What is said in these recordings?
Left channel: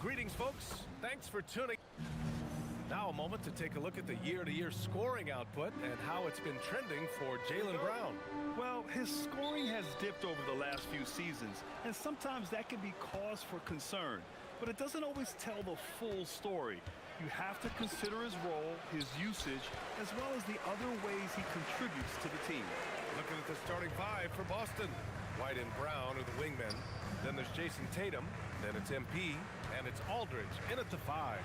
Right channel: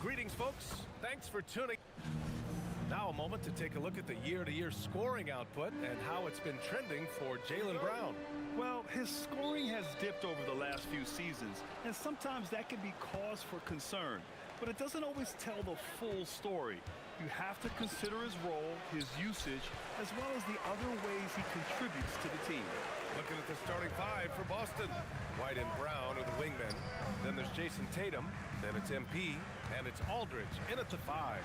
Greetings, folks. Thanks for tuning. Now a moment to take a look at the year-to-year scoring output and how it's been trending for Jaylen Brown. Well, his scoring has dipped over the last few seasons, and sometimes that can be cause for concern. But it doesn't always tell the full story. You have to consider his role, his usage, as well as the other ways he contributes to the team. Looking at the starting five for Boston. White and Brown are the wingmen. Then there's Jason Tatum. Then it's MP. And it's Aldridge in at the five.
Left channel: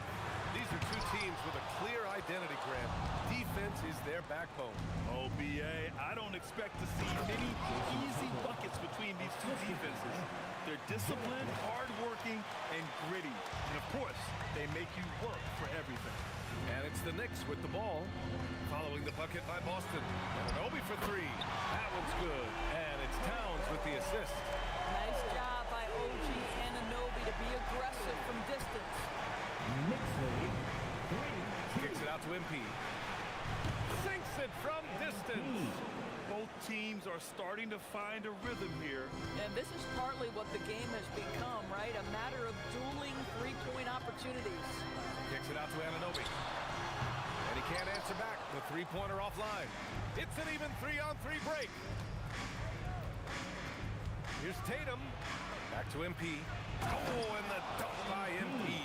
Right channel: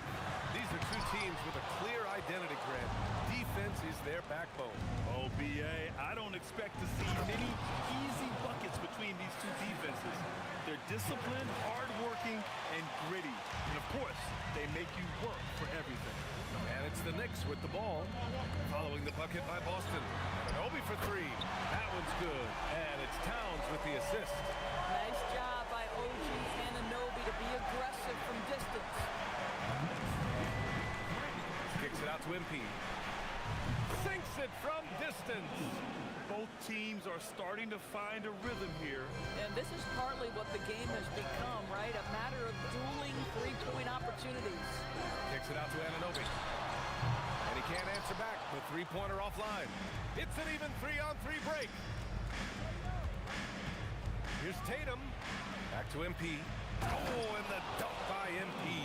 These are two teams with a clear identity, Grant. Defense is their backbone. Oh, B.A., I don't expect to see many easy buckets between these two defenses. They're disciplined, hardworking, and gritty. And, of course, they make you work for everything. And it's the Knicks with the ball. Following the bucket by Boston. And Anunoby for three. That one's good. And it's Towns with the assist. Nice job by OG Anunoby to be aggressive from distance. Kicks it out to MP. Sinks it from distance. Both teams are starting to find a rhythm here. And this is partly what the game has become, right? A matter of dueling three-point opportunities. Kicks it out to Anunoby. And he can't answer back. The three-pointer offline. It's an even 3-on-3 break. Here's Tatum. Back to MP. Oh, and the dunk by MP.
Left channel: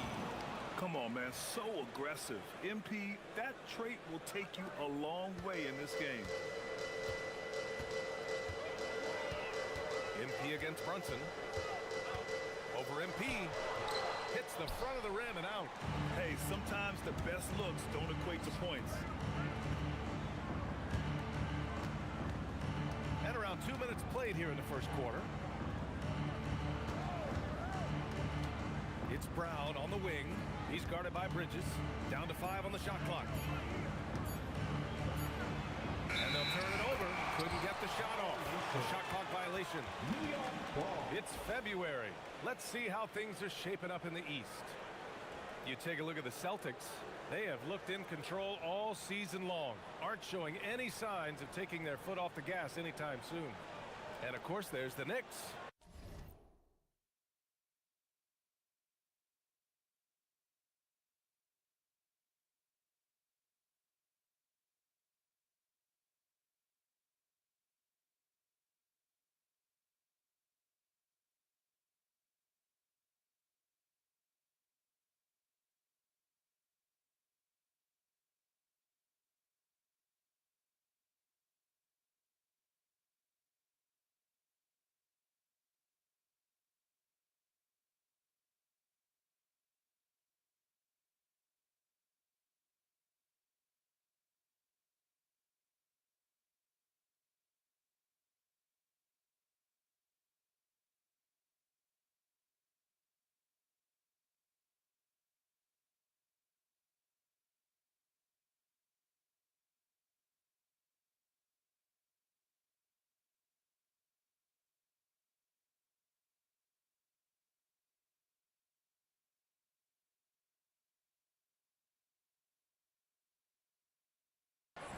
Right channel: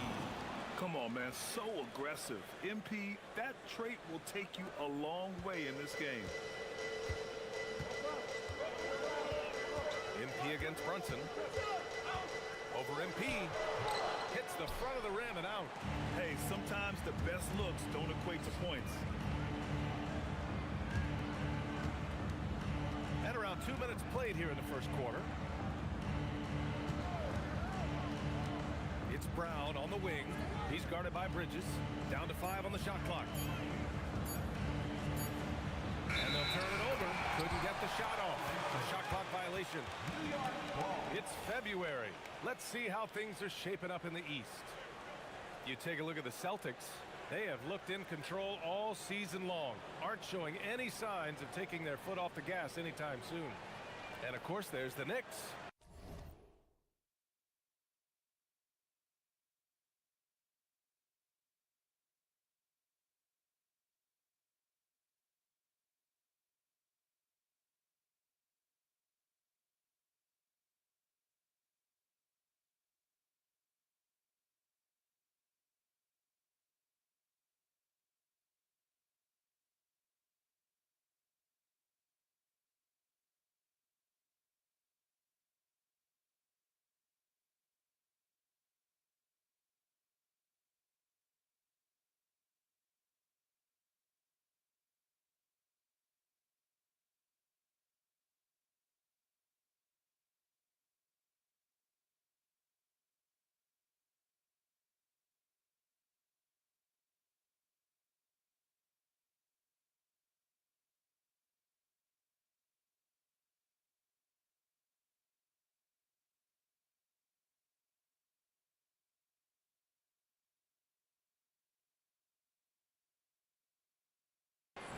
Come on, man. So aggressive. MP, that trait will take you a long way in this game. MP against Brunson. Over MP. Hits the front of the rim and out. Hey, sometimes the best looks don't equate to points. And around 2 minutes played here in the first quarter. It's Brown on the wing. He's guarded by Bridges. Down to 5 on the shot clock. And they'll turn it over. Couldn't get the shot off. The shot clock violation. It's February. Let's see how things are shaping up in the East. You take a look at the Celtics. They have looked in control all season long. Aren't showing any signs of taking their foot off the gas anytime soon. And of course, there's the Knicks.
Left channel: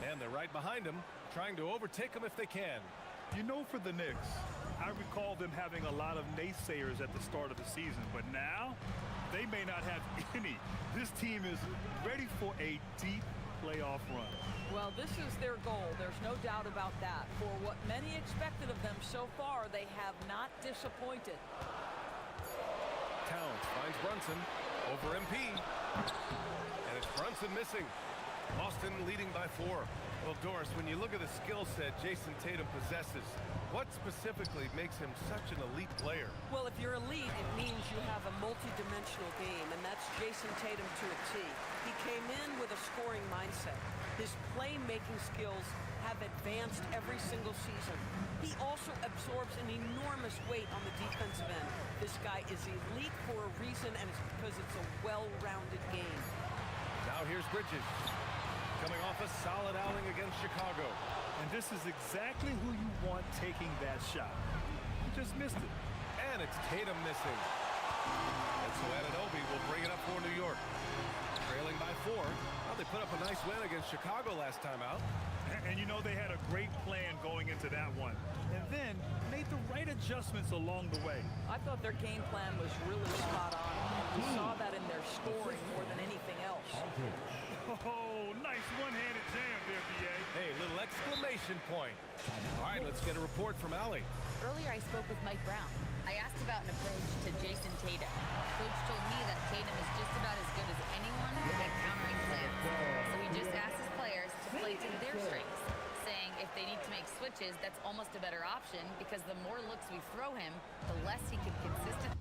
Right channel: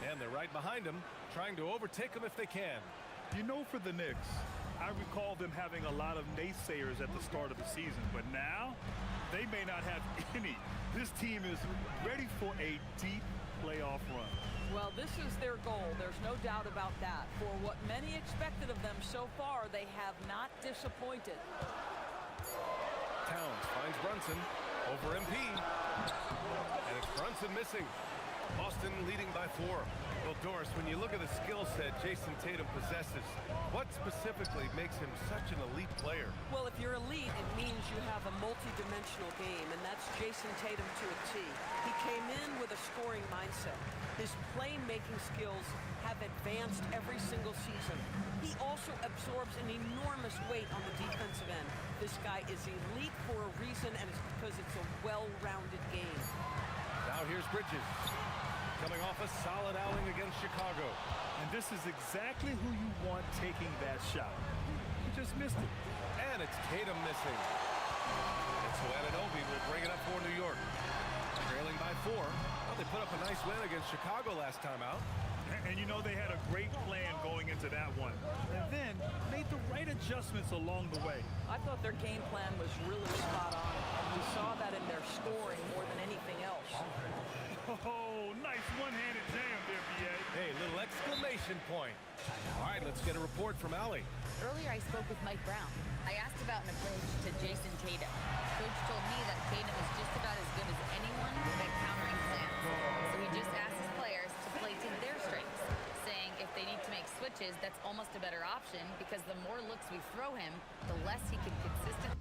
And they're right behind him, trying to overtake him if they can. You know, for the Knicks, I recall them having a lot of naysayers at the start of the season, but now they may not have any. This team is ready for a deep playoff run. Well, this is their goal. There's no doubt about that. For what many expected of them so far, they have not disappointed. Towns finds Brunson over MP. And it's Brunson missing. Boston leading by 4. Well, Doris, when you look at the skill set Jason Tatum possesses, what specifically makes him such an elite player? Well, if you're elite, it means you have a multi-dimensional game, and that's Jason Tatum to a T. He came in with a scoring mindset. His playmaking skills have advanced every single season. He also absorbs an enormous weight on the defensive end. This guy is elite for a reason, and it's because it's a well-rounded game. Now here's Bridges, coming off a solid outing against Chicago. And this is exactly who you want taking that shot. He just missed it. And it's Tatum missing. And so Anunoby will bring it up for New York. Trailing by 4. Well, they put up a nice win against Chicago last time out. And you know they had a great plan going into that one. And then made the right adjustments along the way. I thought their game plan was really spot on, and we saw that in their scoring more than anything else. Oh, nice one-handed jam there, B.A. Hey, little exclamation point. All right, let's get a report from Allie. Earlier, I spoke with Mike Brown. I asked about an approach to Jason Tatum. Coach told me that Tatum is just about as good as anyone at countering plans. So he just asked his players to play to their strengths, saying if they need to make switches, that's almost a better option because the more looks we throw him, the less he can consistently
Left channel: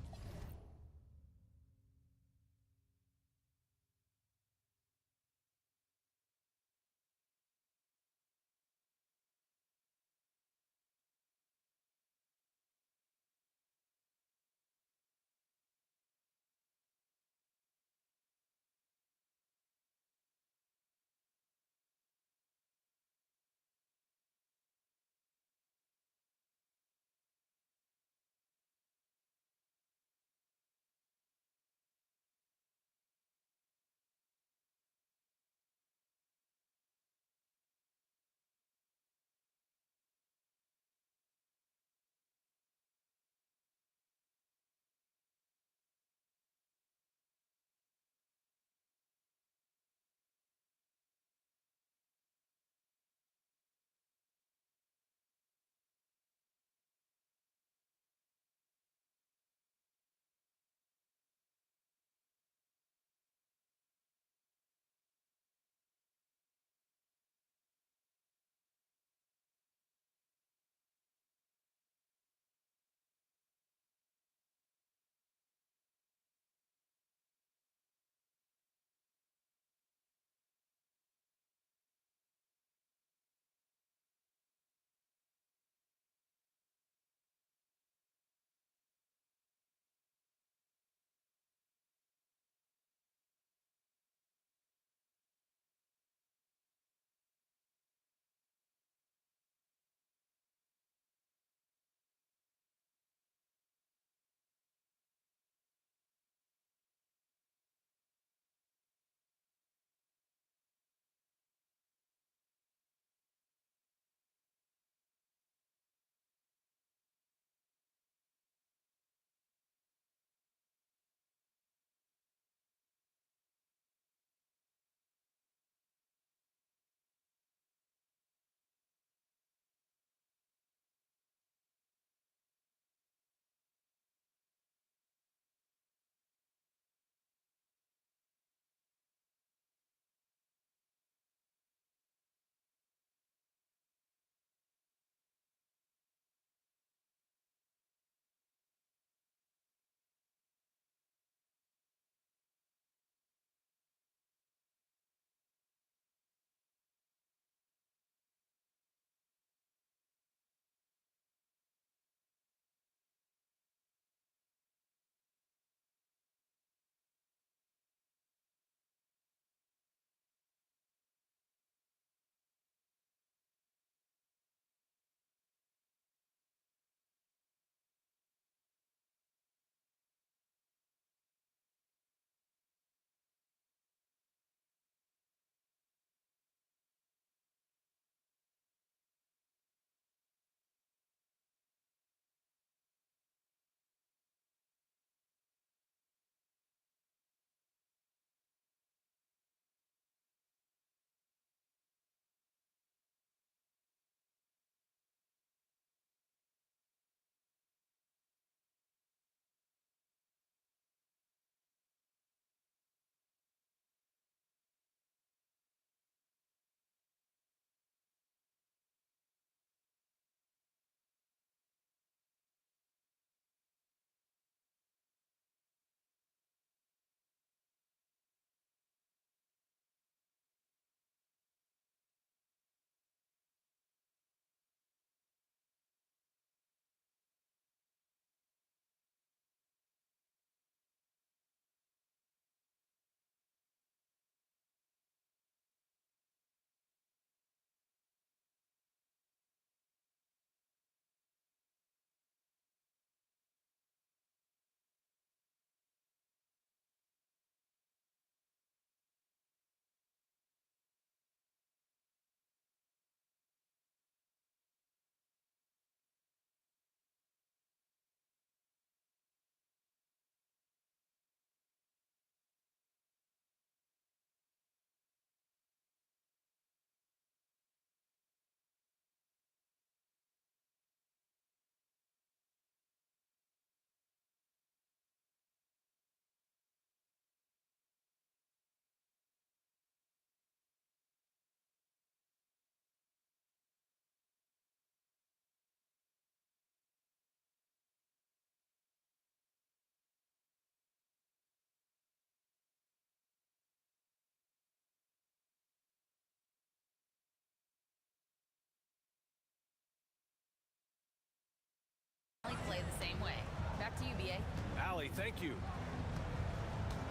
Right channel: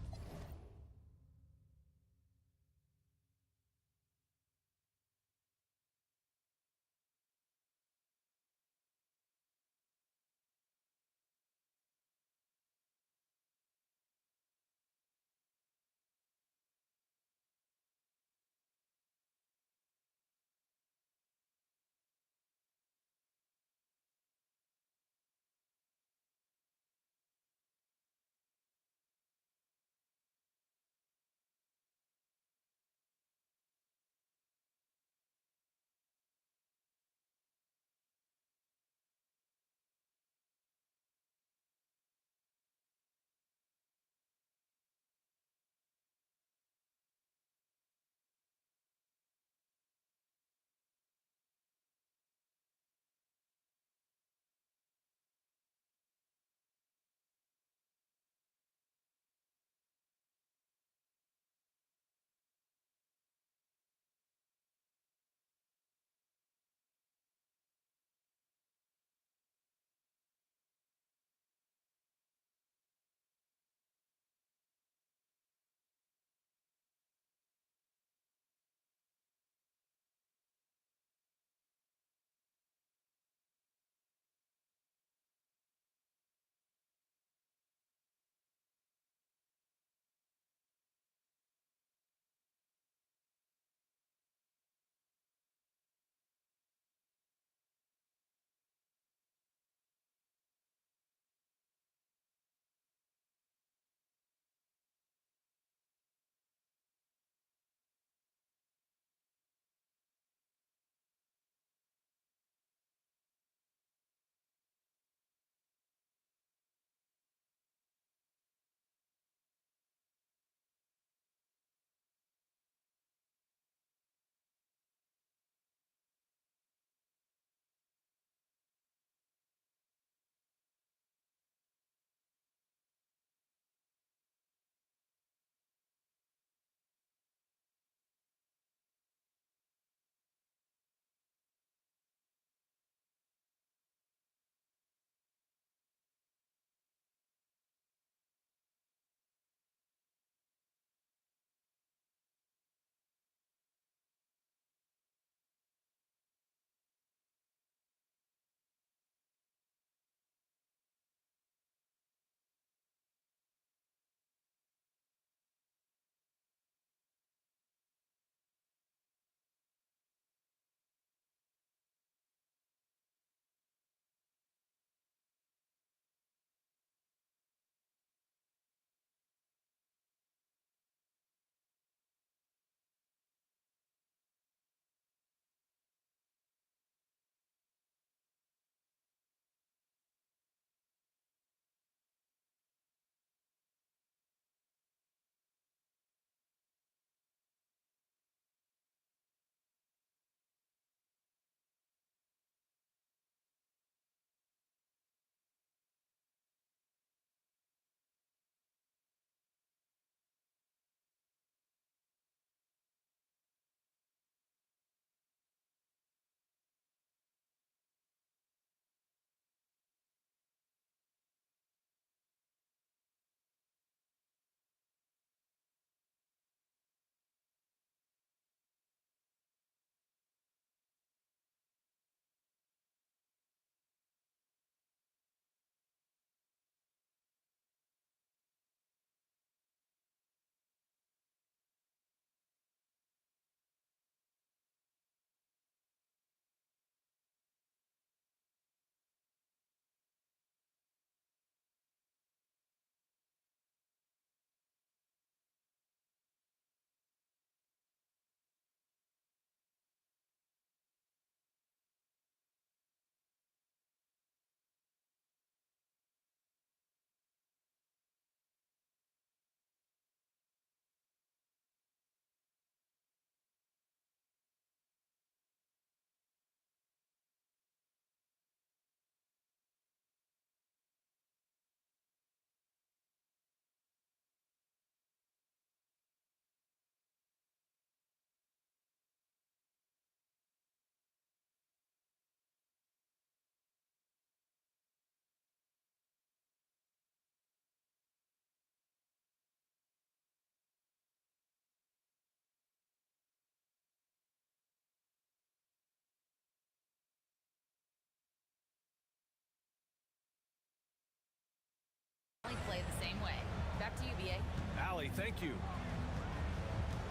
only play the same way. Back to you, BA. Allie, thank you.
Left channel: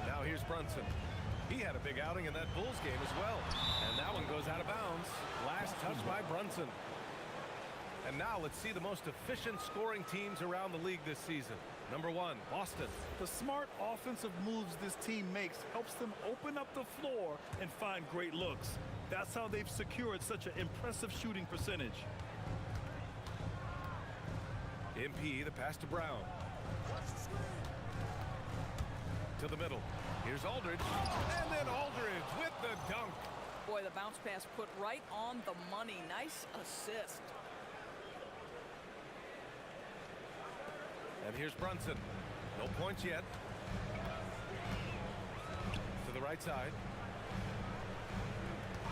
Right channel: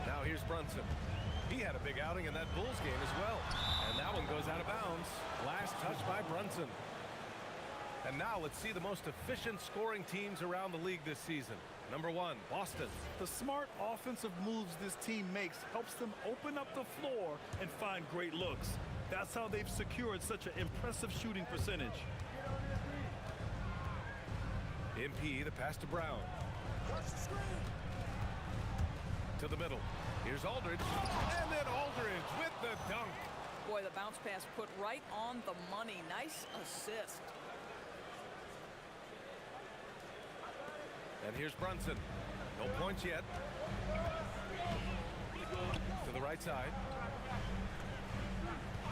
Now here's Brunson. He had a big outing in that Bulls game as well. And that one goes out of bounds. Last touch by Brunson. And now let's see the most efficient scoring teams around the league this season. Number 1, Boston. The smart offensive moves this team makes helps them open up the floor and find great looks. That's how they've secured such an impressive shooting percentage. MP, the pass to Brown. To the middle. Here's Aldridge. And then Aldridge with the dunk. Boy, the bounce pass put right on the money. Nice assist. And here's Brunson. No points yet. To the right side.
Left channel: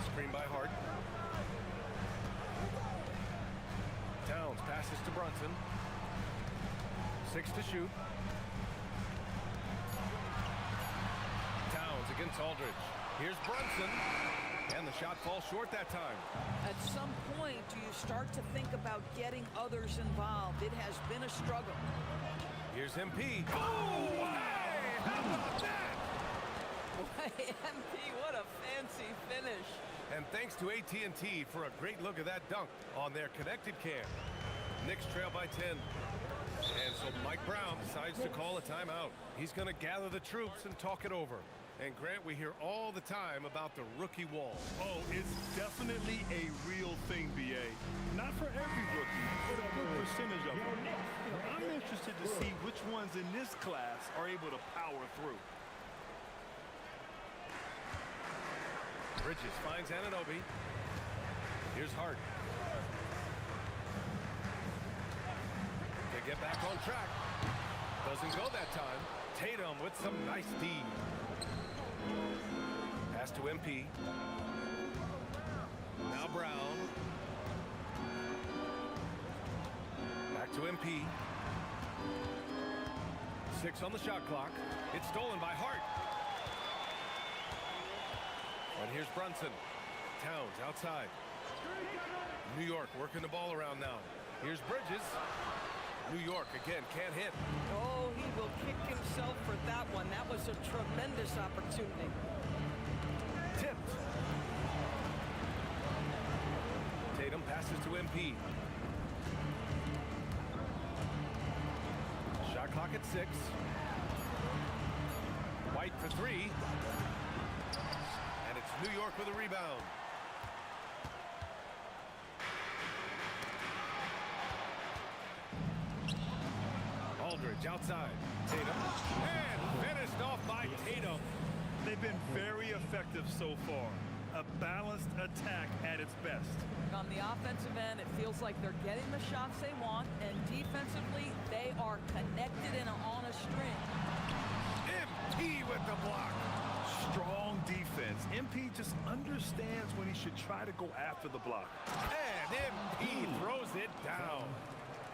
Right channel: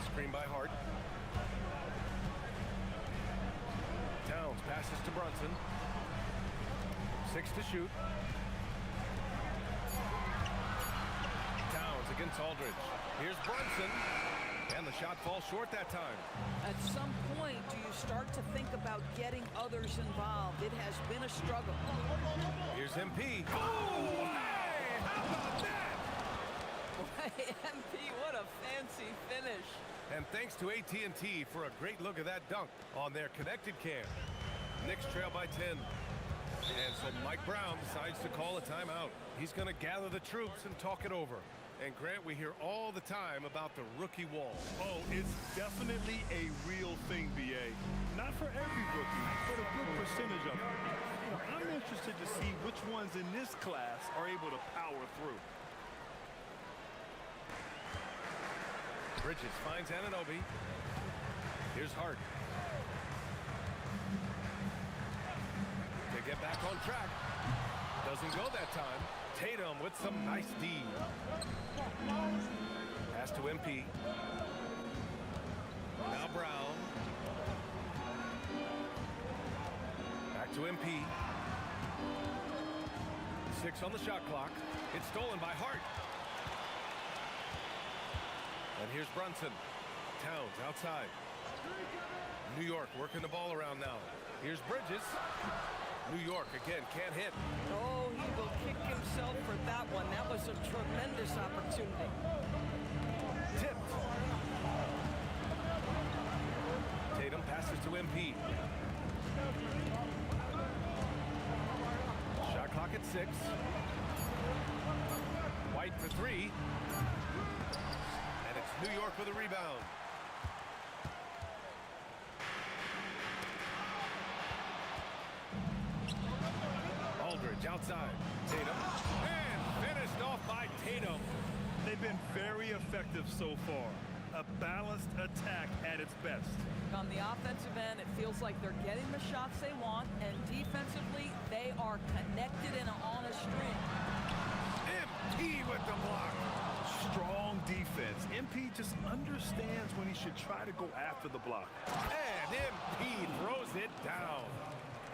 Screen by Hart. Towns passes to Brunson. 6 to shoot. Towns against Aldridge. Here's Brunson. And the shot falls short that time. At some point, do you start to think about getting others involved? It has been a struggle. Here's MP. Oh, hey! How about that? Boy, MP, what a fancy finish. And thanks to AT&T for a great look at that dunk on their connected cam. Knicks trail by 10. And so Mike Brown decides to call a timeout. He's going to gather the troops and talk it over. And Grant, we hear all the time about the rookie wall. Oh, it's definitely a real thing, BA. Not for every rookie, but a good percentage of them. You know, I'm interested to see which ones in this class are able to power through. Bridges finds Anunoby. Here's Hart. To get back on track. Doesn't go that time. Tatum with some nice D. Pass to MP. Now Brown. Back to MP. 6 on the shot clock. It's stolen by Hart. And here's Brunson. Towns outside. New York working the ball around now. Here's Bridges. New York again can't hit. Oh, he will kick himself for that one. That was a tremendous opportunity. Tipped. Tatum passes to MP. Shot clock at 6. White for 3. And it's New York with a rebound. Aldridge outside. Tatum. And finished off by Tatum. They've been very effective so far. A balanced attack at its best. On the offensive end, it feels like they're getting the shots they want, and defensively, they are connected and on a string. MP with the block. Strong defense. MP just understands when he should try to go after the block. And MP throws it down.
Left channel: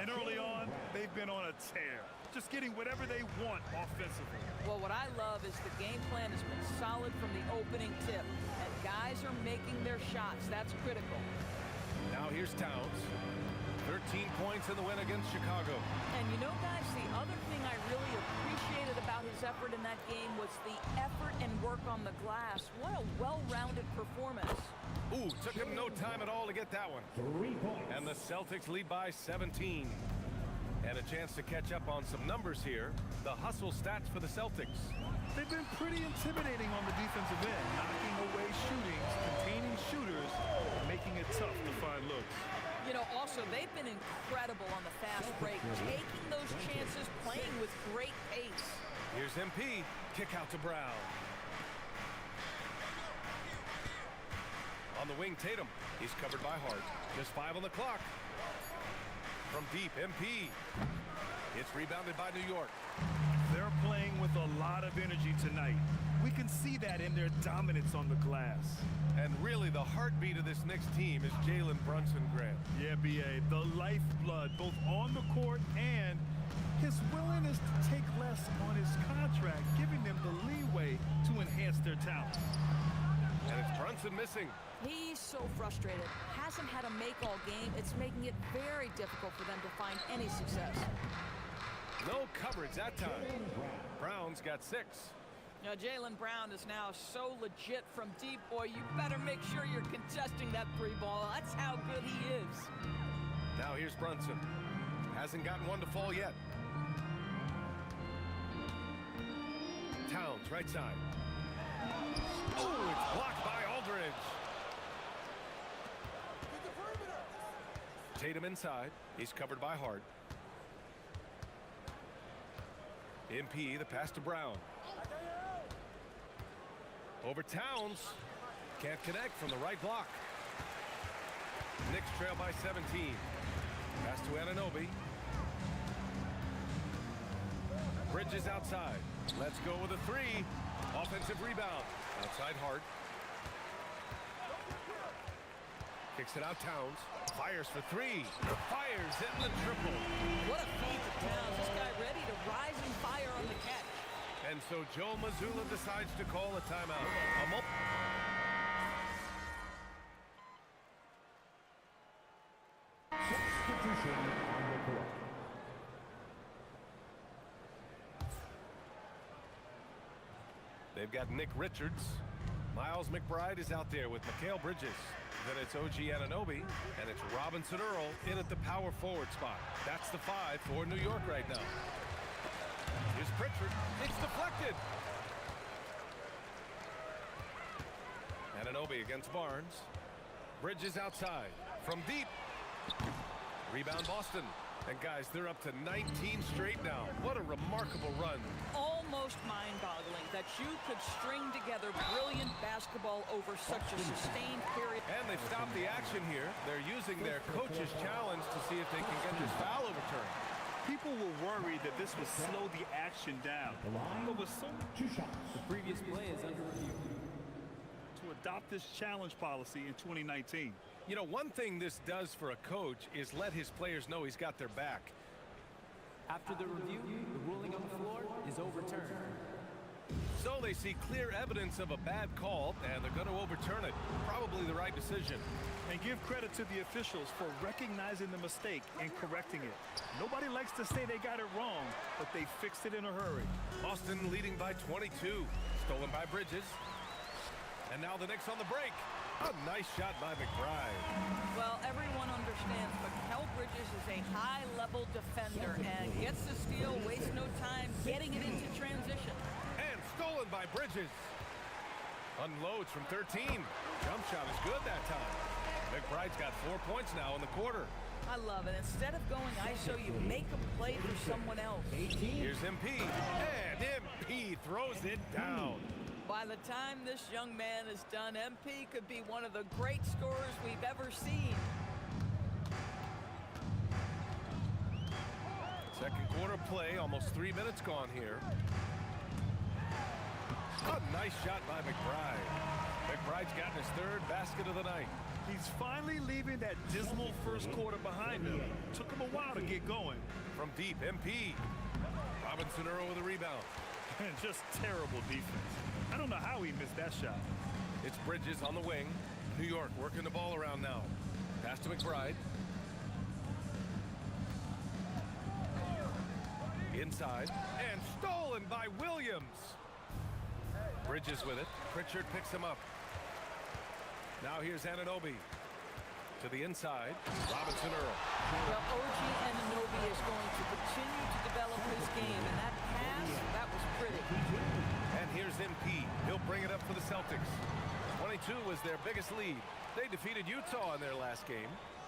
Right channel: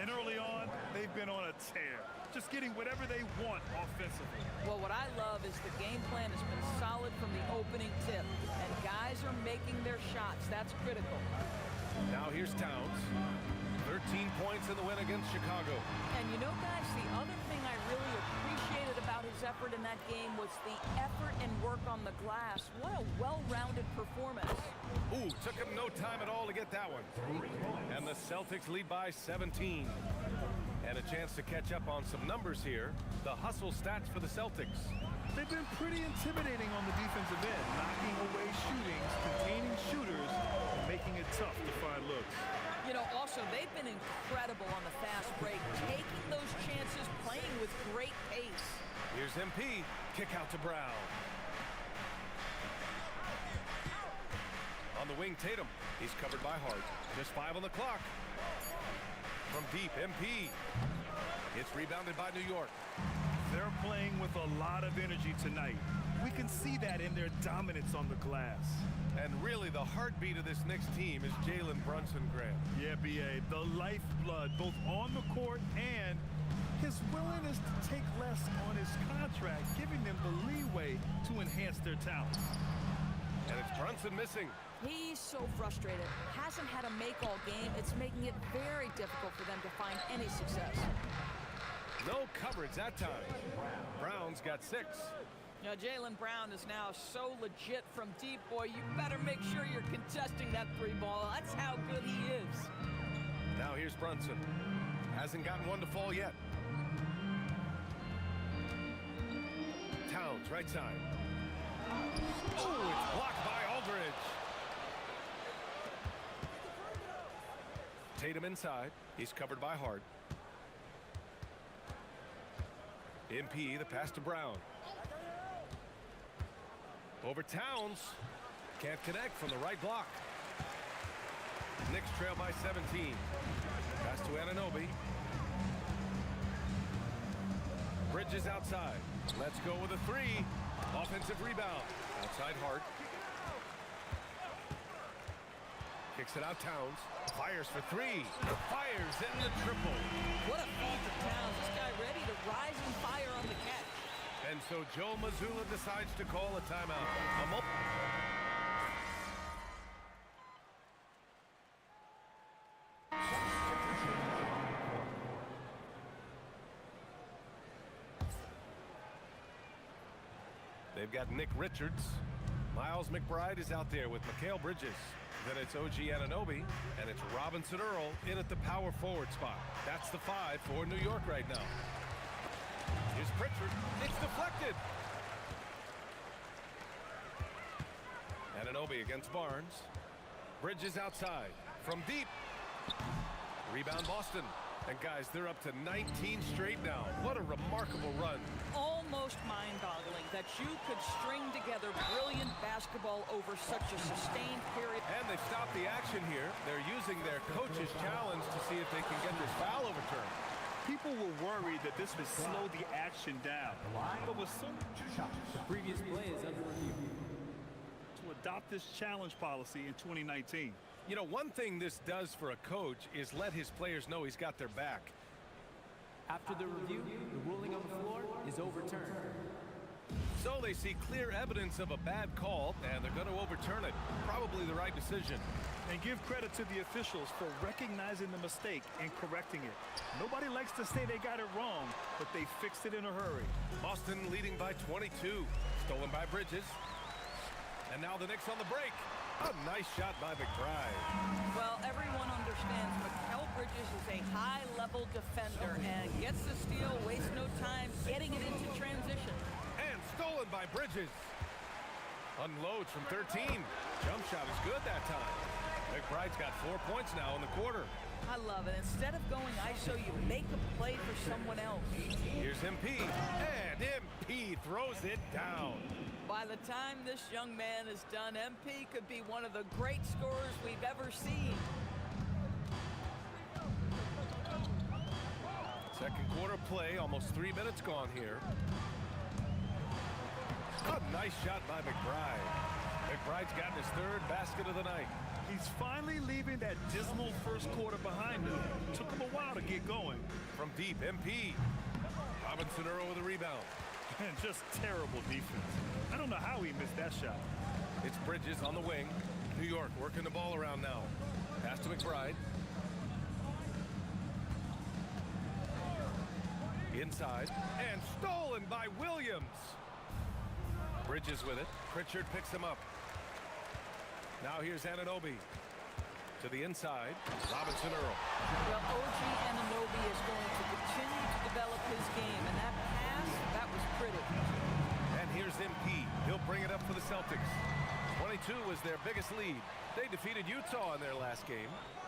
And early on, they've been on a tear, just getting whatever they want offensively. Well, what I love is the game plan has been solid from the opening tip, and guys are making their shots. That's critical. Now here's Towns. 13 points in the win against Chicago. And you know, guys, the other thing I really appreciated about his effort in that game was the effort and work on the glass. What a well-rounded performance. Ooh, took him no time at all to get that one. And the Celtics lead by 17. And a chance to catch up on some numbers here. The hustle stats for the Celtics. They've been pretty intimidating on the defensive end, knocking away shootings, containing shooters, and making it tough to find looks. You know, also, they've been incredible on the fast break, taking those chances, playing with great pace. Here's MP. Kick out to Brown. On the wing, Tatum. He's covered by Hart. Just 5 on the clock. From deep, MP. It's rebounded by New York. They're playing with a lot of energy tonight. We can see that in their dominance on the glass. And really, the heartbeat of this Knicks team is Jalen Brunson, Grant. Yeah, B.A., the lifeblood, both on the court and his willingness to take less on his contract, giving them the leeway to enhance their talent. And it's Brunson missing. He's so frustrated. Hasn't had a make all game. It's making it very difficult for them to find any success. No coverage that time. Brown's got 6. Now, Jaylen Brown is now so legit from deep, boy. You better make sure you're contesting that 3 ball. That's how good he is. Now here's Brunson. Hasn't gotten one to fall yet. Towns, right side. Oh, it's blocked by Aldridge. Tatum inside. He's covered by Hart. MP, the pass to Brown. Over Towns. Can't connect from the right block. Knicks trail by 17. Pass to Anunoby. Bridges outside. Let's go with a 3. Offensive rebound. Outside Hart. Kicks it out Towns. Fires for 3. Fires in the triple. What a feed to Towns. This guy ready to rise and fire on the catch. And so Joe Mazzulla decides to call a timeout. They've got Nick Richards. Miles McBride is out there with Mikal Bridges. Then it's OG Anunoby, and it's Robinson Earl in at the power forward spot. That's the 5 for New York right now. Here's Pritchard. It's deflected. Anunoby against Barnes. Bridges outside. From deep. Rebound Boston. And guys, they're up to 19 straight now. What a remarkable run. Almost mind-boggling that you could string together brilliant basketball over such a sustained period. And they've stopped the action here. They're using their coach's challenge to see if they can get this foul overturned. People were worried that this would slow the action down. But with so The previous play is under review. to adopt this challenge policy in 2019. You know, one thing this does for a coach is let his players know he's got their back. After the review, the ruling on the floor is overturned. So they see clear evidence of a bad call, and they're going to overturn it. Probably the right decision. And give credit to the officials for recognizing the mistake and correcting it. Nobody likes to say they got it wrong, but they fixed it in a hurry. Boston leading by 22. Stolen by Bridges. And now the Knicks on the break. A nice shot by McBride. Well, everyone understands Mikal Bridges is a high-level defender and gets the steal, wastes no time getting it into transition. And stolen by Bridges. Unloads from 13. Jump shot is good that time. McBride's got 4 points now in the quarter. I love it. Instead of going ISO, you make a play for someone else. Here's MP. And MP throws it down. By the time this young man is done, MP could be one of the great scorers we've ever seen. Second quarter play, almost 3 minutes gone here. A nice shot by McBride. McBride's gotten his 3rd basket of the night. He's finally leaving that dismal first quarter behind him. Took him a while to get going. From deep, MP. Robinson Earl with a rebound. And just terrible defense. I don't know how he missed that shot. It's Bridges on the wing. New York working the ball around now. Pass to McBride. Inside. And stolen by Williams. Bridges with it. Pritchard picks him up. Now here's Anunoby. To the inside. Robinson Earl. Well, OG Anunoby is going to continue to develop his game, and that pass, that was pretty. And here's MP. He'll bring it up for the Celtics. 22 was their biggest lead. They defeated Utah in their last game.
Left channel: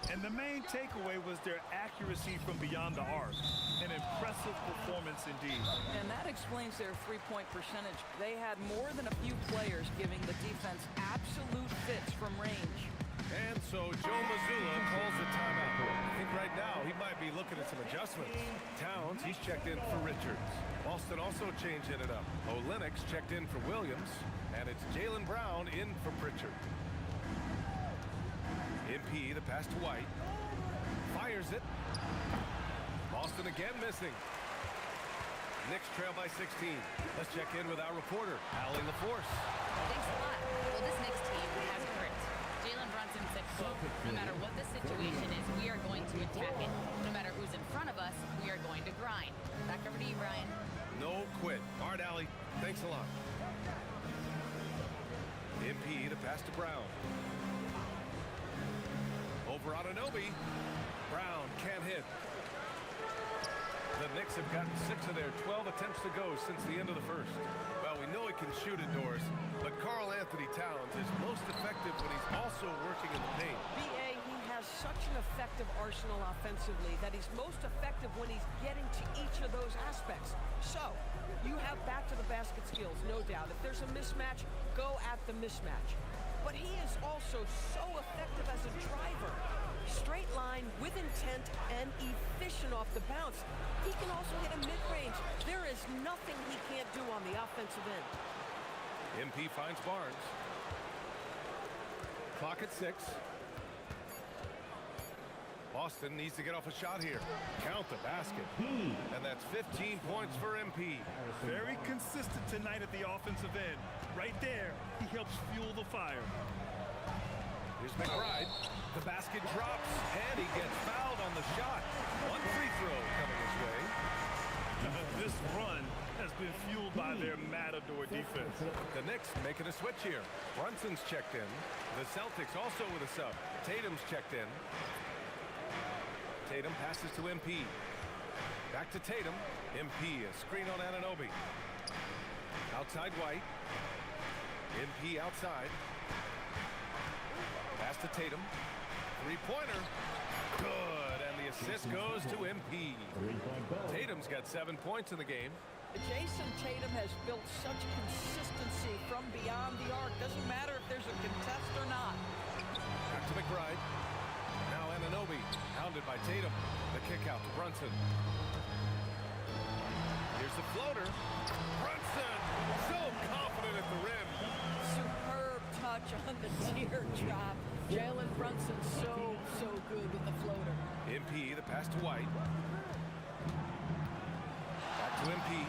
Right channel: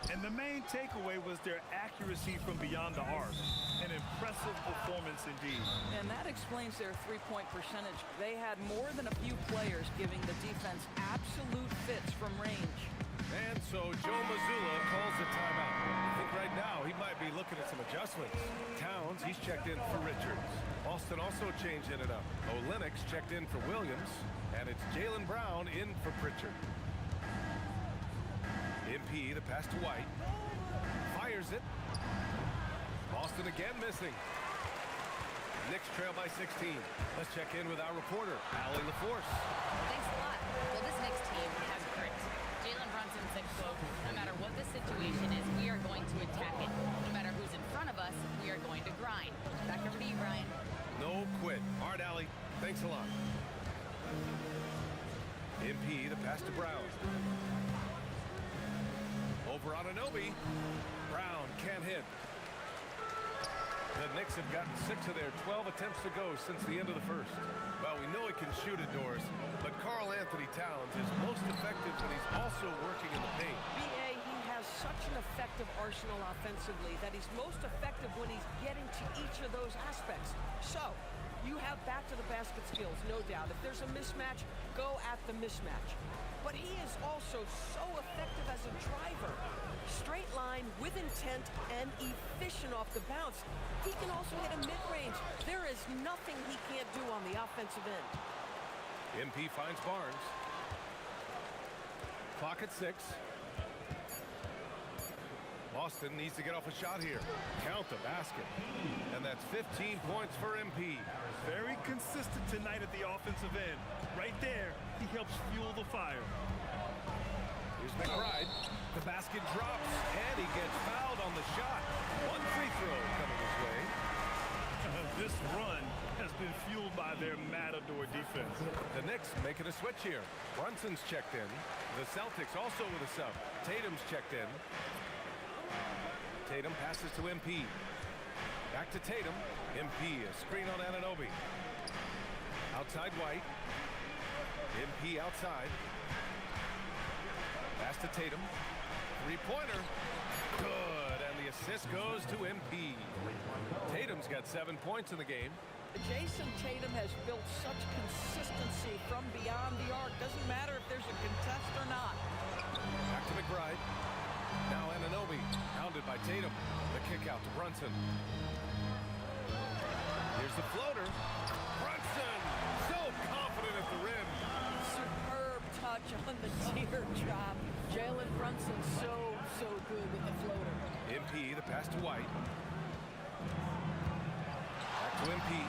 And the main takeaway was their accuracy from beyond the arc. An impressive performance indeed. And that explains their three-point percentage. They had more than a few players giving the defense absolute fits from range. And so Joe Mazzulla calls a timeout. I think right now he might be looking at some adjustments. Towns, he's checked in for Richards. Boston also changing it up. Olenek's checked in for Williams. And it's Jaylen Brown in for Pritchard. MP, the pass to White. Fires it. Boston again missing. Knicks trail by 16. Let's check in with our reporter, Allie LaForce. Thanks a lot. Well, this Knicks team has grit. Jalen Brunson said, quote, "No matter what the situation is, we are going to attack it. No matter who's in front of us, we are going to grind." Back over to you, Brian. No quit. All right, Allie. Thanks a lot. MP, the pass to Brown. Over on Anunoby. Brown can't hit. The Knicks have gotten 6 of their 12 attempts to go since the end of the first. Well, we know he can shoot it, Doris, but Karl Anthony Towns is most effective when he's also working in the paint. BA, he has such an effective arsenal offensively that he's most effective when he's getting to each of those aspects. So, you have back to the basket skills, no doubt. If there's a mismatch, go at the mismatch. But he is also so effective as a driver. Straight line, with intent, and efficient off the bounce. He can also hit a mid-range. There is nothing he can't do on the offensive end. MP finds Barnes. Clock at 6. Boston needs to get off a shot here. Count the basket. And that's 15 points for MP. Very consistent tonight at the offensive end. Right there, he helps fuel the fire. Here's McBride. The basket drops, and he gets fouled on the shot. One free throw coming his way. This run has been fueled by their Matador defense. The Knicks making a switch here. Brunson's checked in. The Celtics also with a sub. Tatum's checked in. Tatum passes to MP. Back to Tatum. MP, a screen on Anunoby. Outside White. MP outside. Pass to Tatum. Three-pointer. Good, and the assist goes to MP. Tatum's got 7 points in the game. Jason Tatum has built such consistency from beyond the arc. Doesn't matter if there's a contest or not. Back to McBride. Now Anunoby, hounded by Tatum. The kick out to Brunson. Here's the floater. Brunson, so confident at the rim. Superb touch on the teardrop. Jalen Brunson so good with the floater. MP, the pass to White. Back to MP.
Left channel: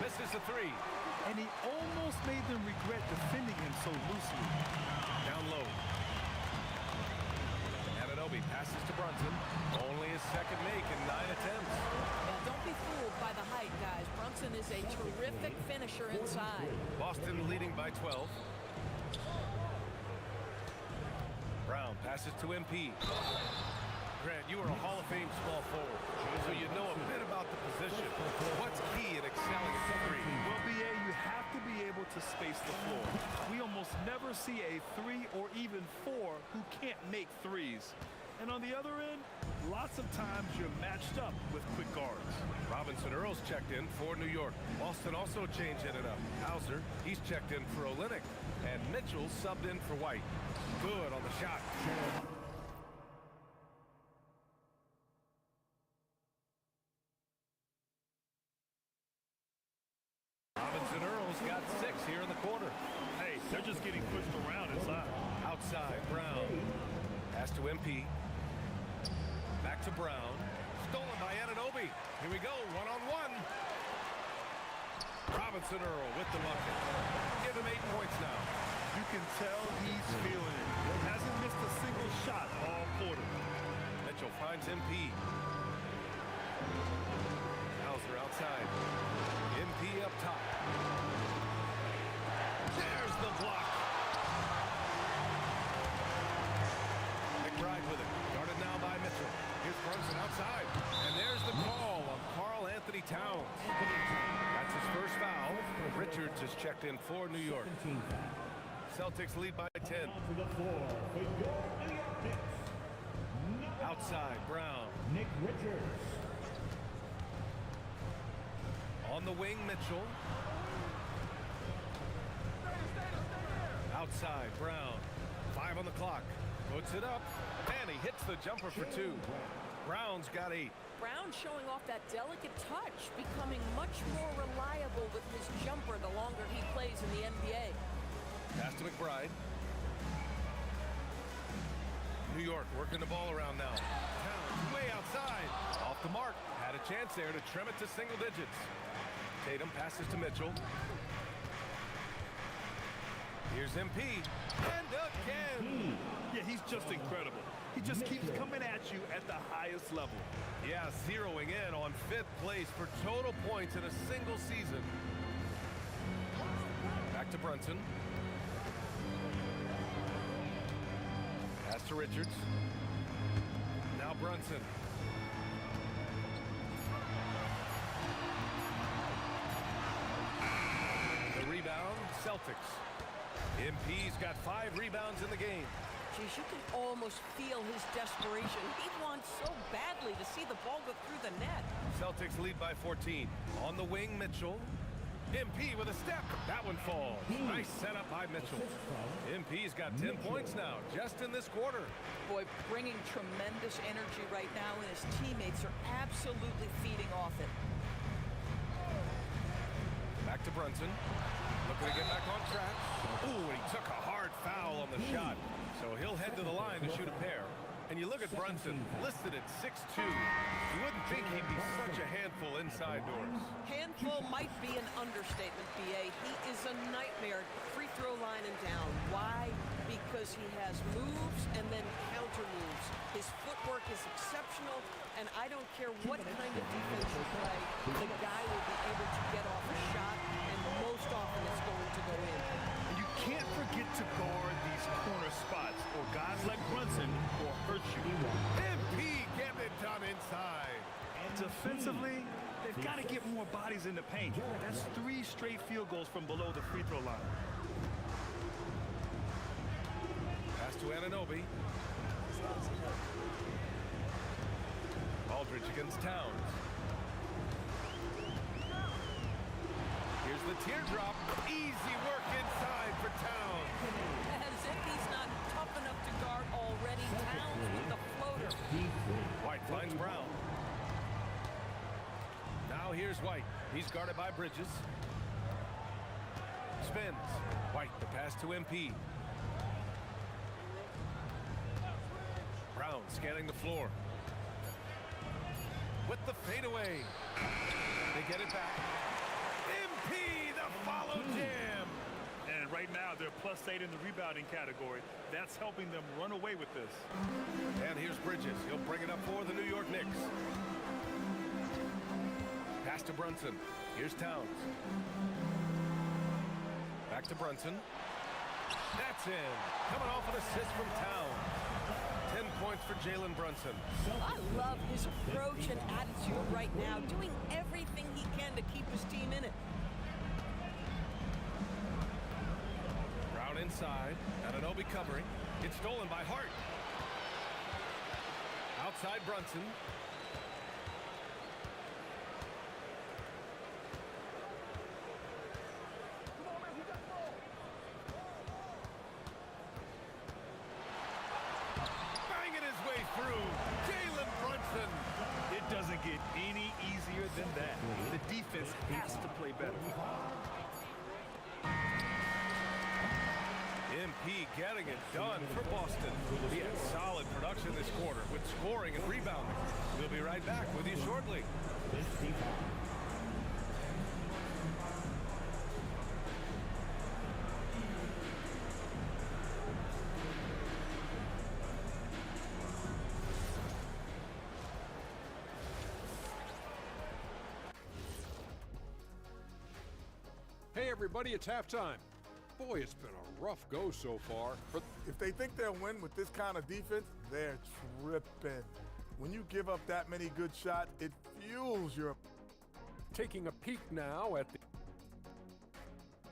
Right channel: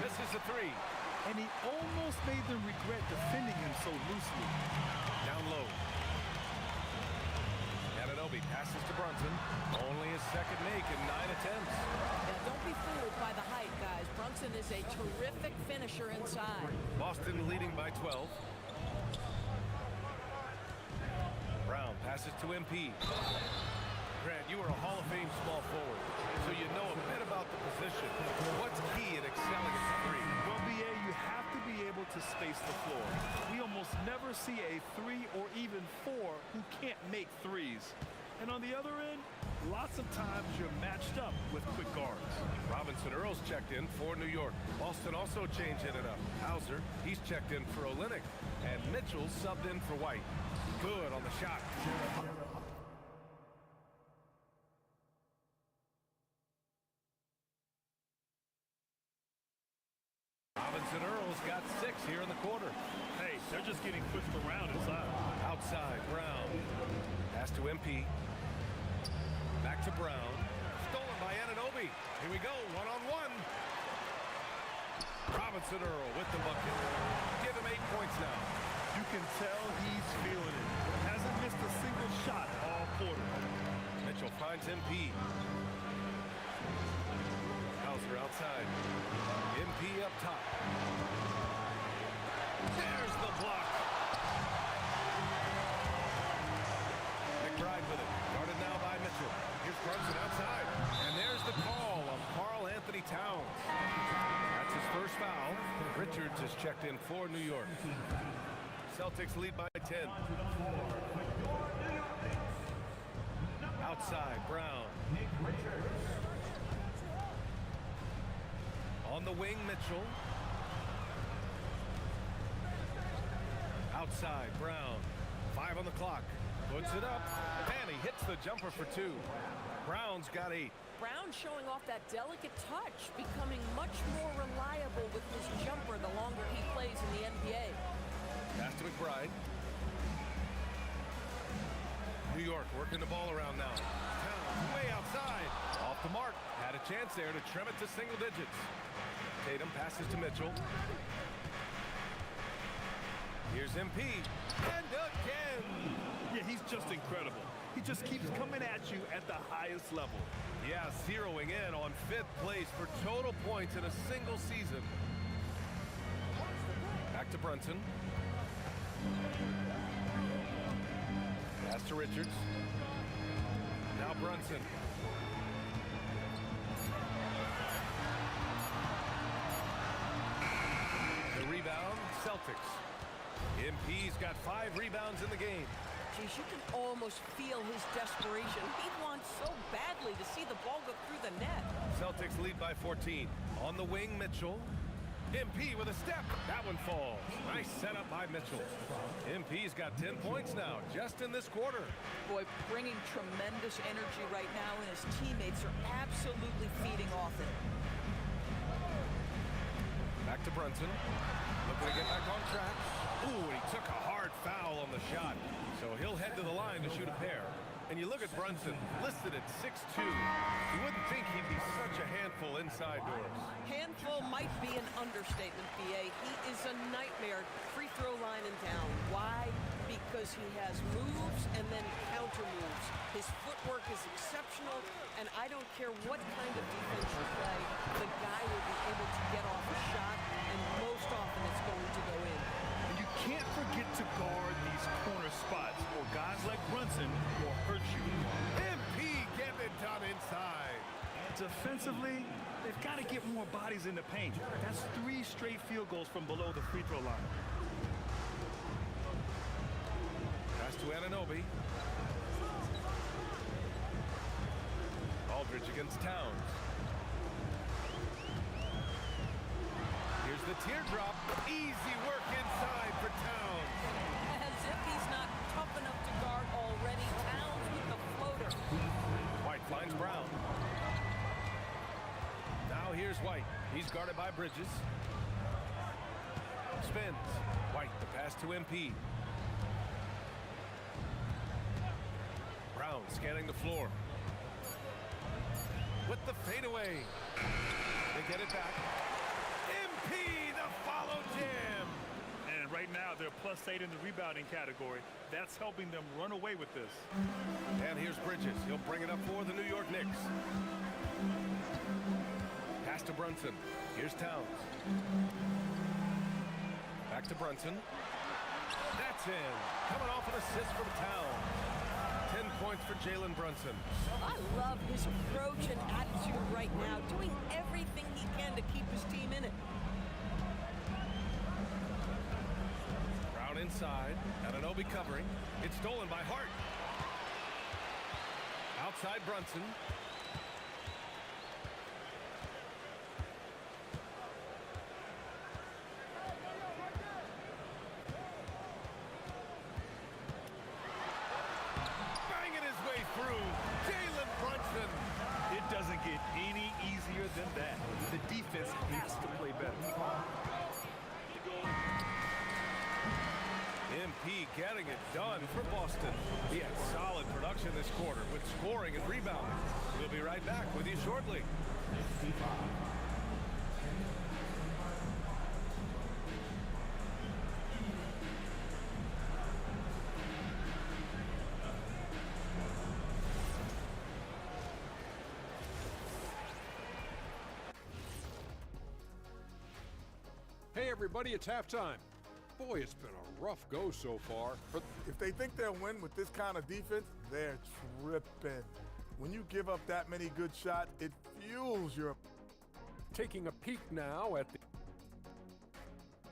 Misses the three. And he almost made them regret defending him so loosely. Down low. Anunoby passes to Brunson. Only his second make in 9 attempts. Yeah, don't be fooled by the height, guys. Brunson is a terrific finisher inside. Boston leading by 12. Brown passes to MP. Grant, you are a Hall of Fame small forward, so you know a bit about the position. What's key in excelling at the three? Well, BA, you have to be able to space the floor. We almost never see a 3 or even 4 who can't make threes. And on the other end, lots of times you're matched up with quick guards. Robinson Earl's checked in for New York. Boston also changing it up. Hauser, he's checked in for Olynyk. And Mitchell subbed in for White. Good on the shot. Robinson Earl's got 6 here in the quarter. Hey, they're just getting pushed around inside. Outside, Brown. Pass to MP. Back to Brown. Stolen by Anunoby. Here we go, one-on-one. Robinson Earl with the bucket. Give him 8 points now. You can tell he's feeling it. Hasn't missed a single shot all quarter. Mitchell finds MP. Hauser outside. MP up top. There's the block. McBride with it. Guarded now by Mitchell. Here's Brunson outside. And there's the call on Karl Anthony Towns. That's his first foul. Richards is checked in for New York. Celtics lead by 10. Outside, Brown. On the wing, Mitchell. Outside, Brown. 5 on the clock. Puts it up. And he hits the jumper for 2. Brown's got 8. Brown showing off that delicate touch, becoming much more reliable with his jumper the longer he plays in the NBA. Pass to McBride. New York working the ball around now. Towns way outside. Off the mark. Had a chance there to trim it to single digits. Tatum passes to Mitchell. Here's MP. And again. Yeah, he's just incredible. He just keeps coming at you at the highest level. Yeah, zeroing in on 5th place for total points in a single season. Back to Brunson. Pass to Richards. Now Brunson. The rebound, Celtics. MP's got 5 rebounds in the game. Geez, you can almost feel his desperation. He wants so badly to see the ball go through the net. Celtics lead by 14. On the wing, Mitchell. MP with a step. That one falls. Nice setup by Mitchell. MP's got 10 points now, just in this quarter. Boy, bringing tremendous energy right now, and his teammates are absolutely feeding off it. Back to Brunson. Looking to get back on track. Ooh, and he took a hard foul on the shot. So he'll head to the line to shoot a pair. And you look at Brunson, listed at 6'2". You wouldn't think he'd be such a handful inside doors. Handful might be an understatement, B.A. He is a nightmare, free throw line and down. Why? Because he has moves and then counter moves. His footwork is exceptional, and I don't care what kind of defense you play, the guy will be able to get off a shot, and most often it's going to go in. And you can't forget to guard these corner spots, or guys like Brunson will hurt you. MP getting it done inside. Defensively, they've got to get more bodies in the paint. That's 3 straight field goals from below the free throw line. Pass to Anunoby. Aldridge against Towns. Here's the teardrop. Easy work inside for Towns. As if he's not tough enough to guard already. Towns with the floater. White finds Brown. Now here's White. He's guarded by Bridges. Spins. White, the pass to MP. Brown scanning the floor. With the fadeaway. They get it back. MP, the follow jam. And right now, they're +8 in the rebounding category. That's helping them run away with this. And here's Bridges. He'll bring it up for the New York Knicks. Pass to Brunson. Here's Towns. Back to Brunson. That's in. Coming off an assist from Towns. 10 points for Jalen Brunson. I love his approach and attitude right now, doing everything he can to keep his team in it. Brown inside. Anunoby covering. It's stolen by Hart. Outside Brunson. Banging his way through. Jalen Brunson. It doesn't get any easier than that. The defense has to play better. MP getting it done for Boston. He had solid production this quarter with scoring and rebounding. We'll be right back with you shortly. Hey everybody, it's halftime. Boy, it's been a rough go so far. But if they think they'll win with this kind of defense, they're tripping. When you give up that many good shots, it fuels your... Taking a peek now at the...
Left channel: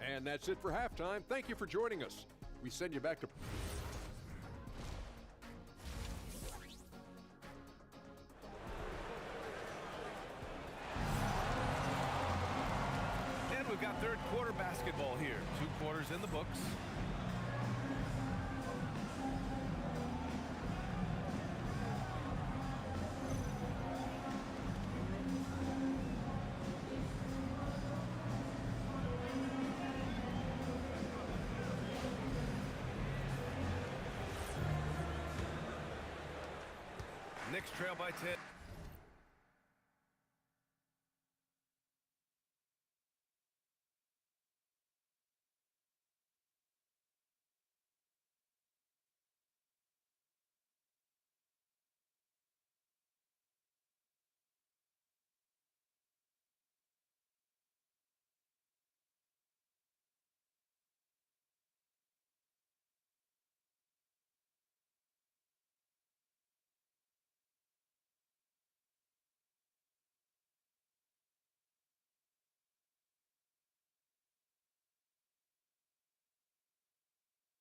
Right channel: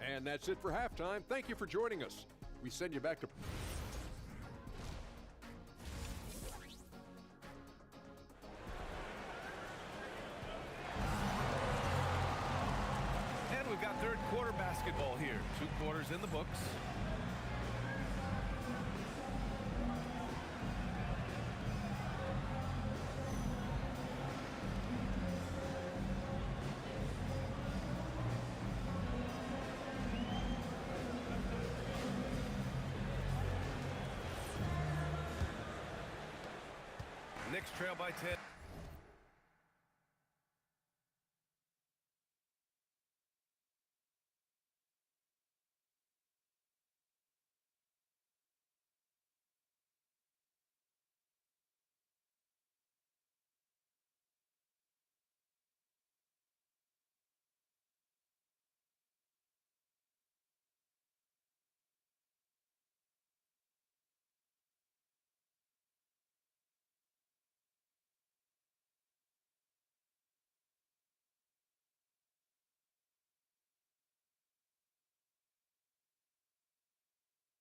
And that's it for halftime. Thank you for joining us. We send you back to... And we've got third quarter basketball here. 2 quarters in the books. Knicks trail by 10.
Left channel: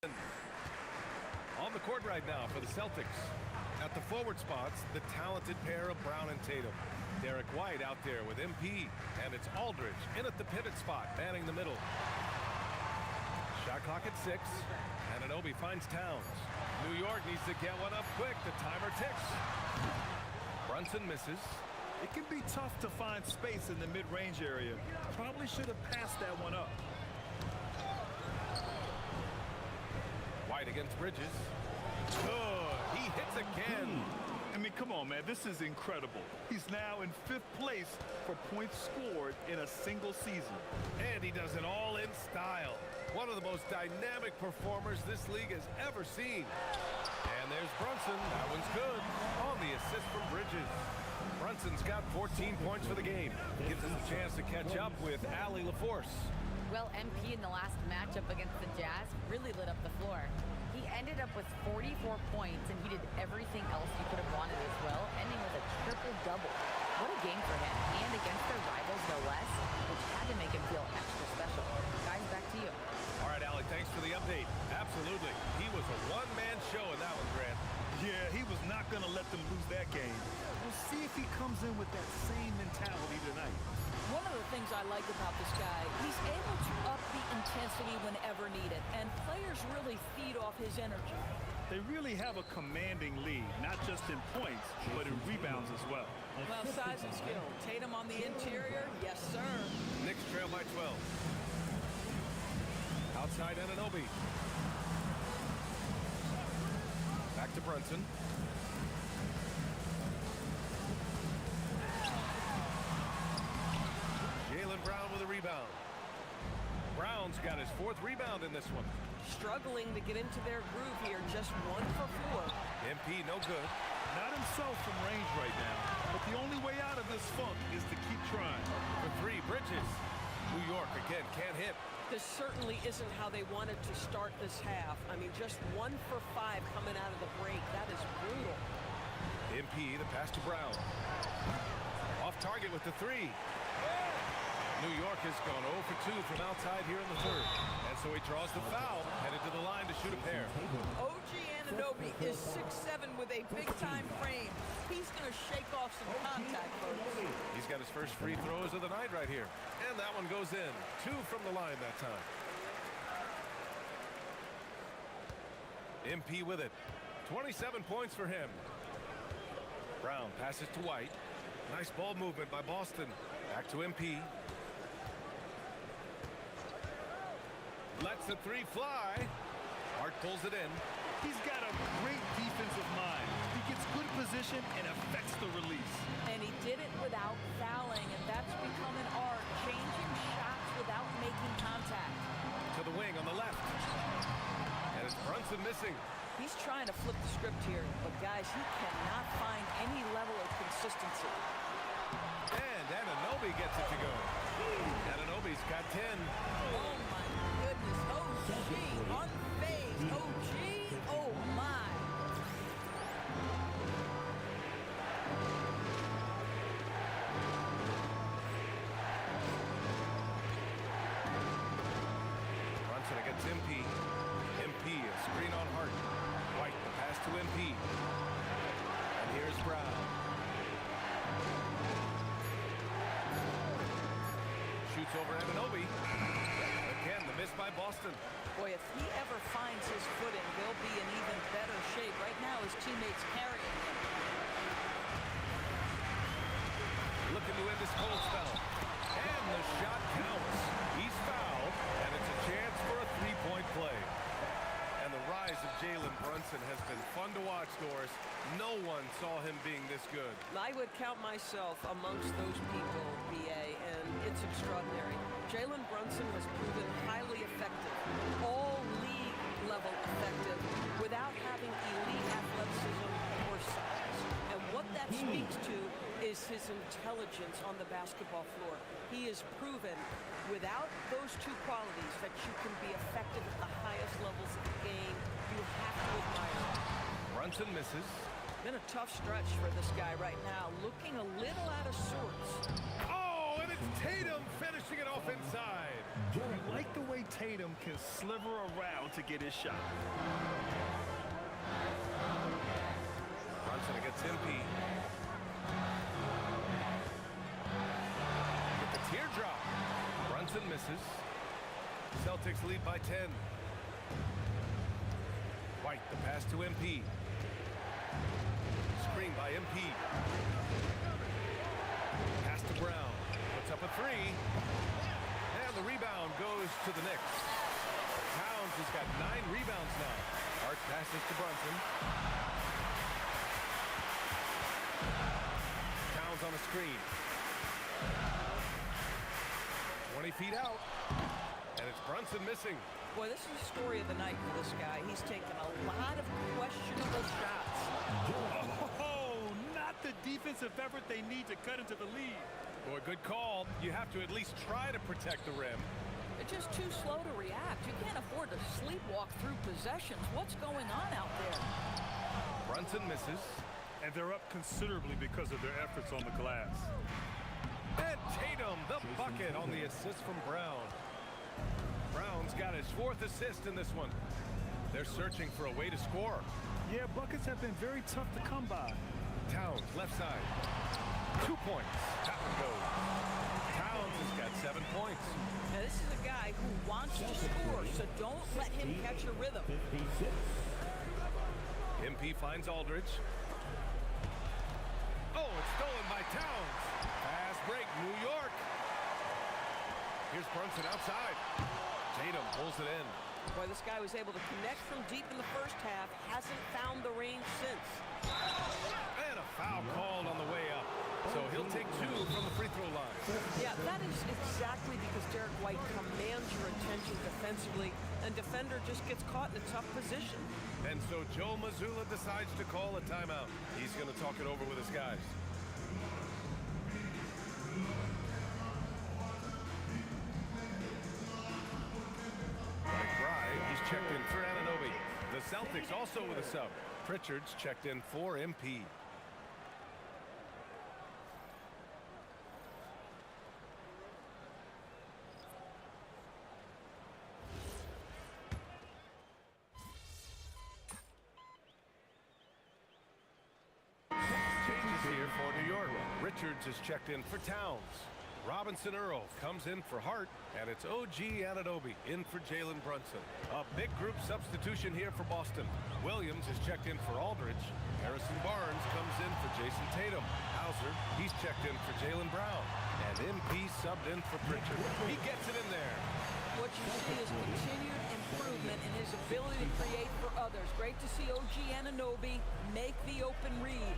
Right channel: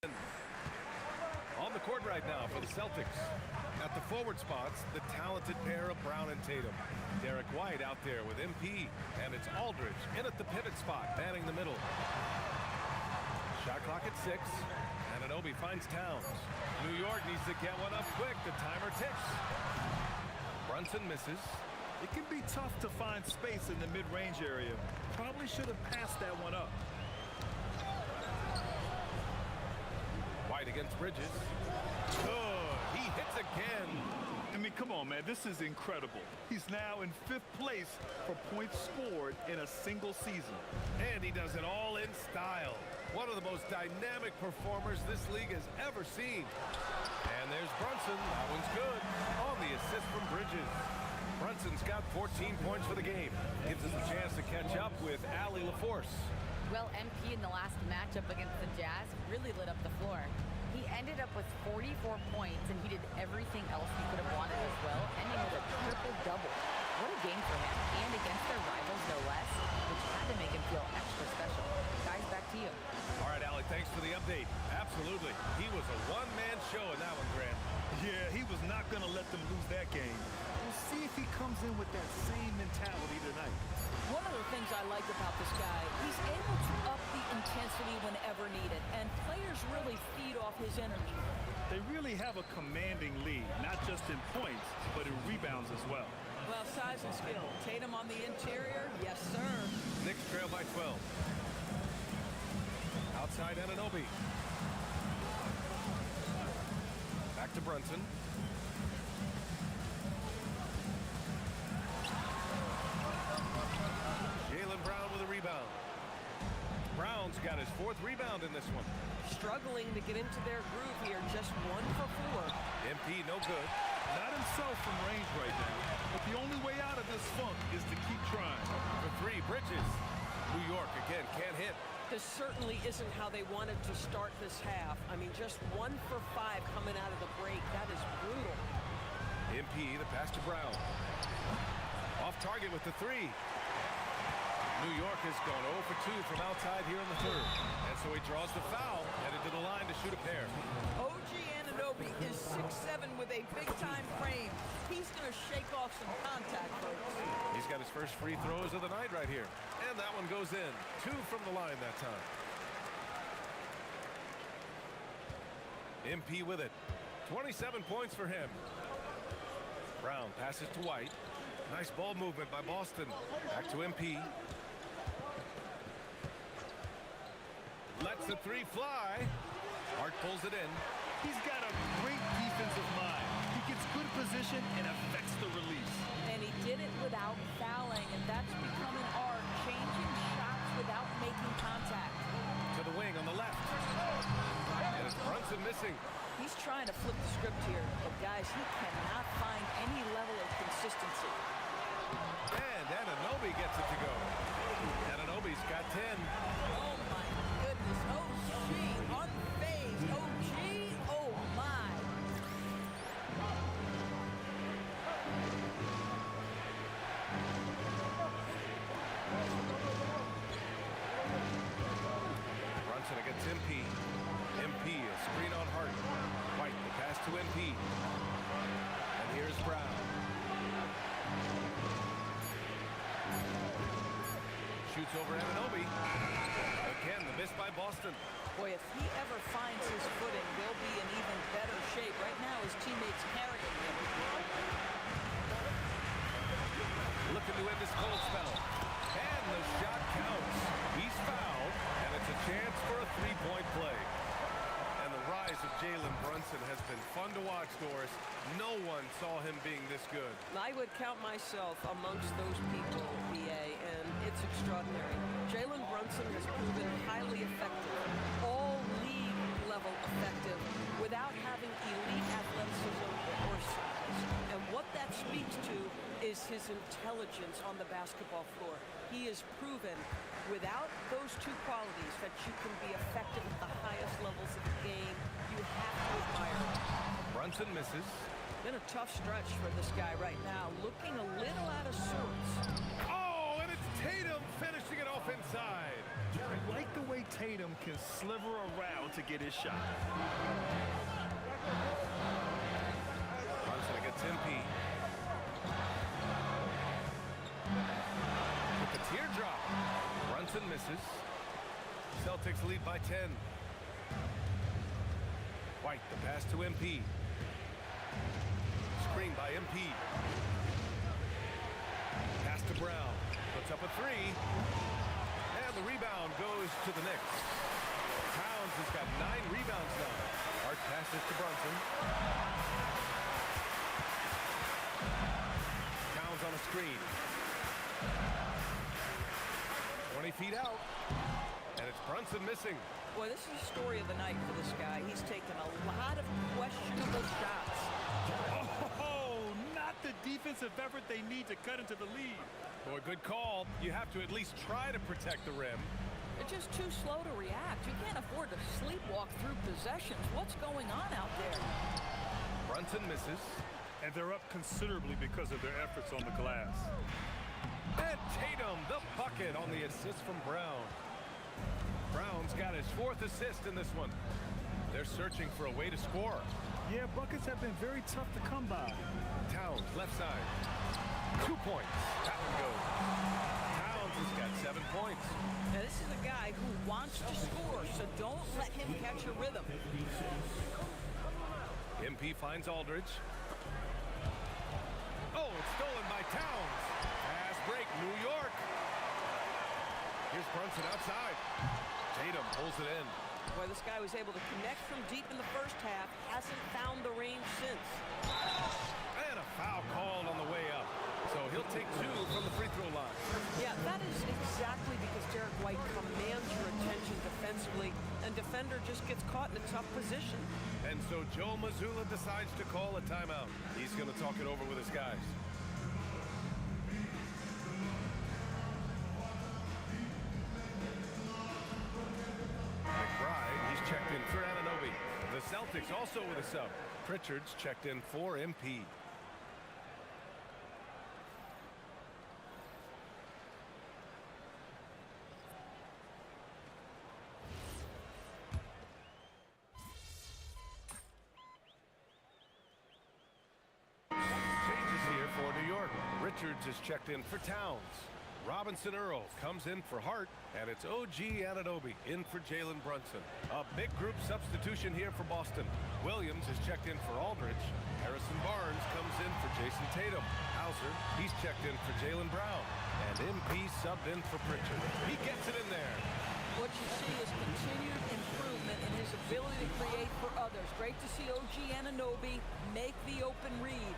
On the court right now for the Celtics. At the forward spots, the talented pair of Brown and Tatum. Derek White out there with MP, and it's Aldridge in at the pivot spot, manning the middle. Shot clock at 6. Anunoby finds Towns. New York needs to get one up quick. The timer ticks. Brunson misses. It can be tough to find space in the mid-range area. Probably should have passed that one up. White against Bridges. Good. He hits again. I mean, come on, man. This is incredible. He's now in 5th place for points scored in a single season. And he does it all in style. One of the most dynamic performers this league has ever seen. And there's Brunson. That one's good. On the assist from Bridges. Brunson's got 14 points for the game. Gives us a chance to catch up with Allie LaForce. Well, MP in the last matchup against the Jazz really lit up the floor. He ended up with 44 points, and he did everything else you could have wanted as well, ending with a triple-double. What a game for him, and against their rivals, no less, which had to make him feel extra special. Guys, back to you. All right, Allie, thanks for the update. Absolutely. He was a one-man show in that one, Grant. Yeah, he was not going to let them lose that game. We'll see if he comes in with that same mentality tonight. One of the things I like about this guy, he's able to up the intensity whenever needed, and players really feed off his energy. They really have a commanding lead, not just in points, but in rebounds as well. Well, size and skill. Tatum on the interior, yes, sir. Knicks trail by 12. Outside Anunoby. Back to Brunson. Jaylen Brown with a rebound. Brown's got his 4th rebound in this one. Struggling to get into their groove here, just 1 for 4. MP no good. Not himself from range right now, but the only way out of this funk is to keep trying. For 3, Bridges. New York again can't hit. This certainly isn't how they wanted to start this half. I mean, just 1 for 5 coming out of the break. That is brutal. MP, the pass to Brown. Off target with the 3. New York has gone 0 for 2 from outside here in the 3rd. And so he draws the foul, headed to the line to shoot a pair. OG Anunoby is 6'7" with a big-time frame. He's going to shake off some contact, folks. He's got his first free throws of the night right here. And that one goes in. 2 from the line that time. MP with it. 27 points for him. Brown passes to White. Nice ball movement by Boston. Back to MP. Lets the 3 fly. Hart pulls it in. He's got a great defensive mind. He gets good position and affects the release. And he did it without fouling, and that's become an art, changing shots without making contact. To the wing on the left. And it's Brunson missing. He's trying to flip the script here, but guys, he cannot find any level of consistency. And Anunoby gets it to go. Anunoby's got 10. Oh my goodness, OG, unfazed, OG, oh my. Brunson against MP. MP, a screen on Hart. White, the pass to MP. And here's Brown. Shoots over Anunoby. Again, the miss by Boston. Boy, if he ever finds his footing, they'll be in even better shape. Right now, his teammates carrying him. Looking to end this cold spell. And the shot counts. He's fouled, and it's a chance for a 3-point play. And the rise of Jalen Brunson has been fun to watch, Doris. No one saw him being this good. I would count myself amongst those people, BA, and it's extraordinary. Jalen Brunson has proven highly effective, all league level effective, without having elite athleticism or size. And what that speaks to is his intelligence on the basketball floor. He has proven without those 2 qualities that you can be effective at the highest levels of the game. You have to admire it. Brunson misses. Been a tough stretch for this guy right now, looking a little out of sorts. Oh, But it's Tatum finishing it off inside. You like the way Tatum can sliver around to get his shot. Brunson against MP. With the teardrop. Brunson misses. Celtics lead by 10. White, the pass to MP. Screen by MP. Pass to Brown. Puts up a three. And the rebound goes to the Knicks. Towns has got 9 rebounds now. Hart passes to Brunson. Towns on a screen. 20 feet out. And it's Brunson missing. Boy, this is the story of the night for this guy. He's taken a lot of questionable shots. Oh, not the defensive effort they need to cut into the lead. Boy, good call. You have to at least try to protect the rim. They're just too slow to react. You can't afford to sleepwalk through possessions. What's going on out there? Brunson misses. And they're up considerably because of their efforts on the glass. And Tatum, the bucket on the assist from Brown. Brown's got his 4th assist in this one. They're searching for a way to score. Yeah, buckets have been very tough to come by. Towns, left side. 2 points. That one goes. Towns has got 7 points. Now, this is a guy who wants to score, so don't let him catch a rhythm. MP finds Aldridge. Oh, it's stolen by Towns. Fast break, New York. Here's Brunson outside. Tatum pulls it in. Boy, this guy was able to connect from deep in the first half. Hasn't found the range since. And a foul called on the way up. So he'll take 2 from the free throw line. Yeah, that is exactly because Derek White commands your attention defensively, and defender just gets caught in a tough position. And so Joe Mazzulla decides to call a timeout. He's going to talk it over with his guys. McBride, he's checked in for Anunoby. The Celtics also with a sub. Pritchard's checked in for MP. Changes here for New York. Richards is checked in for Towns. Robinson Earl comes in for Hart, and it's OG Anunoby in for Jalen Brunson. A big group substitution here for Boston. Williams is checked in for Aldridge. Harrison Barnes comes in for Jason Tatum. Hauser, he's checked in for Jalen Brown. And MP subbed in for Pritchard. He gets it in there. What you see is continued improvement in his ability to create for others. Great to see OG Anunoby make the open read.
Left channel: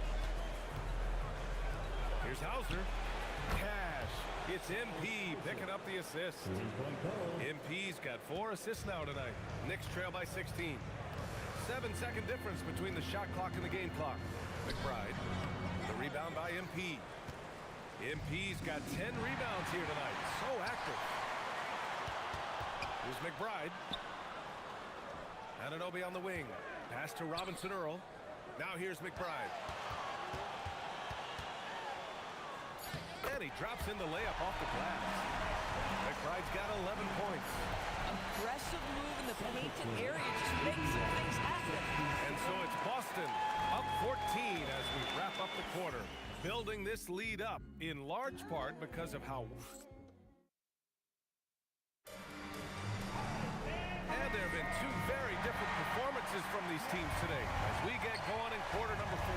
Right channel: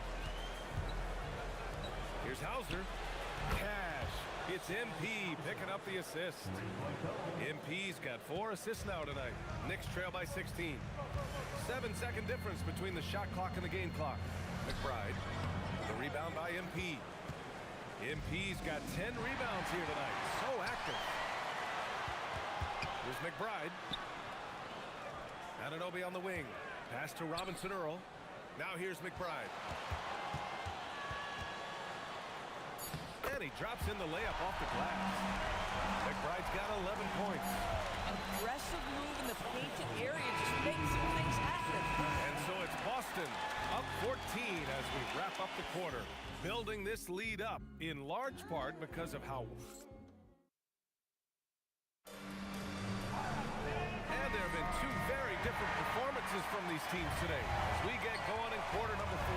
Here's Hauser. Cash. It's MP picking up the assist. MP's got 4 assists now tonight. Knicks trail by 16. 7-second difference between the shot clock and the game clock. McBride. The rebound by MP. MP's got 10 rebounds here tonight. So active. Here's McBride. Anunoby on the wing. Pass to Robinson Earl. Now here's McBride. And he drops in the layup off the glass. McBride's got 11 points. Aggressive move in the painted area just makes some things happen. And so it's Boston up 14 as we wrap up the quarter. Building this lead up in large part because of how... And there have been 2 very different performances from these teams today as we get going in quarter number 4.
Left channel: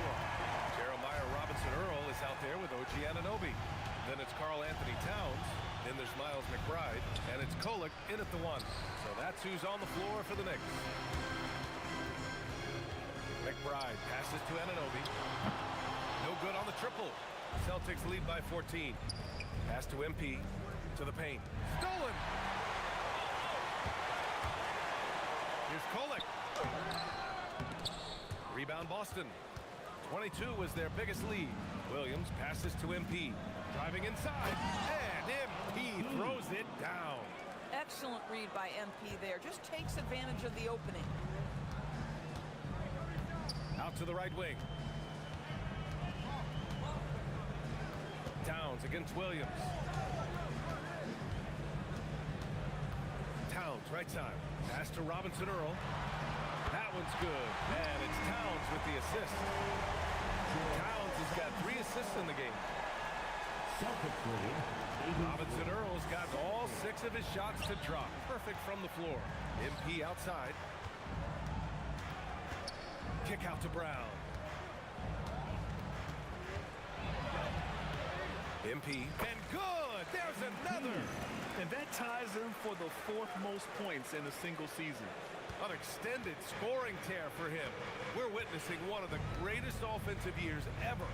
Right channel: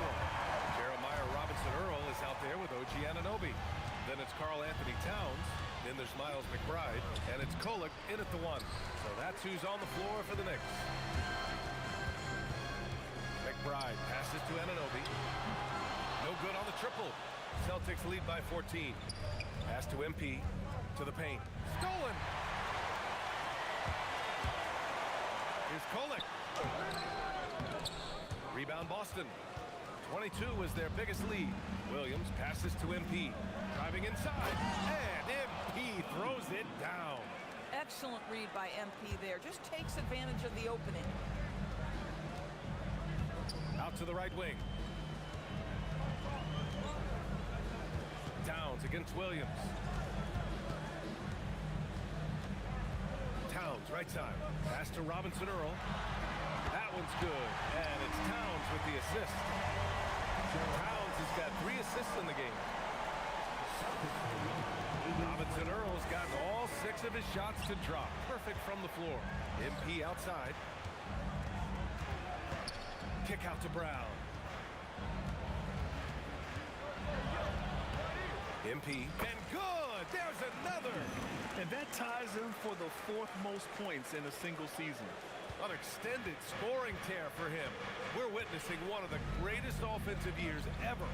Jeremiah Robinson Earl is out there with OG Anunoby. Then it's Karl Anthony Towns. Then there's Miles McBride. And it's Kolek in at the 1. So that's who's on the floor for the Knicks. McBride passes to Anunoby. No good on the triple. Celtics lead by 14. Pass to MP. To the paint. Stolen! Here's Kolek. Rebound Boston. 22 was their biggest lead. Williams passes to MP. Driving inside. And MP throws it down. Excellent read by MP there. Just takes advantage of the opening. Out to the right wing. Towns against Williams. Towns, right side. Pass to Robinson Earl. That one's good. And it's Towns with the assist. Towns has got 3 assists in the game. Robinson Earl's gotten all 6 of his shots to drop. Perfect from the floor. MP outside. Kick out to Brown. MP. And good! There's another! And that ties him for the 4th most points in a single season. An extended scoring tear for him. We're witnessing one of the greatest offensive years ever.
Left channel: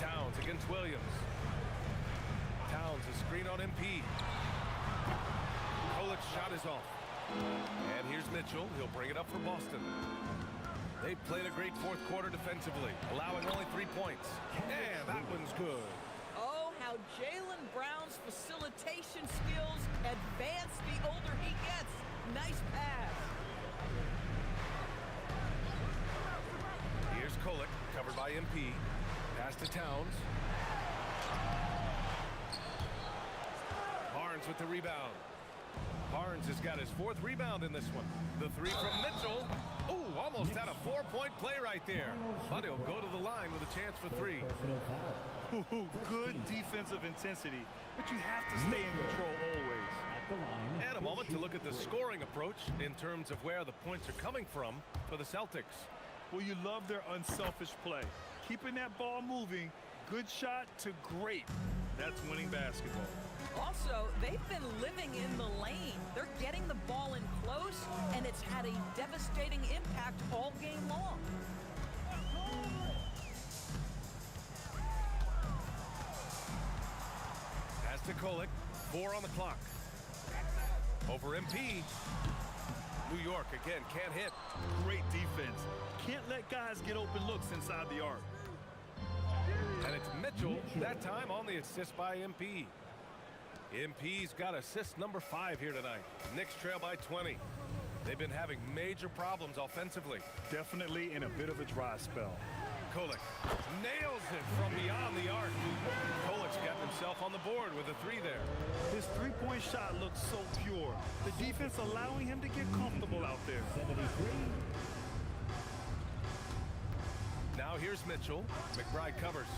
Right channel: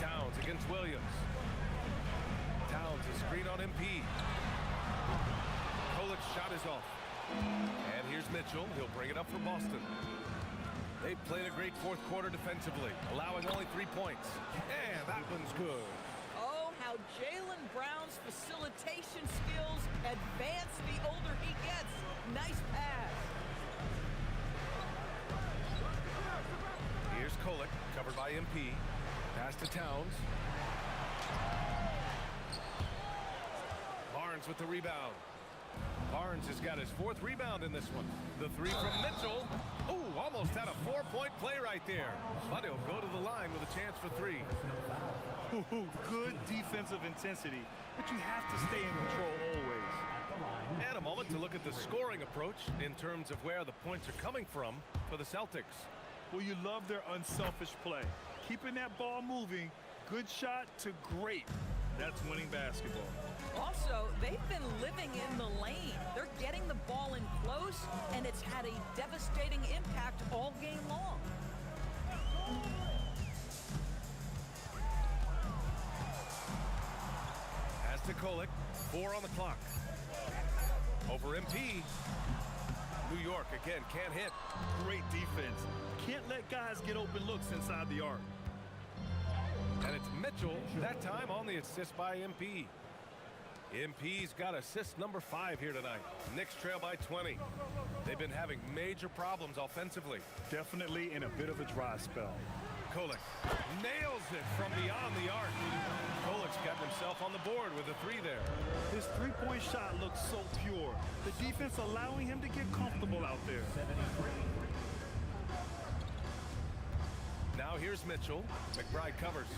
Towns against Williams. Towns a screen on MP. Kolik's shot is off. And here's Mitchell. He'll bring it up for Boston. They played a great 4th quarter defensively, allowing only 3 points. And that one's good. Oh, how Jaylen Brown's facilitation skills advance the older he gets. Nice pass. Here's Kolik, covered by MP. Pass to Towns. Barnes with the rebound. Barnes has got his 4th rebound in this one. The 3 from Mitchell. Ooh, almost had a 4-point play right there. But he'll go to the line with a chance for 3. Ooh, good defensive intensity, but you have to stay in control always. And a moment to look at the scoring approach in terms of where the points are coming from for the Celtics. Well, you love their unselfish play. Keeping that ball moving, good shot to great. That's winning basketball. Also, they've been living in the lane. They're getting the ball in close, and it's had a devastating impact all game long. Pass to Kolik. 4 on the clock. Over MP. New York again can't hit. Great defense. Can't let guys get open looks inside the arc. And it's Mitchell, that time on the assist by MP. MP's got assist number 5 here tonight. Knicks trail by 20. They've been having major problems offensively. Definitely in a bit of a dry spell. Kolik nails it from beyond the arc. Kolik's gotten himself on the board with a 3 there. His 3-point shot looks so pure. The defense allowing him to get comfortable out there. Now here's Mitchell. McBride covers.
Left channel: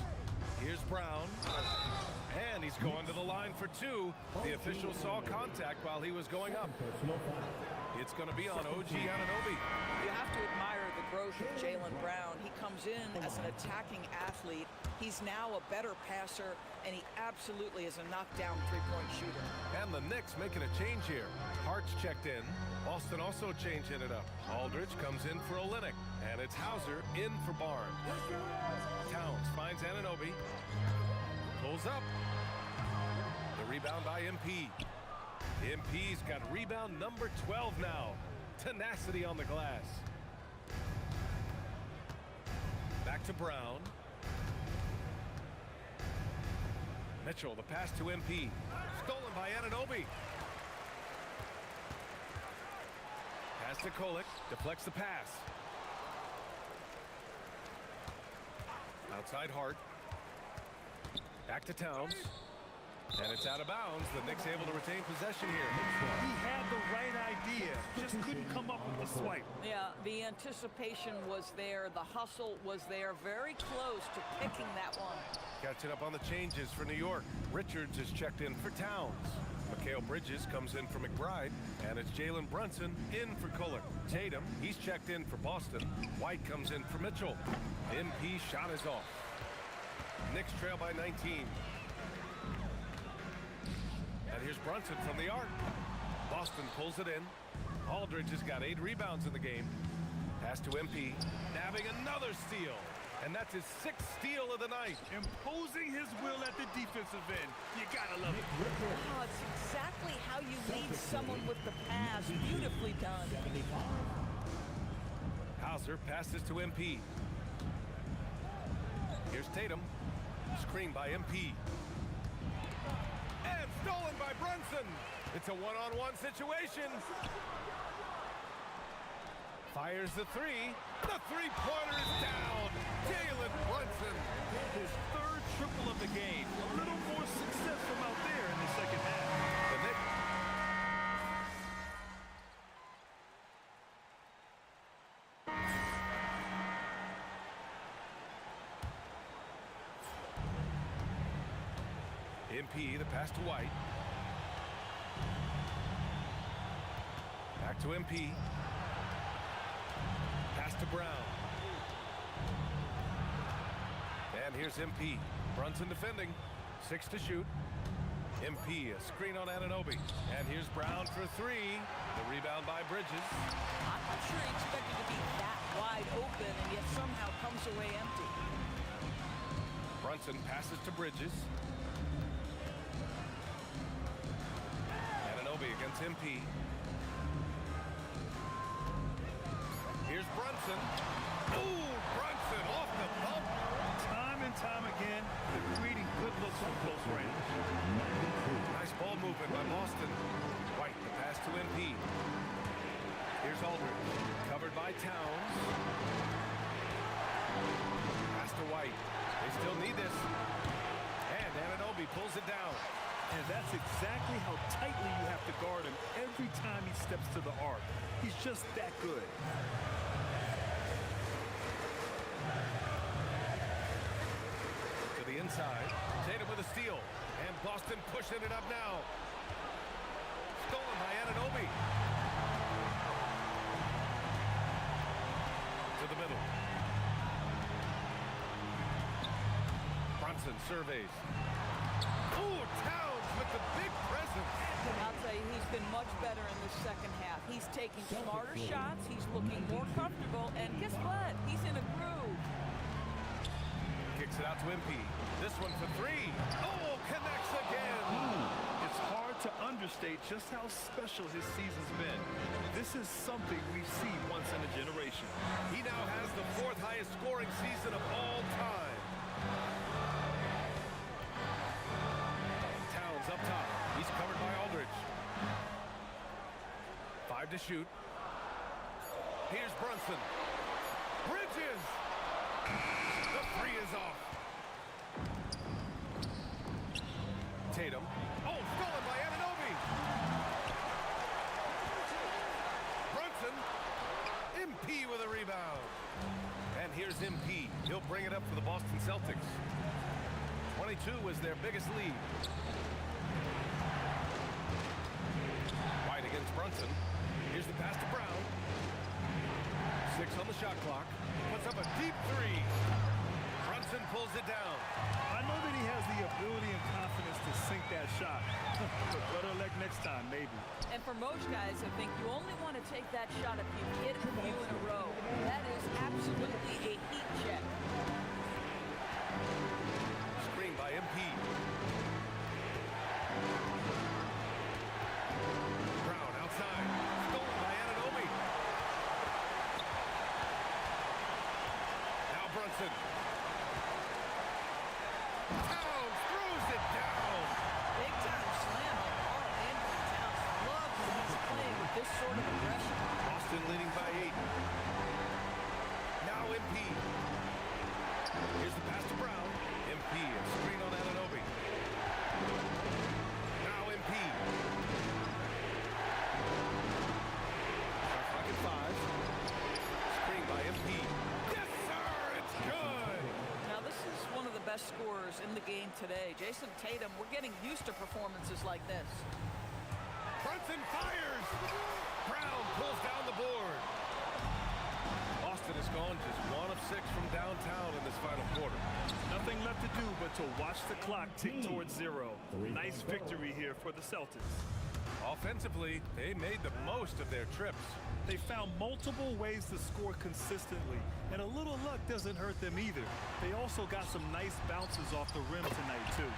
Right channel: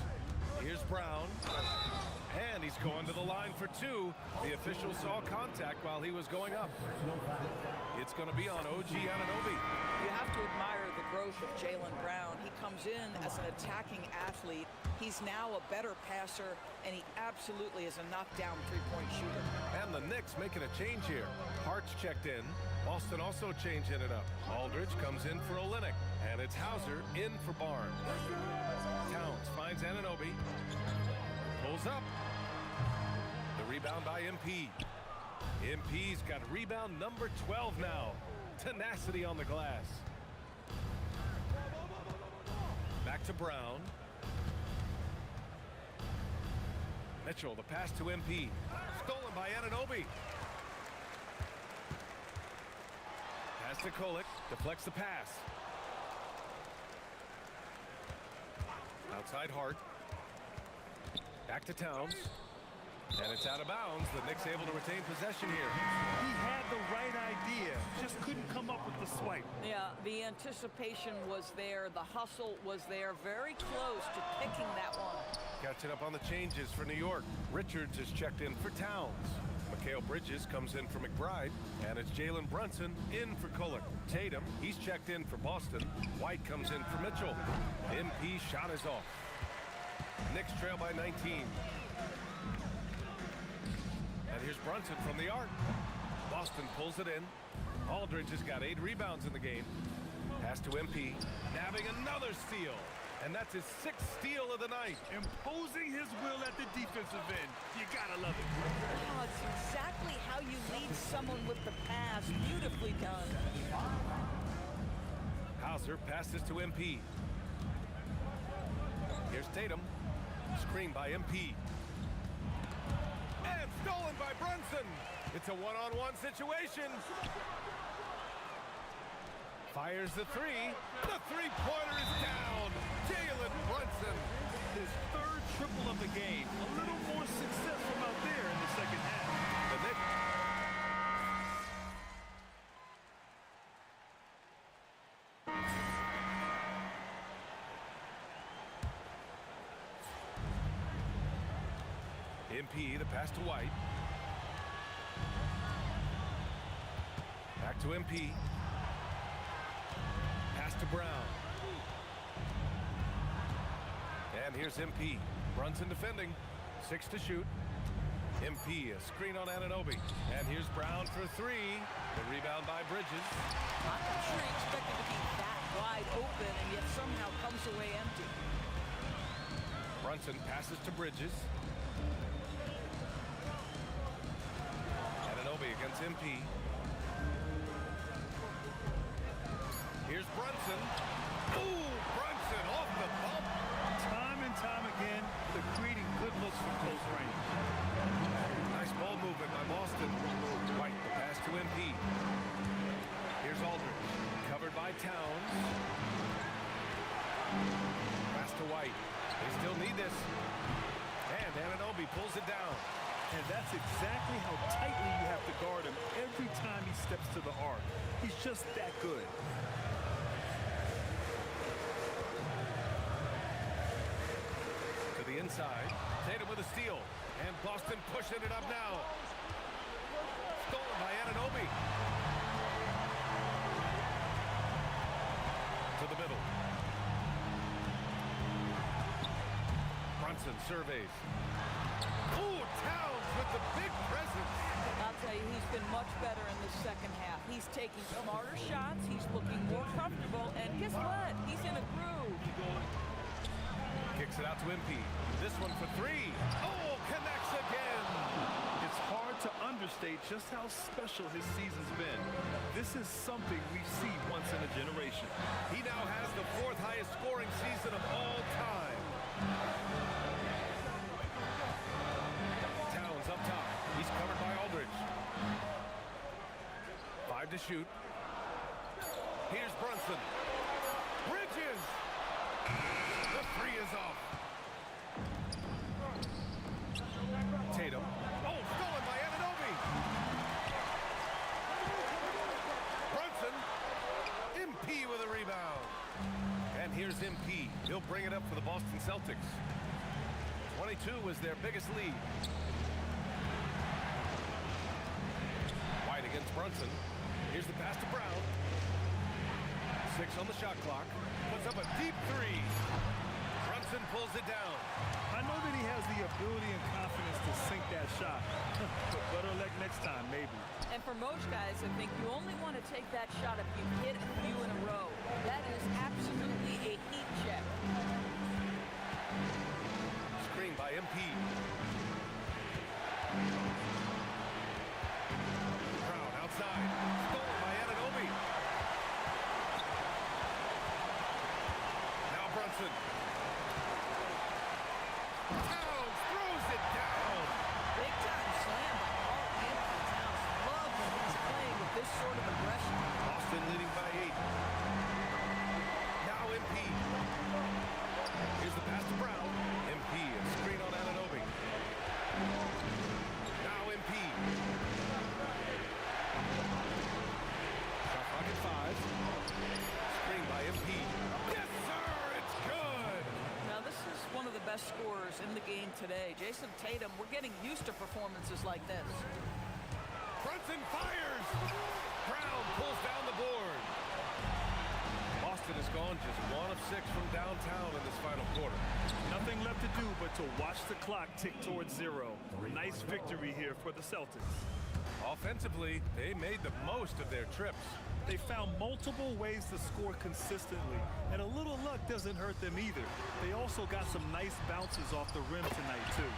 Here's Brown. And he's going to the line for 2. The official saw contact while he was going up. It's going to be on OG Anunoby. You have to admire the growth of Jaylen Brown. He comes in as an attacking athlete. He's now a better passer, and he absolutely is a knockdown 3-point shooter. And the Knicks making a change here. Hart's checked in. Boston also changing it up. Aldridge comes in for Olynyk. And it's Hauser in for Barnes. Towns finds Anunoby. Pulls up. The rebound by MP. MP's got rebound number 12 now. Tenacity on the glass. Back to Brown. Mitchell, the pass to MP. Stolen by Anunoby. Pass to Kolik. Deflects the pass. Outside Hart. Back to Towns. And it's out of bounds. The Knicks able to retain possession here. He had the right idea, just couldn't come up with the swipe. Yeah, the anticipation was there. The hustle was there. Very close to picking that one. Catching up on the changes for New York. Richards is checked in for Towns. Mikal Bridges comes in for McBride. And it's Jalen Brunson in for Kolik. Tatum, he's checked in for Boston. White comes in for Mitchell. MP shot is off. Knicks trail by 19. And here's Brunson from the arc. Boston pulls it in. Aldridge has got 8 rebounds in the game. Pass to MP. Nabbing another steal. And that's his 6th steal of the night. Imposing his will at the defensive end. You gotta love it. Oh, it's exactly how you lead someone with the pass. Beautifully done. Hauser passes to MP. Here's Tatum. Screen by MP. And stolen by Brunson. It's a one-on-one situation. Fires the three. The three-pointer is down. Jalen Brunson. His third triple of the game. A little more success from out there in the second half. The Knicks. MP, the pass to White. Back to MP. Pass to Brown. And here's MP. Brunson defending. 6 to shoot. MP, a screen on Anunoby. And here's Brown for 3. The rebound by Bridges. I'm not sure he expected to be that wide open and yet somehow comes away empty. Brunson passes to Bridges. Anunoby against MP. Here's Brunson. Ooh, Brunson off the bump. Time and time again, they're creating good looks from close range. Nice ball movement by Boston. White, the pass to MP. Here's Aldridge, covered by Towns. Pass to White. They still need this. And Anunoby pulls it down. And that's exactly how tightly you have to guard him every time he steps to the arc. He's just that good. To the inside. Tatum with a steal. And Boston pushing it up now. Stolen by Anunoby. To the middle. Brunson surveys. Ooh, Towns with the big presence. I'll tell you, he's been much better in the second half. He's taking smarter shots. He's looking more comfortable. And guess what? He's in a groove. Kicks it out to MP. This one for 3. Oh, connects again. It's hard to understate just how special his season's been. This is something we see once in a generation. He now has the 4th highest scoring season of all time. Towns up top. He's covered by Aldridge. 5 to shoot. Here's Brunson. Bridges. The 3 is off. Tatum. Oh, stolen by Anunoby. Brunson. MP with a rebound. And here's MP. He'll bring it up for the Boston Celtics. 22 was their biggest lead. White against Brunson. Here's the pass to Brown. 6 on the shot clock. Puts up a deep 3. Brunson pulls it down. I know that he has the ability and confidence to sink that shot. But better luck next time, maybe. And for most guys, I think you only want to take that shot if you hit a few in a row. That is absolutely a heat check. Screen by MP. Brown outside. Stolen by Anunoby. Now Brunson. Towns throws it down. Big time slam by Karl Anthony Towns. Love when he's playing with this sort of aggression. Boston leading by 8. Now MP. Here's the pass to Brown. MP, a screen on Anunoby. Now MP. Shot clock at 5. Screen by MP. Yes, sir, it's good. Now, this is one of the best scorers in the game today. Jason Tatum, we're getting used to performances like this. Brunson fires. Brown pulls down the board. Boston has gone just 1 of 6 from downtown in this final quarter. Nothing left to do but to watch the clock tick towards 0. Nice victory here for the Celtics. Offensively, they made the most of their trips. They found multiple ways to score consistently, and a little luck doesn't hurt them either. They also got some nice bounces off the rim tonight, too.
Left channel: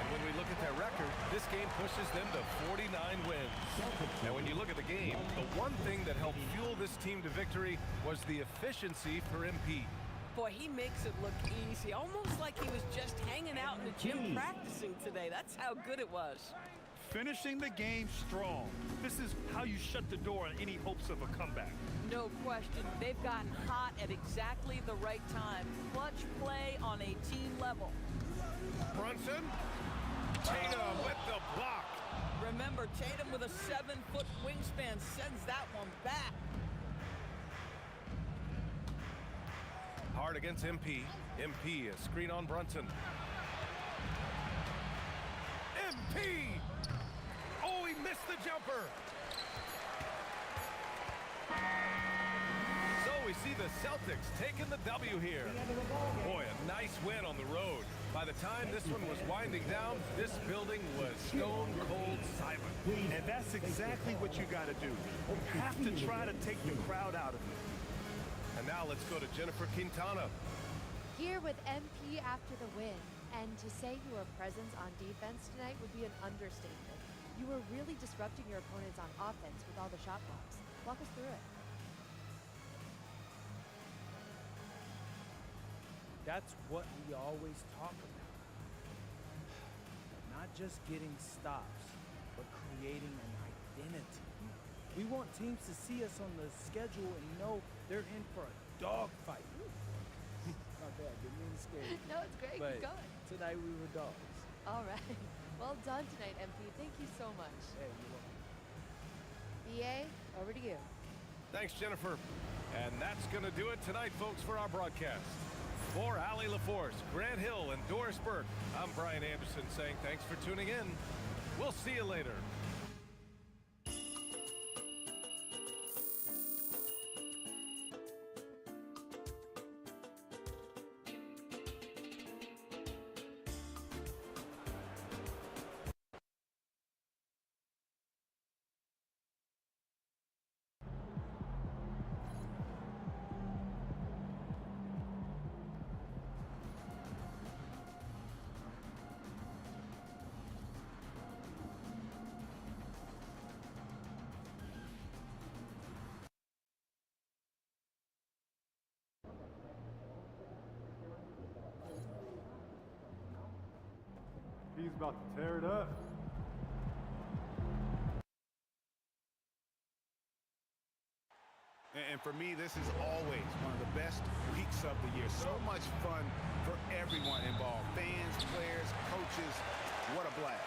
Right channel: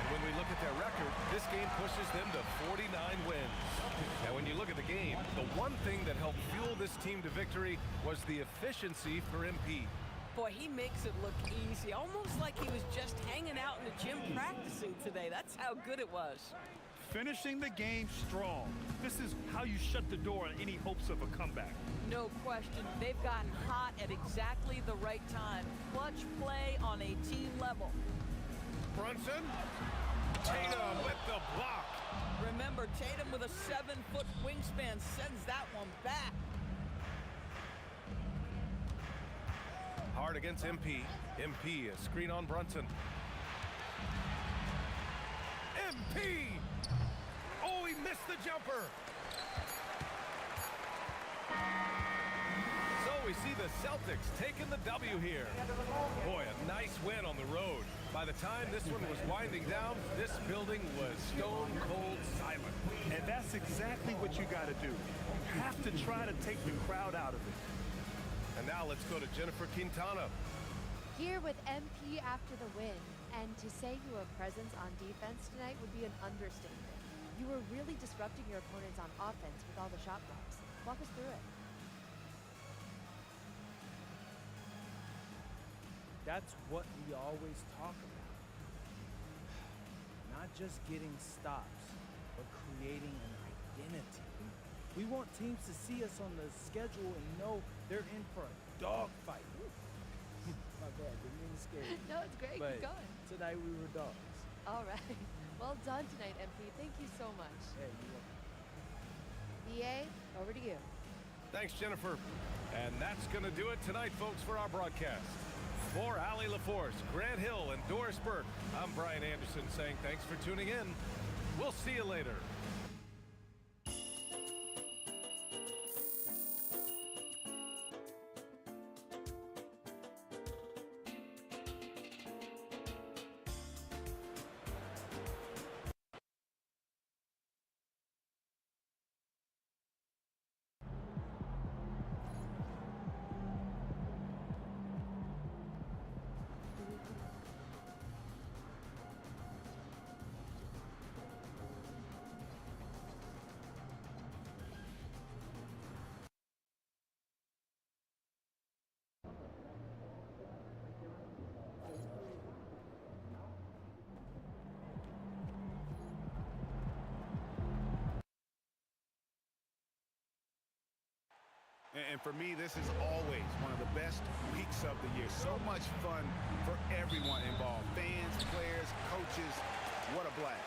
And when we look at their record, this game pushes them to 49 wins. Now, when you look at the game, the one thing that helped fuel this team to victory was the efficiency for MP. Boy, he makes it look easy, almost like he was just hanging out in the gym practicing today. That's how good it was. finishing the game strong. This is how you shut the door on any hopes of a comeback. No question. They've gotten hot at exactly the right time. Clutch play on a team level. Brunson. Tatum with the block. Remember, Tatum with a 7-foot wingspan sends that one back. Hard against MP. MP, a screen on Brunson. MP! Oh, he missed the jumper. So we see the Celtics taking the W here. Boy, a nice win on the road. By the time this one was winding down, this building was stone cold silent. And that's exactly what you got to do. You have to try to take the crowd out of it. And now let's go to Jennifer Quintana. Here with MP after the win, and to say your presence on defense tonight would be an understatement. You were really disrupting your opponents on offense with all the shot blocks. Walk us through it. That's what we always talk about. Not just getting stops, but creating an identity. We want teams to see us on the schedule and know they're in for a dogfight. My bad, didn't mean to scare you. No, it's great. But Keep going. tonight we were dogs. All right. Well done tonight, MP. Thank you so much. Hey, you're welcome. BA, over to you. Thanks, Jennifer. And that's going to do it tonight, folks, for our broadcast. For Allie LaForce, Grant Hill, and Doris Burke, I'm Brian Anderson saying thanks for tuning in. We'll see you later. He's about to tear it up. And for me, this is always one of the best weeks of the year. So much fun for everyone involved. Fans, players, coaches. What a blast.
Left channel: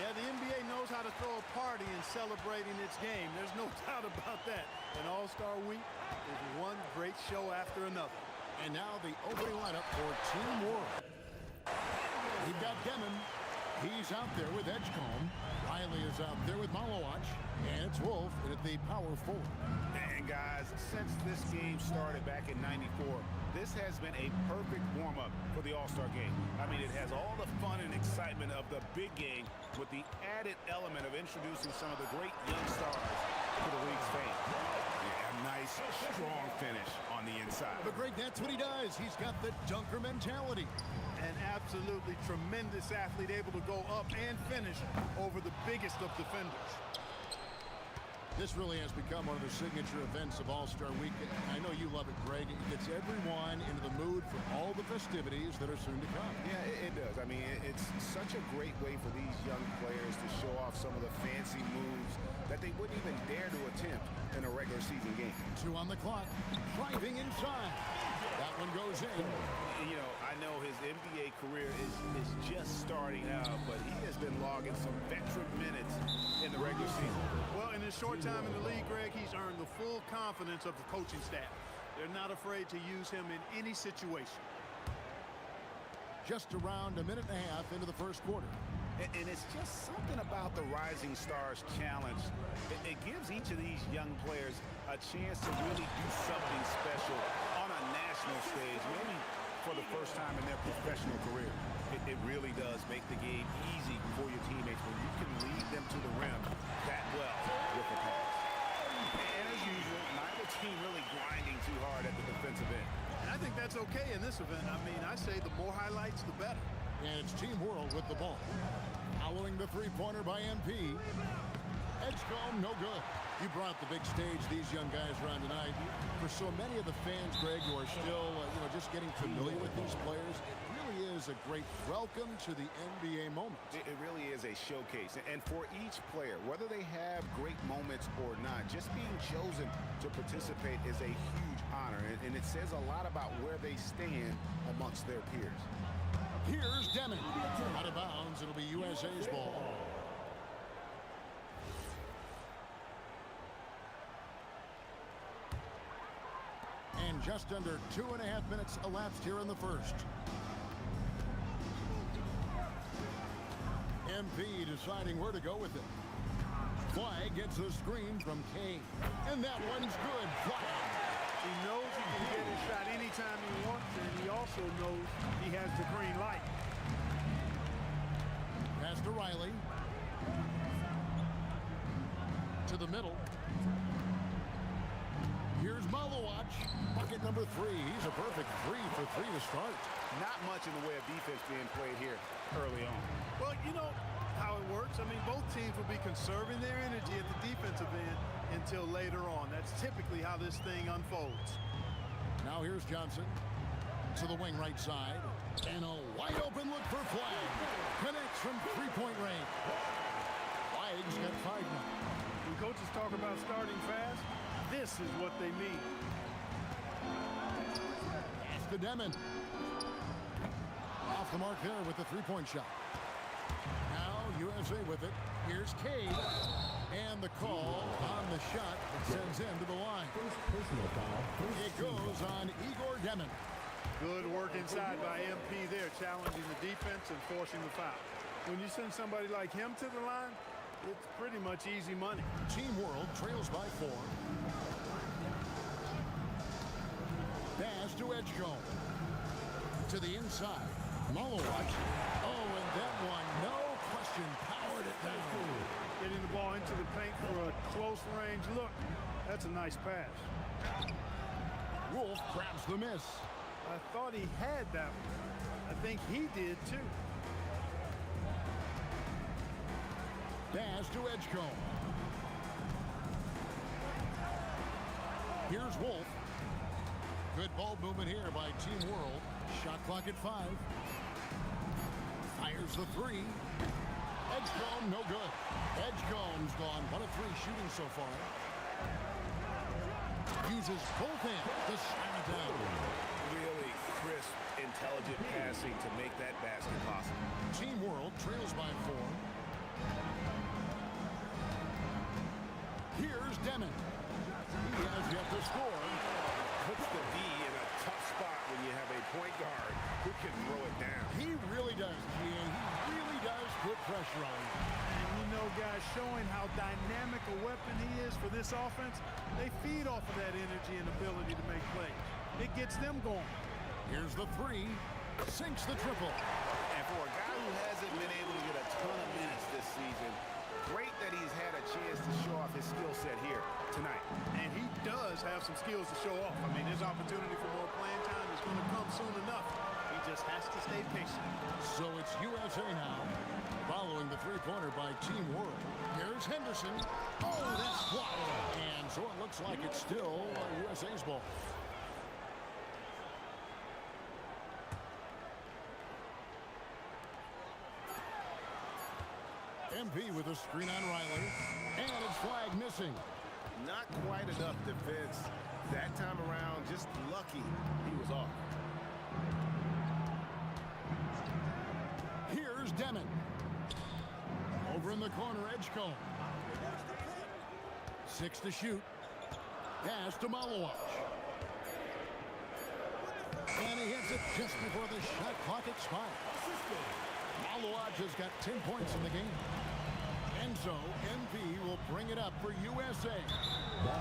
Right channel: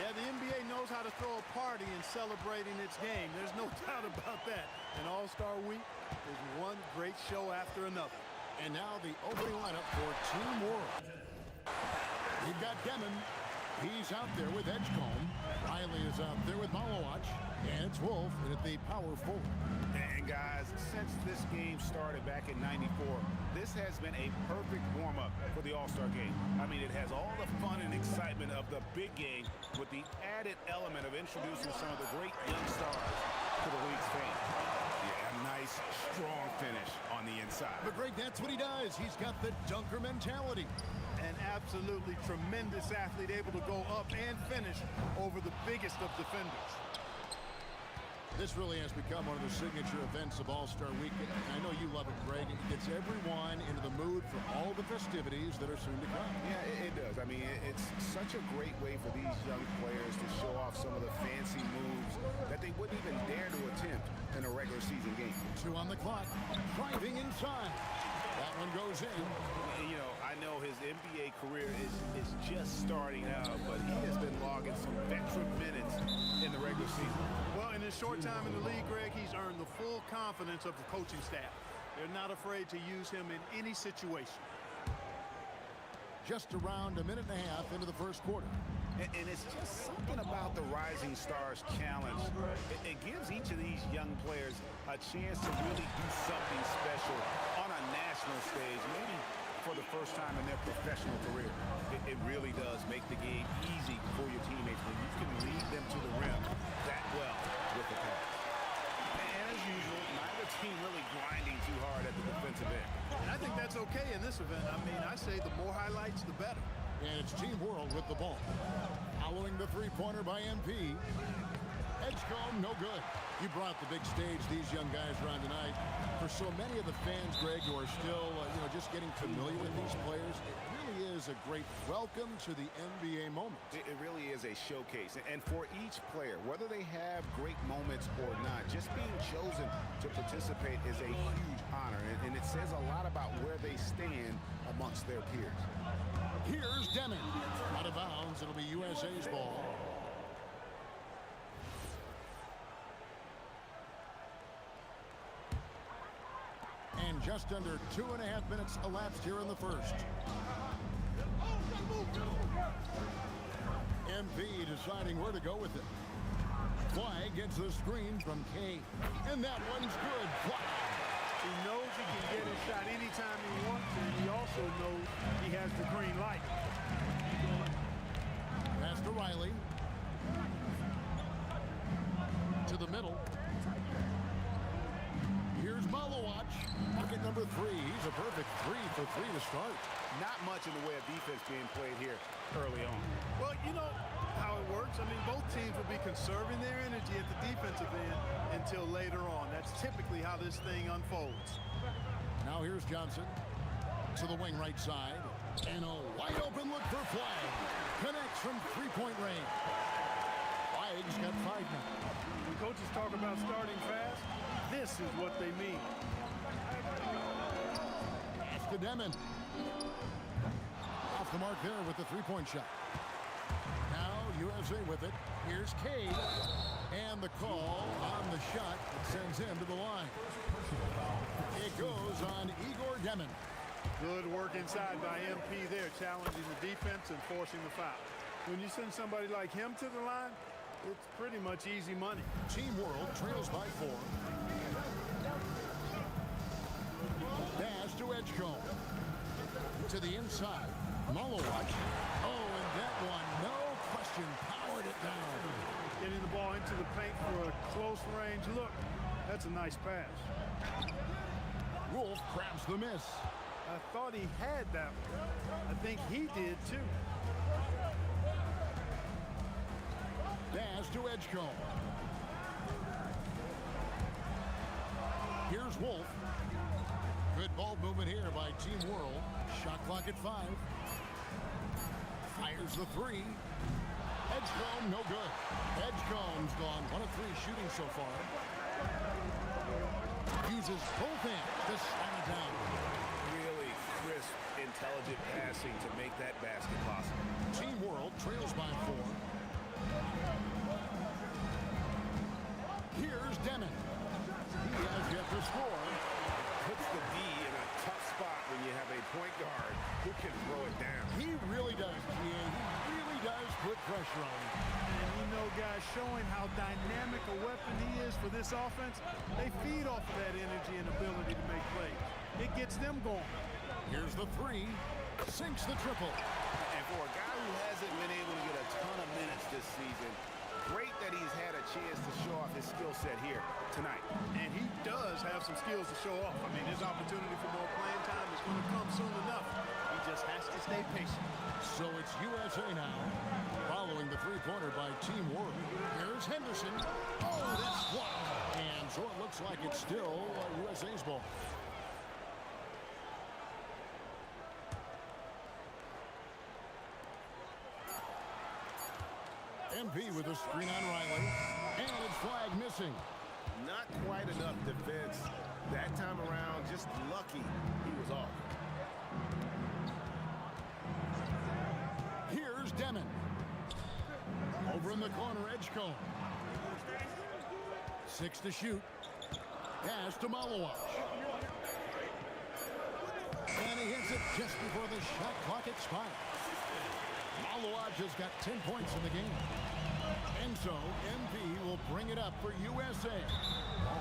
Yeah, the NBA knows how to throw a party in celebrating its game. There's no doubt about that. And All-Star Week is one great show after another. And now the opening lineup for Team World. We've got Demon. He's out there with Edgecombe. Riley is out there with Malawach. And it's Wolf in at the power forward. And guys, since this game started back in '94, this has been a perfect warm-up for the All-Star game. I mean, it has all the fun and excitement of the big game with the added element of introducing some of the great young stars to the league's fans. Yeah, a nice, strong finish on the inside. But Greg, that's what he does. He's got the dunker mentality. An absolutely tremendous athlete, able to go up and finish over the biggest of defenders. This really has become one of the signature events of All-Star Week. I know you love it, Greg. It gets everyone into the mood for all the festivities that are soon to come. Yeah, it does. I mean, it's such a great way for these young players to show off some of the fancy moves that they wouldn't even dare to attempt in a regular season game. 2 on the clock, driving inside. That one goes in. You know, I know his NBA career is just starting out, but he has been logging some veteran minutes in the regular season. Well, in his short time in the league, Greg, he's earned the full confidence of the coaching staff. They're not afraid to use him in any situation. Just around a minute and a half into the first quarter. And it's just something about the Rising Stars Challenge. It gives each of these young players a chance to really do something special on a national stage, maybe for the first time in their professional career. It really does make the game easy for your teammates when you can lead them to the rim that well with a pass. And as usual, neither team really grinding too hard at the defensive end. And I think that's okay in this event. I mean, I say the more highlights, the better. And it's Team World with the ball. Following the three-pointer by MP. Edgecombe, no good. You brought the big stage these young guys around tonight. For so many of the fans, Greg, who are still, just getting familiar with these players, it really is a great welcome to the NBA moment. It really is a showcase. And for each player, whether they have great moments or not, just being chosen to participate is a huge honor. And it says a lot about where they stand amongst their peers. Here's Demon. Out of bounds. It'll be USA's ball. And just under 2.5 minutes elapsed here in the first. MP deciding where to go with it. Flag gets the screen from Kane. And that one's good. Flag. He knows he can get his shot anytime he wants, and he also knows he has the green light. Pass to Riley. To the middle. Here's Malowacz. Bucket number 3. He's a perfect 3 for 3 to start. Not much in the way of defense being played here early on. Well, you know how it works. I mean, both teams will be conserving their energy at the defensive end until later on. That's typically how this thing unfolds. Now here's Johnson to the wing right side. And a wide open look for Flag. Connects from three-point range. Flag's got 5 now. When coaches talk about starting fast, this is what they mean. Pass to Demon. Off the mark there with the three-point shot. Now USA with it. Here's Cade. And the call on the shot that sends him to the line. Personal foul. It goes on Igor Demon. Good work inside by MP there, challenging the defense and forcing the foul. When you send somebody like him to the line, it's pretty much easy money. Team World trails by 4. Pass to Edgecombe. To the inside. Malowacz. Oh, and that one, no question, powered it down. Getting the ball into the paint for a close range look. That's a nice pass. Wolf grabs the miss. I thought he had that one. I think he did too. Pass to Edgecombe. Here's Wolf. Good ball movement here by Team World. Shot clock at 5. Fires the 3. Edgecombe, no good. Edgecombe's gone 1 of 3 shooting so far. Uses both hands to slam it down. Really crisp, intelligent passing to make that basket possible. Team World trails by 4. Here's Demon. He has yet to score. Puts the D in a tough spot when you have a point guard who can throw it down. He really does, GA. He really does put pressure on him. And you know, guys, showing how dynamic a weapon he is for this offense, they feed off of that energy and ability to make plays. It gets them going. Here's the 3. Sinks the triple. And for a guy who hasn't been able to get a ton of minutes this season, great that he's had a chance to show off his skill set here tonight. And he does have some skills to show off. I mean, his opportunity for more playing time is going to come soon enough. He just has to stay patient. So it's USA now, following the three-pointer by Team World. Here's Henderson. Oh, that's blocked. And so it looks like it's still USA's ball. MP with a screen on Riley. And it's Flag missing. Not quite enough defense. That time around, just lucky he was off. Here's Demon. Over in the corner, Edgecombe. 6 to shoot. Pass to Malowacz. And he hits it just before the shot clock expires. Malowacz has got 10 points in the game. And so MP will bring it up for USA.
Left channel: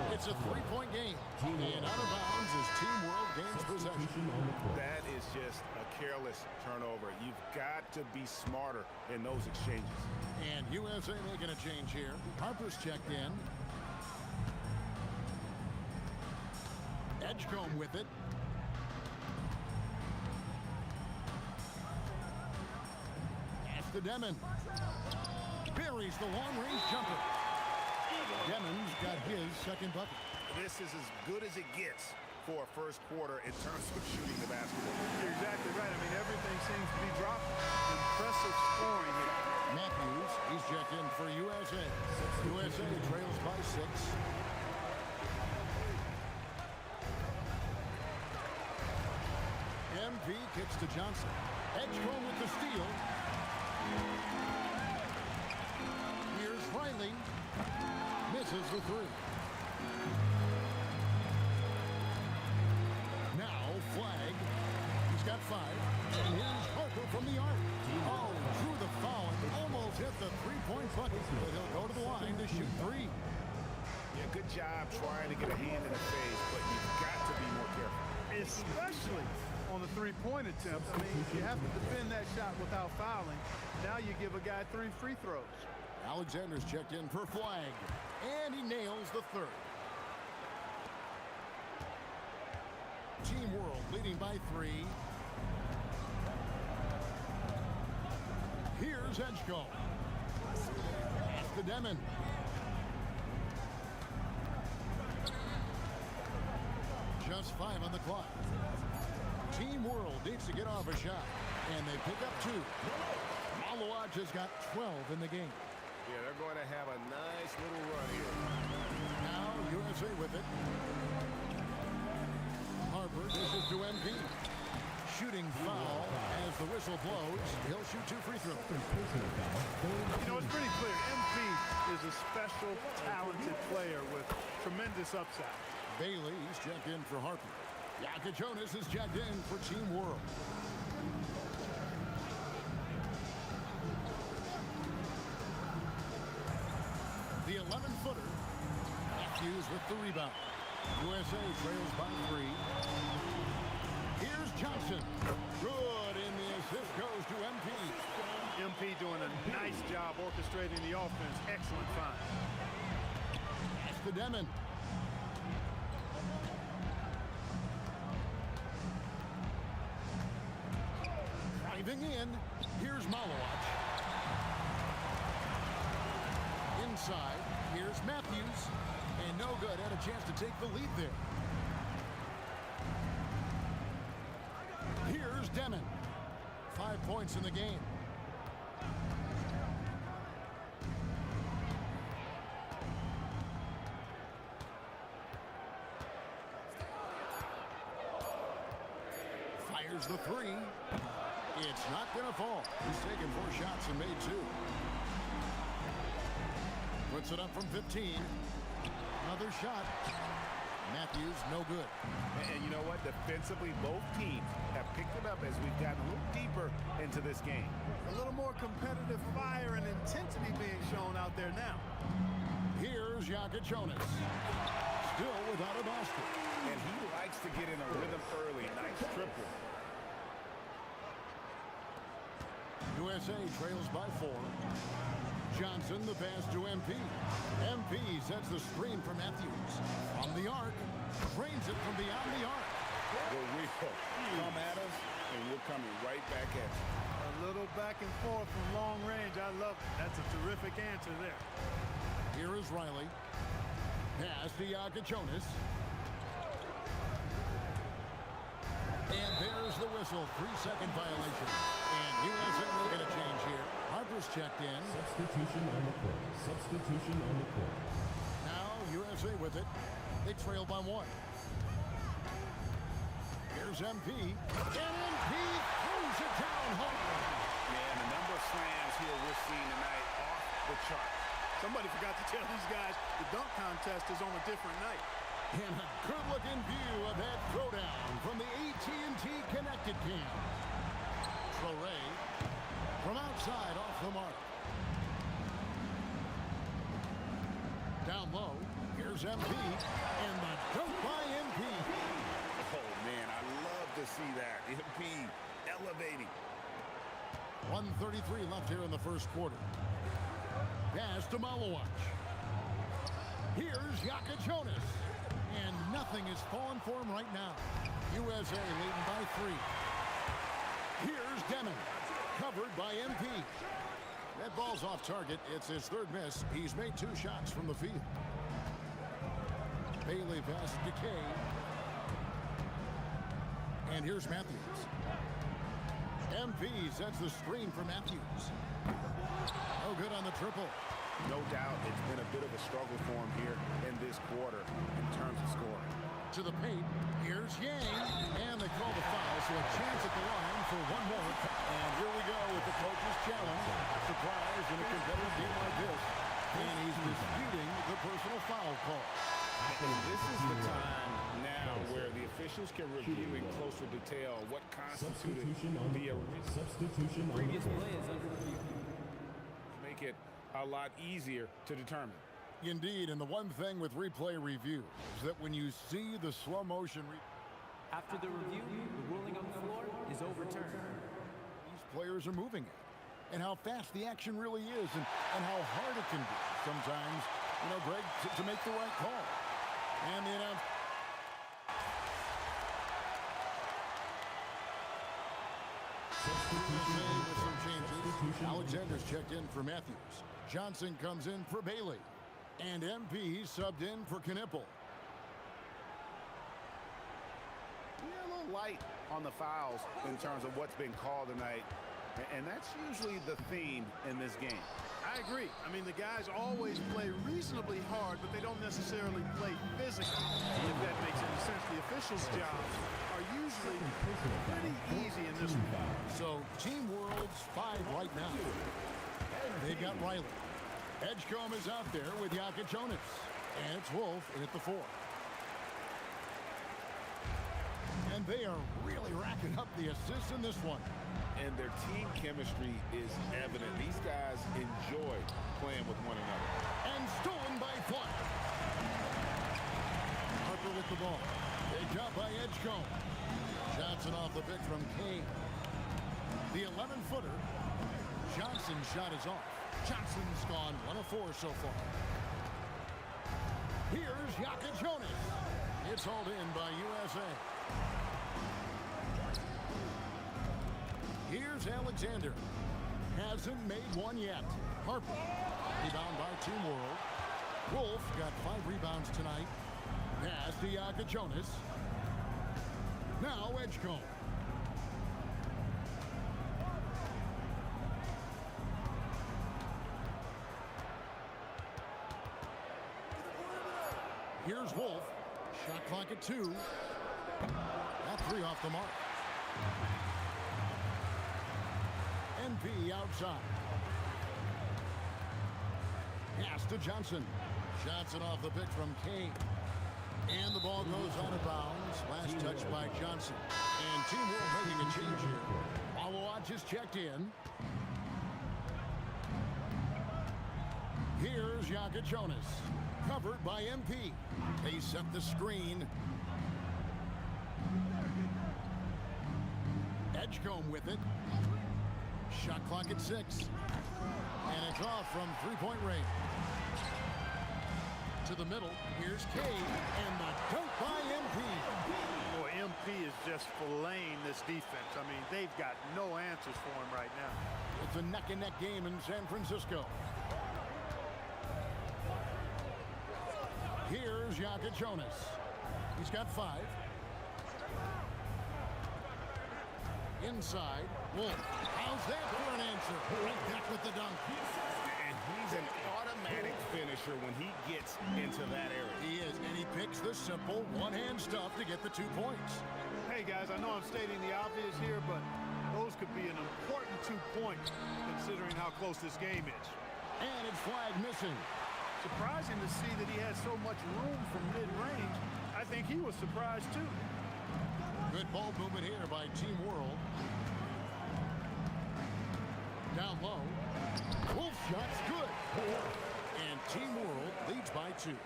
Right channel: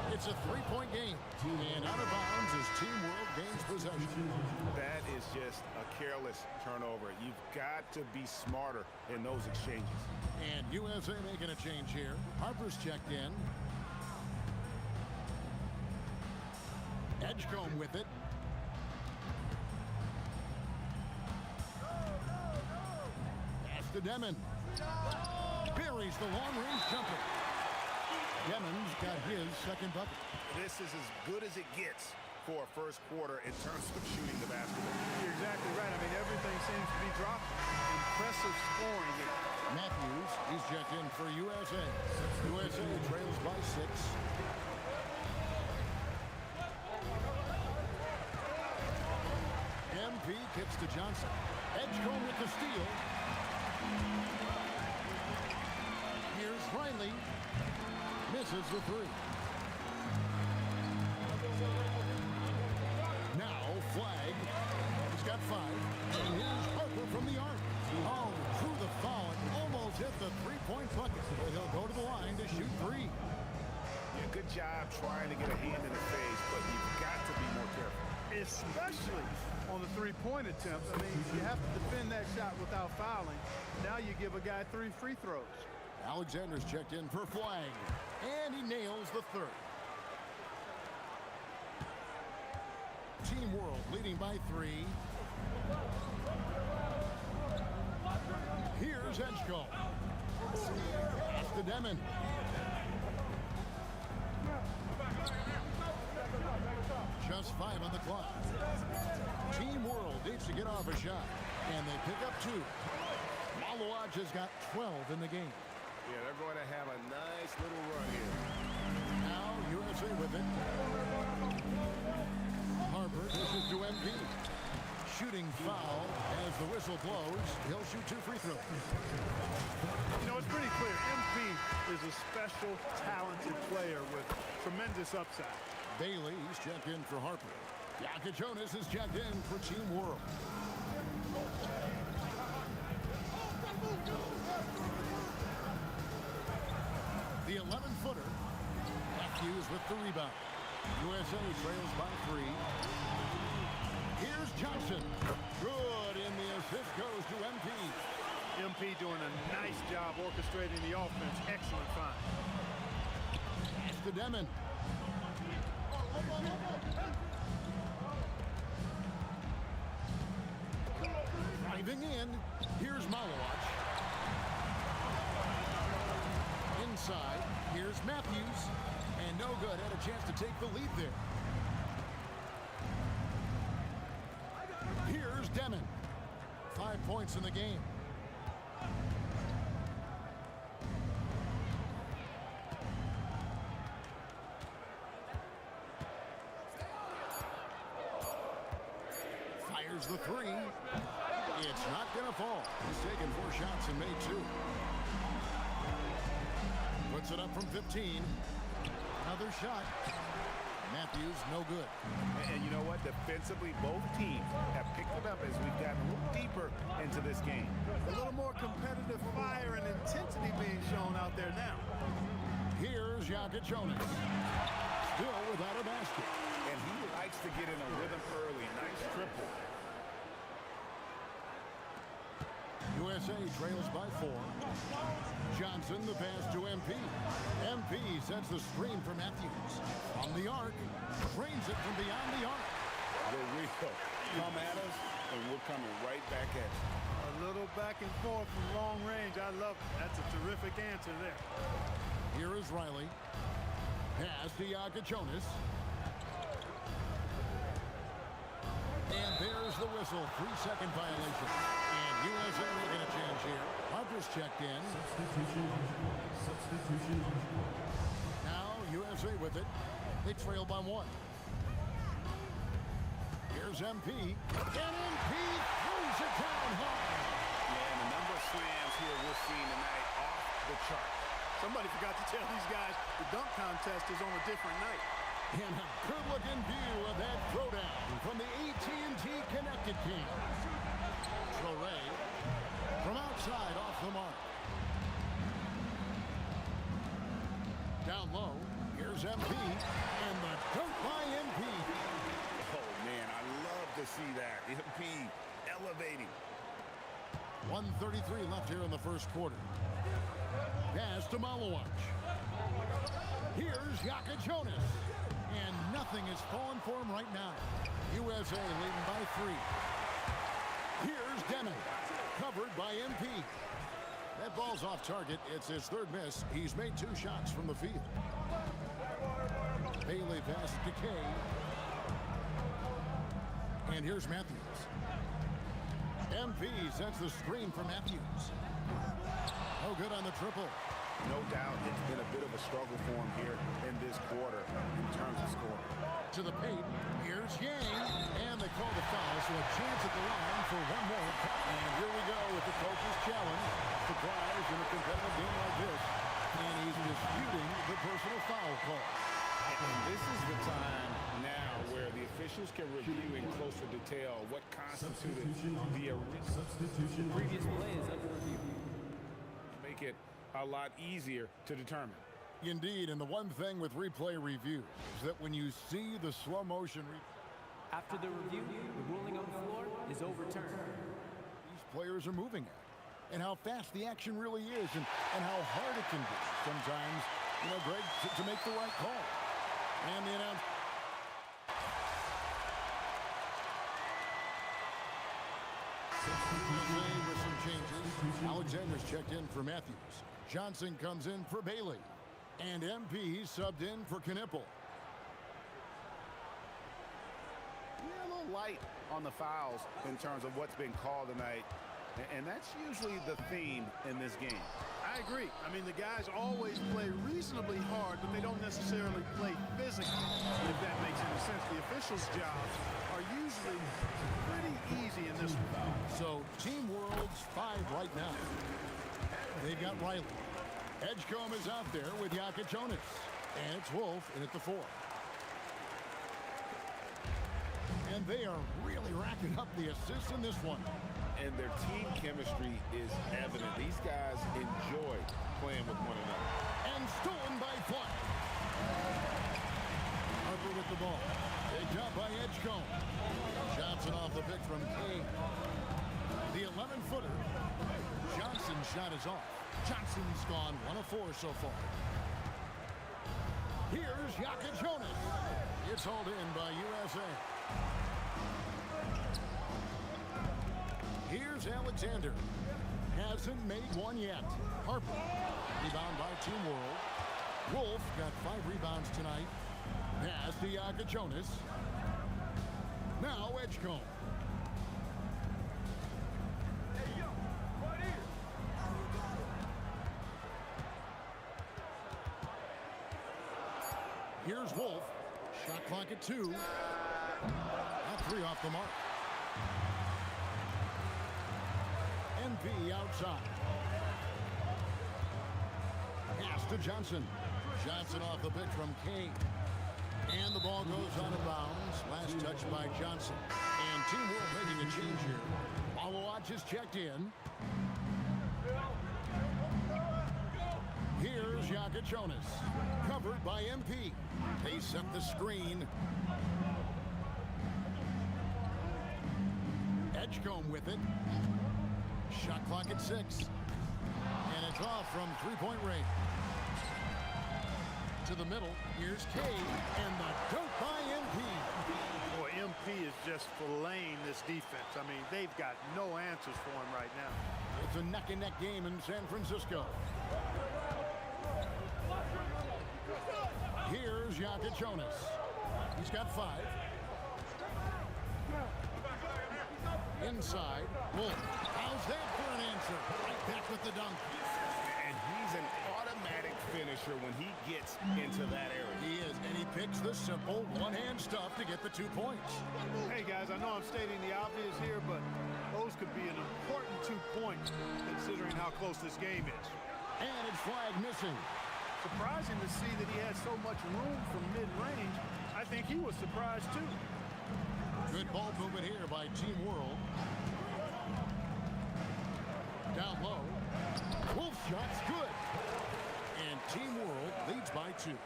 It's a 3-point game. And out of bounds as Team World gains possession. That is just a careless turnover. You've got to be smarter in those exchanges. And USA making a change here. Harper's checked in. Edgecombe with it. Pass to Demon. Buries the long-range jumper. Demon's got his second bucket. This is as good as it gets for a first quarter in terms of shooting the basketball. You're exactly right. I mean, everything seems to be dropping. Impressive scoring here. Matthews, he's checked in for USA. USA trails by 6. MP kicks to Johnson. Edgecombe with the steal. Here's Riley. Misses the 3. Now Flag. He's got 5. And here's Harper from the arc. Oh, drew the foul and almost hit the three-point bucket. But he'll go to the line to shoot 3. Yeah, good job trying to get a hand in the face, but you've got to be more careful. Especially on the three-point attempt. I mean, you have to defend that shot without fouling. Now you give a guy 3 free throws. Alexander's checked in for Flag. And he nails the 3rd. Team World leading by 3. Here's Edgecombe. Pass to Demon. Just 5 on the clock. Team World needs to get off a shot. And they pick up 2. Malowaj has got 12 in the game. Yeah, they're going to have a nice little run here. Now USA with it. Harper dishes to MP. Shooting foul as the whistle blows. He'll shoot 2 free throws. You know, it's pretty clear. MP is a special, talented player with tremendous upside. Bailey, he's checked in for Harper. Jonas is checked in for Team World. The 11-footer. Matthews with the rebound. USA trails by 3. Here's Johnson. Good, and the assist goes to MP. MP doing a nice job orchestrating the offense. Excellent find. Pass to Demon. Driving in. Here's Malowaj. Inside. Here's Matthews. And no good. Had a chance to take the lead there. Here's Demon. 5 points in the game. Fires the 3. It's not going to fall. He's taken 4 shots and made 2. Puts it up from 15. Another shot. Matthews, no good. And you know what? Defensively, both teams have picked it up as we've gotten a little deeper into this game. A little more competitive fire and intensity being shown out there now. Here's Jonas. Still without a basket. And he likes to get in a rhythm early. Nice triple. USA trails by 4. Johnson, the pass to MP. MP sets the screen for Matthews. From the arc, drains it from beyond the arc. The wheel. Come at us, and we're coming right back at you. A little back and forth from long range. I love it. That's a terrific answer there. Here is Riley. Pass to Jonas. And there's the whistle. 3-second violation. And USA making a change here. Harper's checked in. Substitution on the court. Substitution on the court. Now USA with it. They trail by 1. Here's MP. And MP throws it down hard. Yeah, and the number of slams here we're seeing tonight off the charts. Somebody forgot to tell these guys the dunk contest is on a different night. And a good-looking view of that throwdown from the AT&T Connected Cam. Fleury from outside off the mark. Down low, here's MP, and the dunk by MP. Oh, man, I love to see that. MP elevating. 1:33 left here in the first quarter. Pass to Malowaj. Here's Jonas. And nothing is falling for him right now. USA leading by 3. Here's Demon. Covered by MP. That ball's off target. It's his 3rd miss. He's made 2 shots from the field. Bailey passes to Kay. And here's Matthews. MP sets the screen for Matthews. No good on the triple. No doubt it's been a bit of a struggle for him here in this quarter in terms of scoring. To the paint, here's Yang, and they call the foul, so a chance at the line for one more. And here we go with the coach's challenge. Surprise in a competitive game like this. And he's disputing the personal foul call. And this is the time now where the officials can review in closer detail what constituted the original. Previous play is under review. Make it a lot easier to determine. Indeed, and the one thing with replay review is that when you see the slow motion After the review, the ruling on the floor is overturned. these players are moving at, and how fast the action really is, and how hard it can be sometimes, you know, Greg, to make the right call. And the announcer. With some changes. Alexander's checked in for Matthews. Johnson comes in for Bailey. And MP subbed in for Knipple. Yeah, a little light on the fouls in terms of what's been called tonight. And that's usually the theme in this game. I agree. I mean, the guys always play reasonably hard, but they don't necessarily play physically, if that makes any sense. The officials' jobs are usually pretty easy in this one. So, Team World's 5 right now. They've got Riley. Edgecombe is out there with Jonas. And it's Wolf in at the 4. And they are really racking up the assists in this one. And their team chemistry is evident. These guys enjoy playing with one another. And stolen by Flag. Harper with the ball. Picked up by Edgecombe. Johnson off the pick from Kane. The 11-footer. Johnson's shot is off. Johnson's gone 1 of 4 so far. Here's Jonas. It's hauled in by USA. Here's Alexander. Hasn't made one yet. Harper. Rebound by Team World. Wolf got 5 rebounds tonight. Pass to Jonas. Now Edgecombe. Here's Wolf. Shot clock at 2. That 3 off the mark. MP outside. Pass to Johnson. Johnson off the pick from Kane. And the ball goes out of bounds. Last touch by Johnson. And Team World making a change here. Malawach is checked in. Here's Jonas. Covered by MP. They set the screen. Edgecombe with it. Shot clock at 6. And it's off from 3-point range. To the middle. Here's Kay. And the dunk by MP. Boy, MP is just filleting this defense. I mean, they've got no answers for him right now. It's a neck-and-neck game in San Francisco. Here's Jonas. He's got 5. Inside. Wolf. How's that for an answer? Right back with the dunk. And he's an automatic finisher when he gets into that area. He is, and he picks the simple one-hand stuff to get the 2 points. Hey, guys, I know I'm stating the obvious here, but those could be an important 2 points considering how close this game is. And it's Flag missing. Surprising to see that he had so much room from mid-range. I think he was surprised, too. Good ball movement here by Team World. Down low. Wolf shot's good. And Team World leads by 2.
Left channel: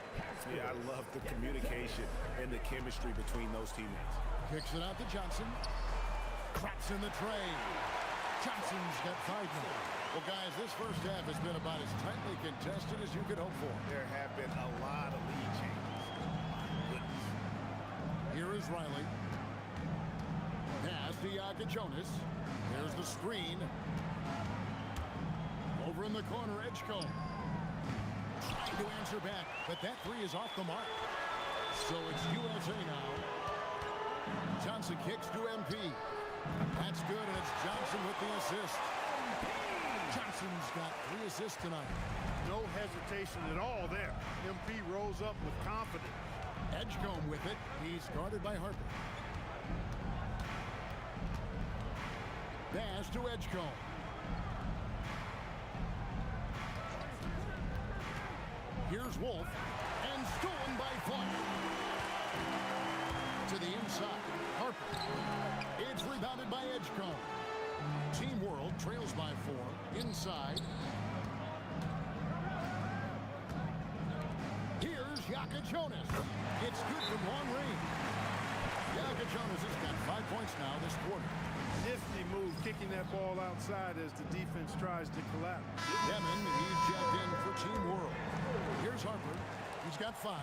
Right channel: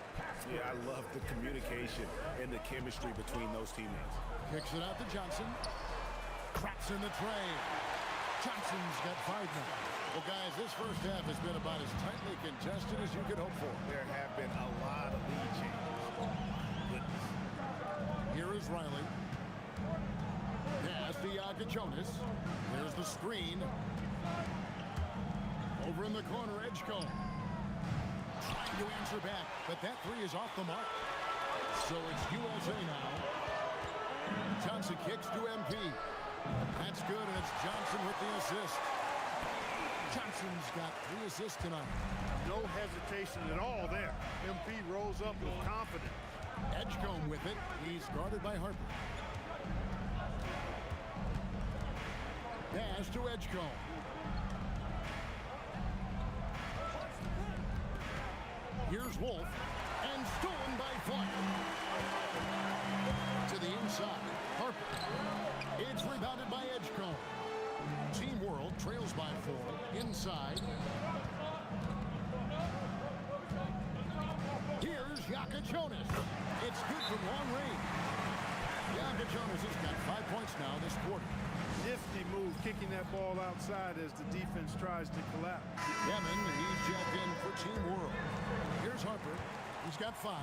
Yeah, I love the communication and the chemistry between those teammates. Kicks it out to Johnson. Traps in the tray. Johnson's got 5 now. Well, guys, this first half has been about as tightly contested as you could hope for. There have been a lot of lead changes. My goodness. Here is Riley. Pass to Jonas. There's the screen. Over in the corner, Edgecombe. Trying to answer back, but that 3 is off the mark. So it's USA now. Johnson kicks to MP. That's good, and it's Johnson with the assist. Johnson's got 3 assists tonight. No hesitation at all there. MP rolls up with confidence. Edgecombe with it. He's guarded by Harper. Pass to Edgecombe. Here's Wolf, and stolen by Flyers. To the inside, Harper. It's rebounded by Edgecombe. Team World trails by 4. Inside. Here's Jonas. It's good from long range. Jonas has got 5 points now this quarter. Nifty move, kicking that ball outside as the defense tries to collapse. Demon, he's jacked in for Team World. Here's Harper. He's got 5.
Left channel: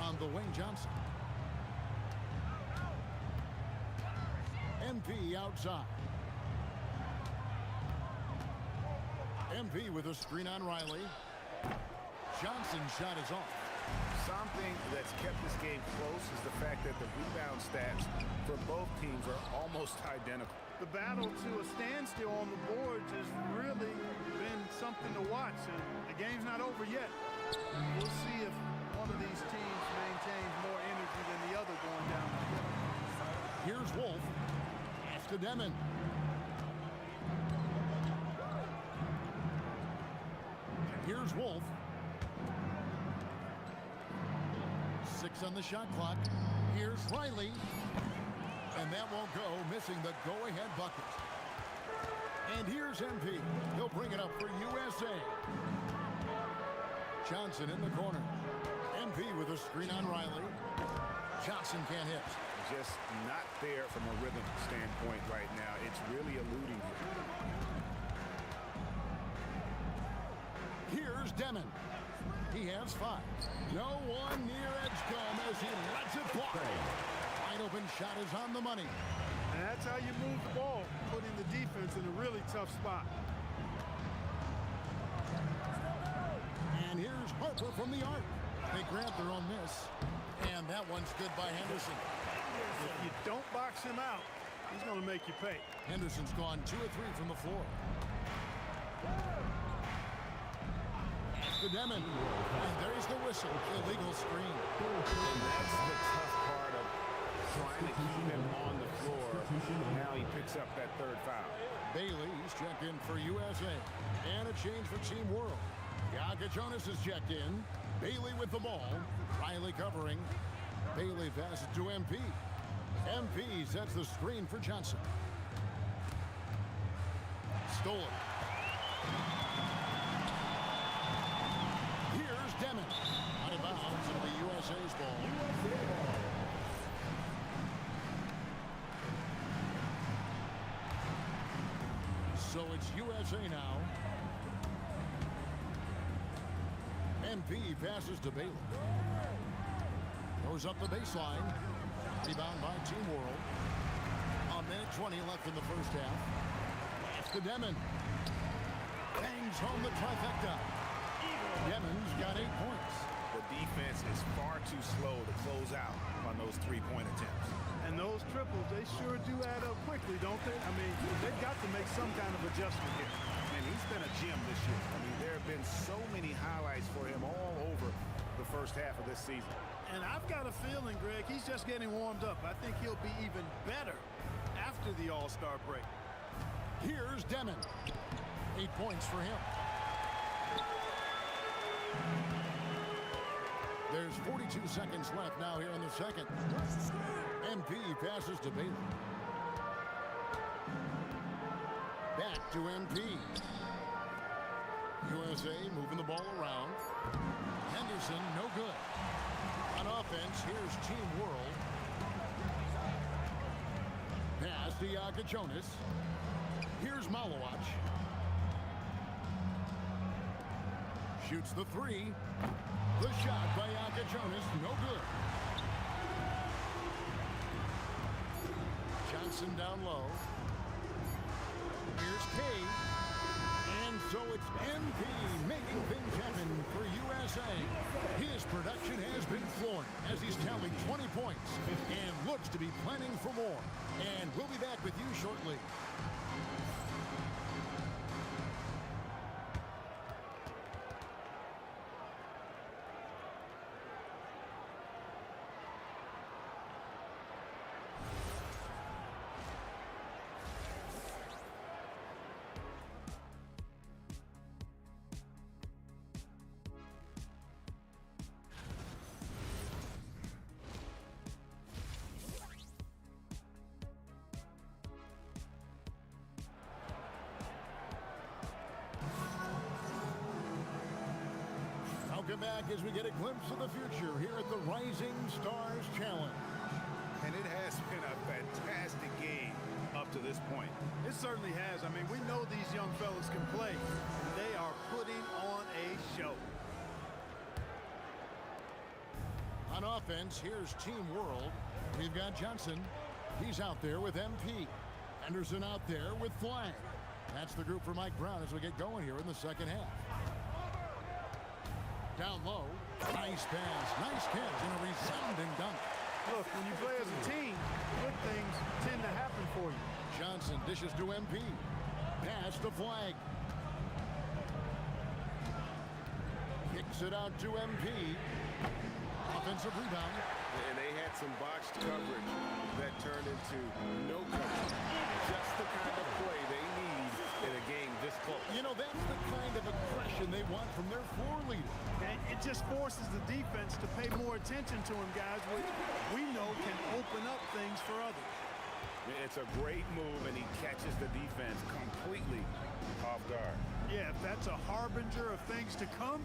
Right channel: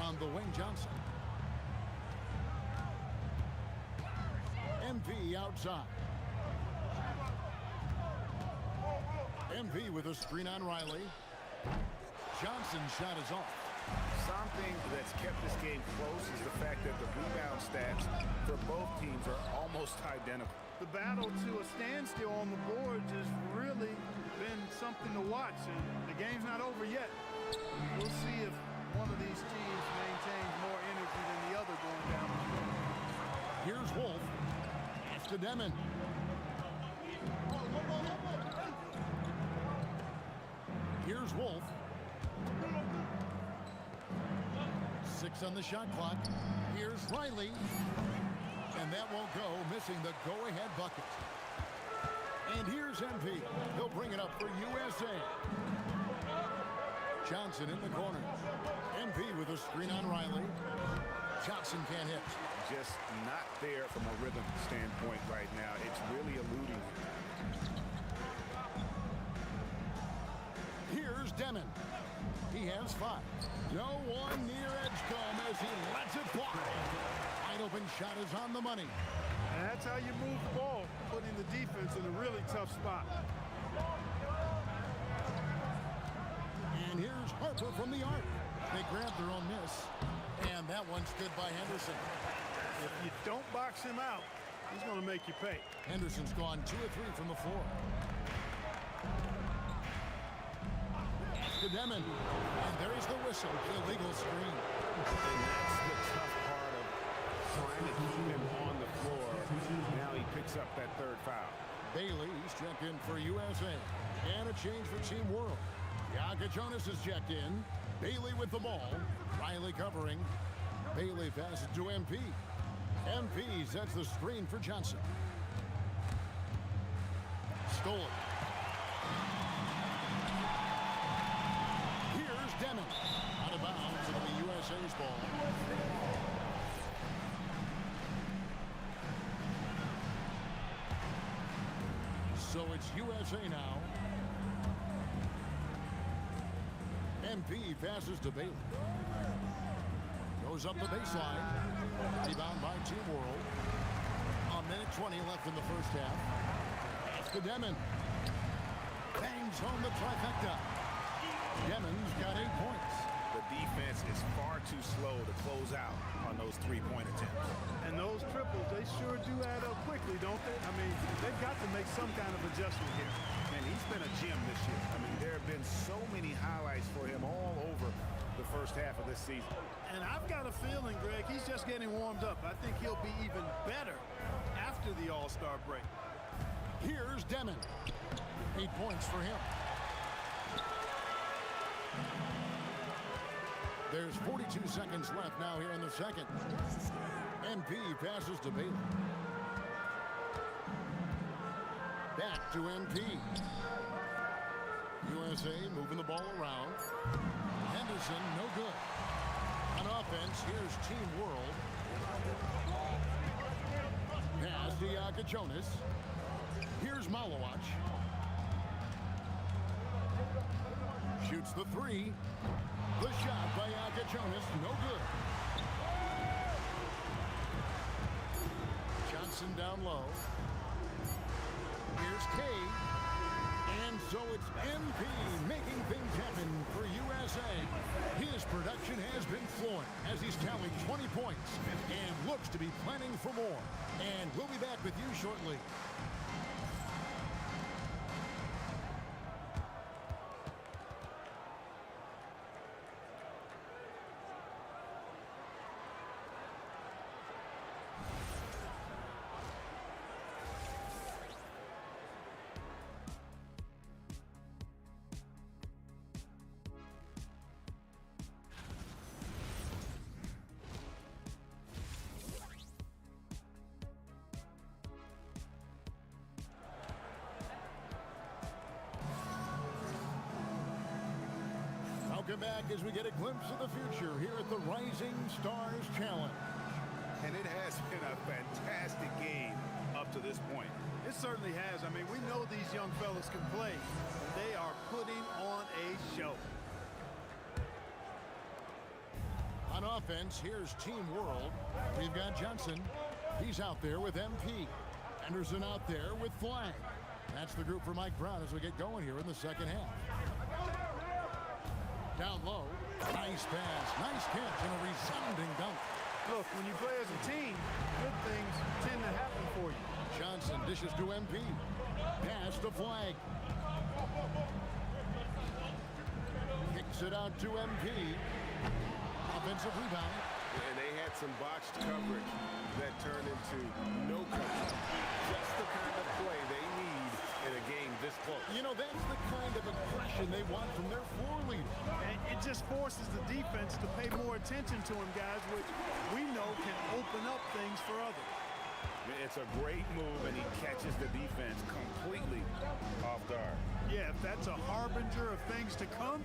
On the wing, Johnson. MP outside. MP with a screen on Riley. Johnson's shot is off. Something that's kept this game close is the fact that the rebound stats for both teams are almost identical. The battle to a standstill on the boards has really been something to watch, and the game's not over yet. We'll see if one of these teams maintains more energy than the other going down the stretch. Here's Wolf. Pass to Demon. Here's Wolf. 6 on the shot clock. Here's Riley. And that won't go, missing the go-ahead bucket. And here's MP. He'll bring it up for USA. Johnson in the corner. MP with a screen on Riley. Johnson can't hit. Just not there from a rhythm standpoint right now. It's really eluding him. Here's Demon. He has 5. No one near Edgecombe as he lets it fly. Wide open shot is on the money. And that's how you move the ball, putting the defense in a really tough spot. And here's Harper from the arc. They grab their own miss. And that one's good by Henderson. If you don't box him out, he's going to make you pay. Henderson's gone 2 of 3 from the floor. To Demon. And there's the whistle. Illegal screen. And that's the tough part of trying to keep him on the floor. Now he picks up that 3rd foul. Bailey's checked in for USA. And a change for Team World. Jonas is checked in. Bailey with the ball. Riley covering. Bailey passes to MP. MP sets the screen for Johnson. Stolen. Here's Demon. Out of bounds. It'll be USA's ball. So it's USA now. MP passes to Bailey. Goes up the baseline. Rebound by Team World. A minute 20 left in the first half. Pass to Demon. Bangs home the trifecta. Demon's got 8 points. The defense is far too slow to close out on those 3-point attempts. And those triples, they sure do add up quickly, don't they? I mean, they've got to make some kind of adjustment here. And he's been a gem this year. I mean, there have been so many highlights for him all over the first half of this season. And I've got a feeling, Greg, he's just getting warmed up. I think he'll be even better after the All-Star break. Here's Demon. 8 points for him. There's 42 seconds left now here in the second. MP passes to Bailey. Back to MP. USA moving the ball around. Henderson, no good. On offense, here's Team World. Pass to Jonas. Here's Malowacz. Shoots the 3. The shot by Jonas, no good. Johnson down low. Here's Kay. And so it's MP making things happen for USA. His production has been flowing as he's tallied 20 points and looks to be planning for more. And we'll be back with you shortly. Welcome back as we get a glimpse of the future here at the Rising Stars Challenge. And it has been a fantastic game up to this point. It certainly has. I mean, we know these young fellas can play. They are putting on a show. On offense, here's Team World. We've got Johnson. He's out there with MP. Henderson out there with Flag. That's the group for Mike Brown as we get going here in the second half. Down low, nice pass, nice catch, and a resounding dunk. Look, when you play as a team, good things tend to happen for you. Johnson dishes to MP. Pass to Flag. Kicks it out to MP. Offensive rebound. And they had some botched coverage that turned into no coverage. Just the kind of play they need in a game this close. You know, that's the kind of aggression they want from their floor leader. And it just forces the defense to pay more attention to him, guys, which we know can open up things for others. It's a great move, and he catches the defense completely off guard. Yeah, if that's a harbinger of things to come,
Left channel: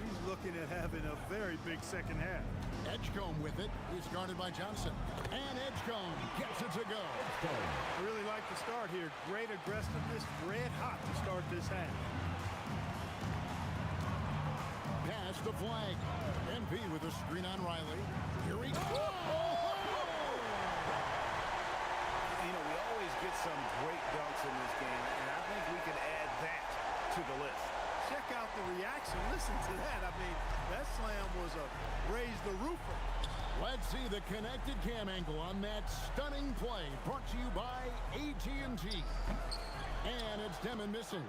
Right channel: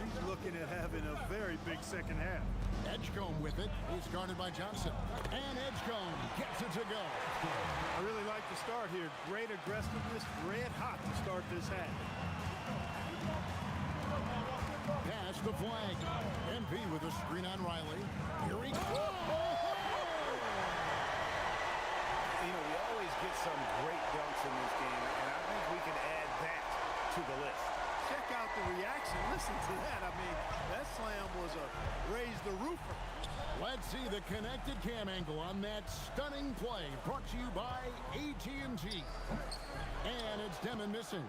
he's looking at having a very big second half. Edgecombe with it. He's guarded by Johnson. And Edgecombe gets it to go. I really like the start here. Great aggressiveness, red hot to start this half. Pass to Flag. MP with a screen on Riley. Here he goes. You know, we always get some great dunks in this game, and I think we can add that to the list. Check out the reaction. Listen to that. I mean, that slam was a raise the roofer. Let's see the connected cam angle on that stunning play. Brought to you by AT&T. And it's Demon missing.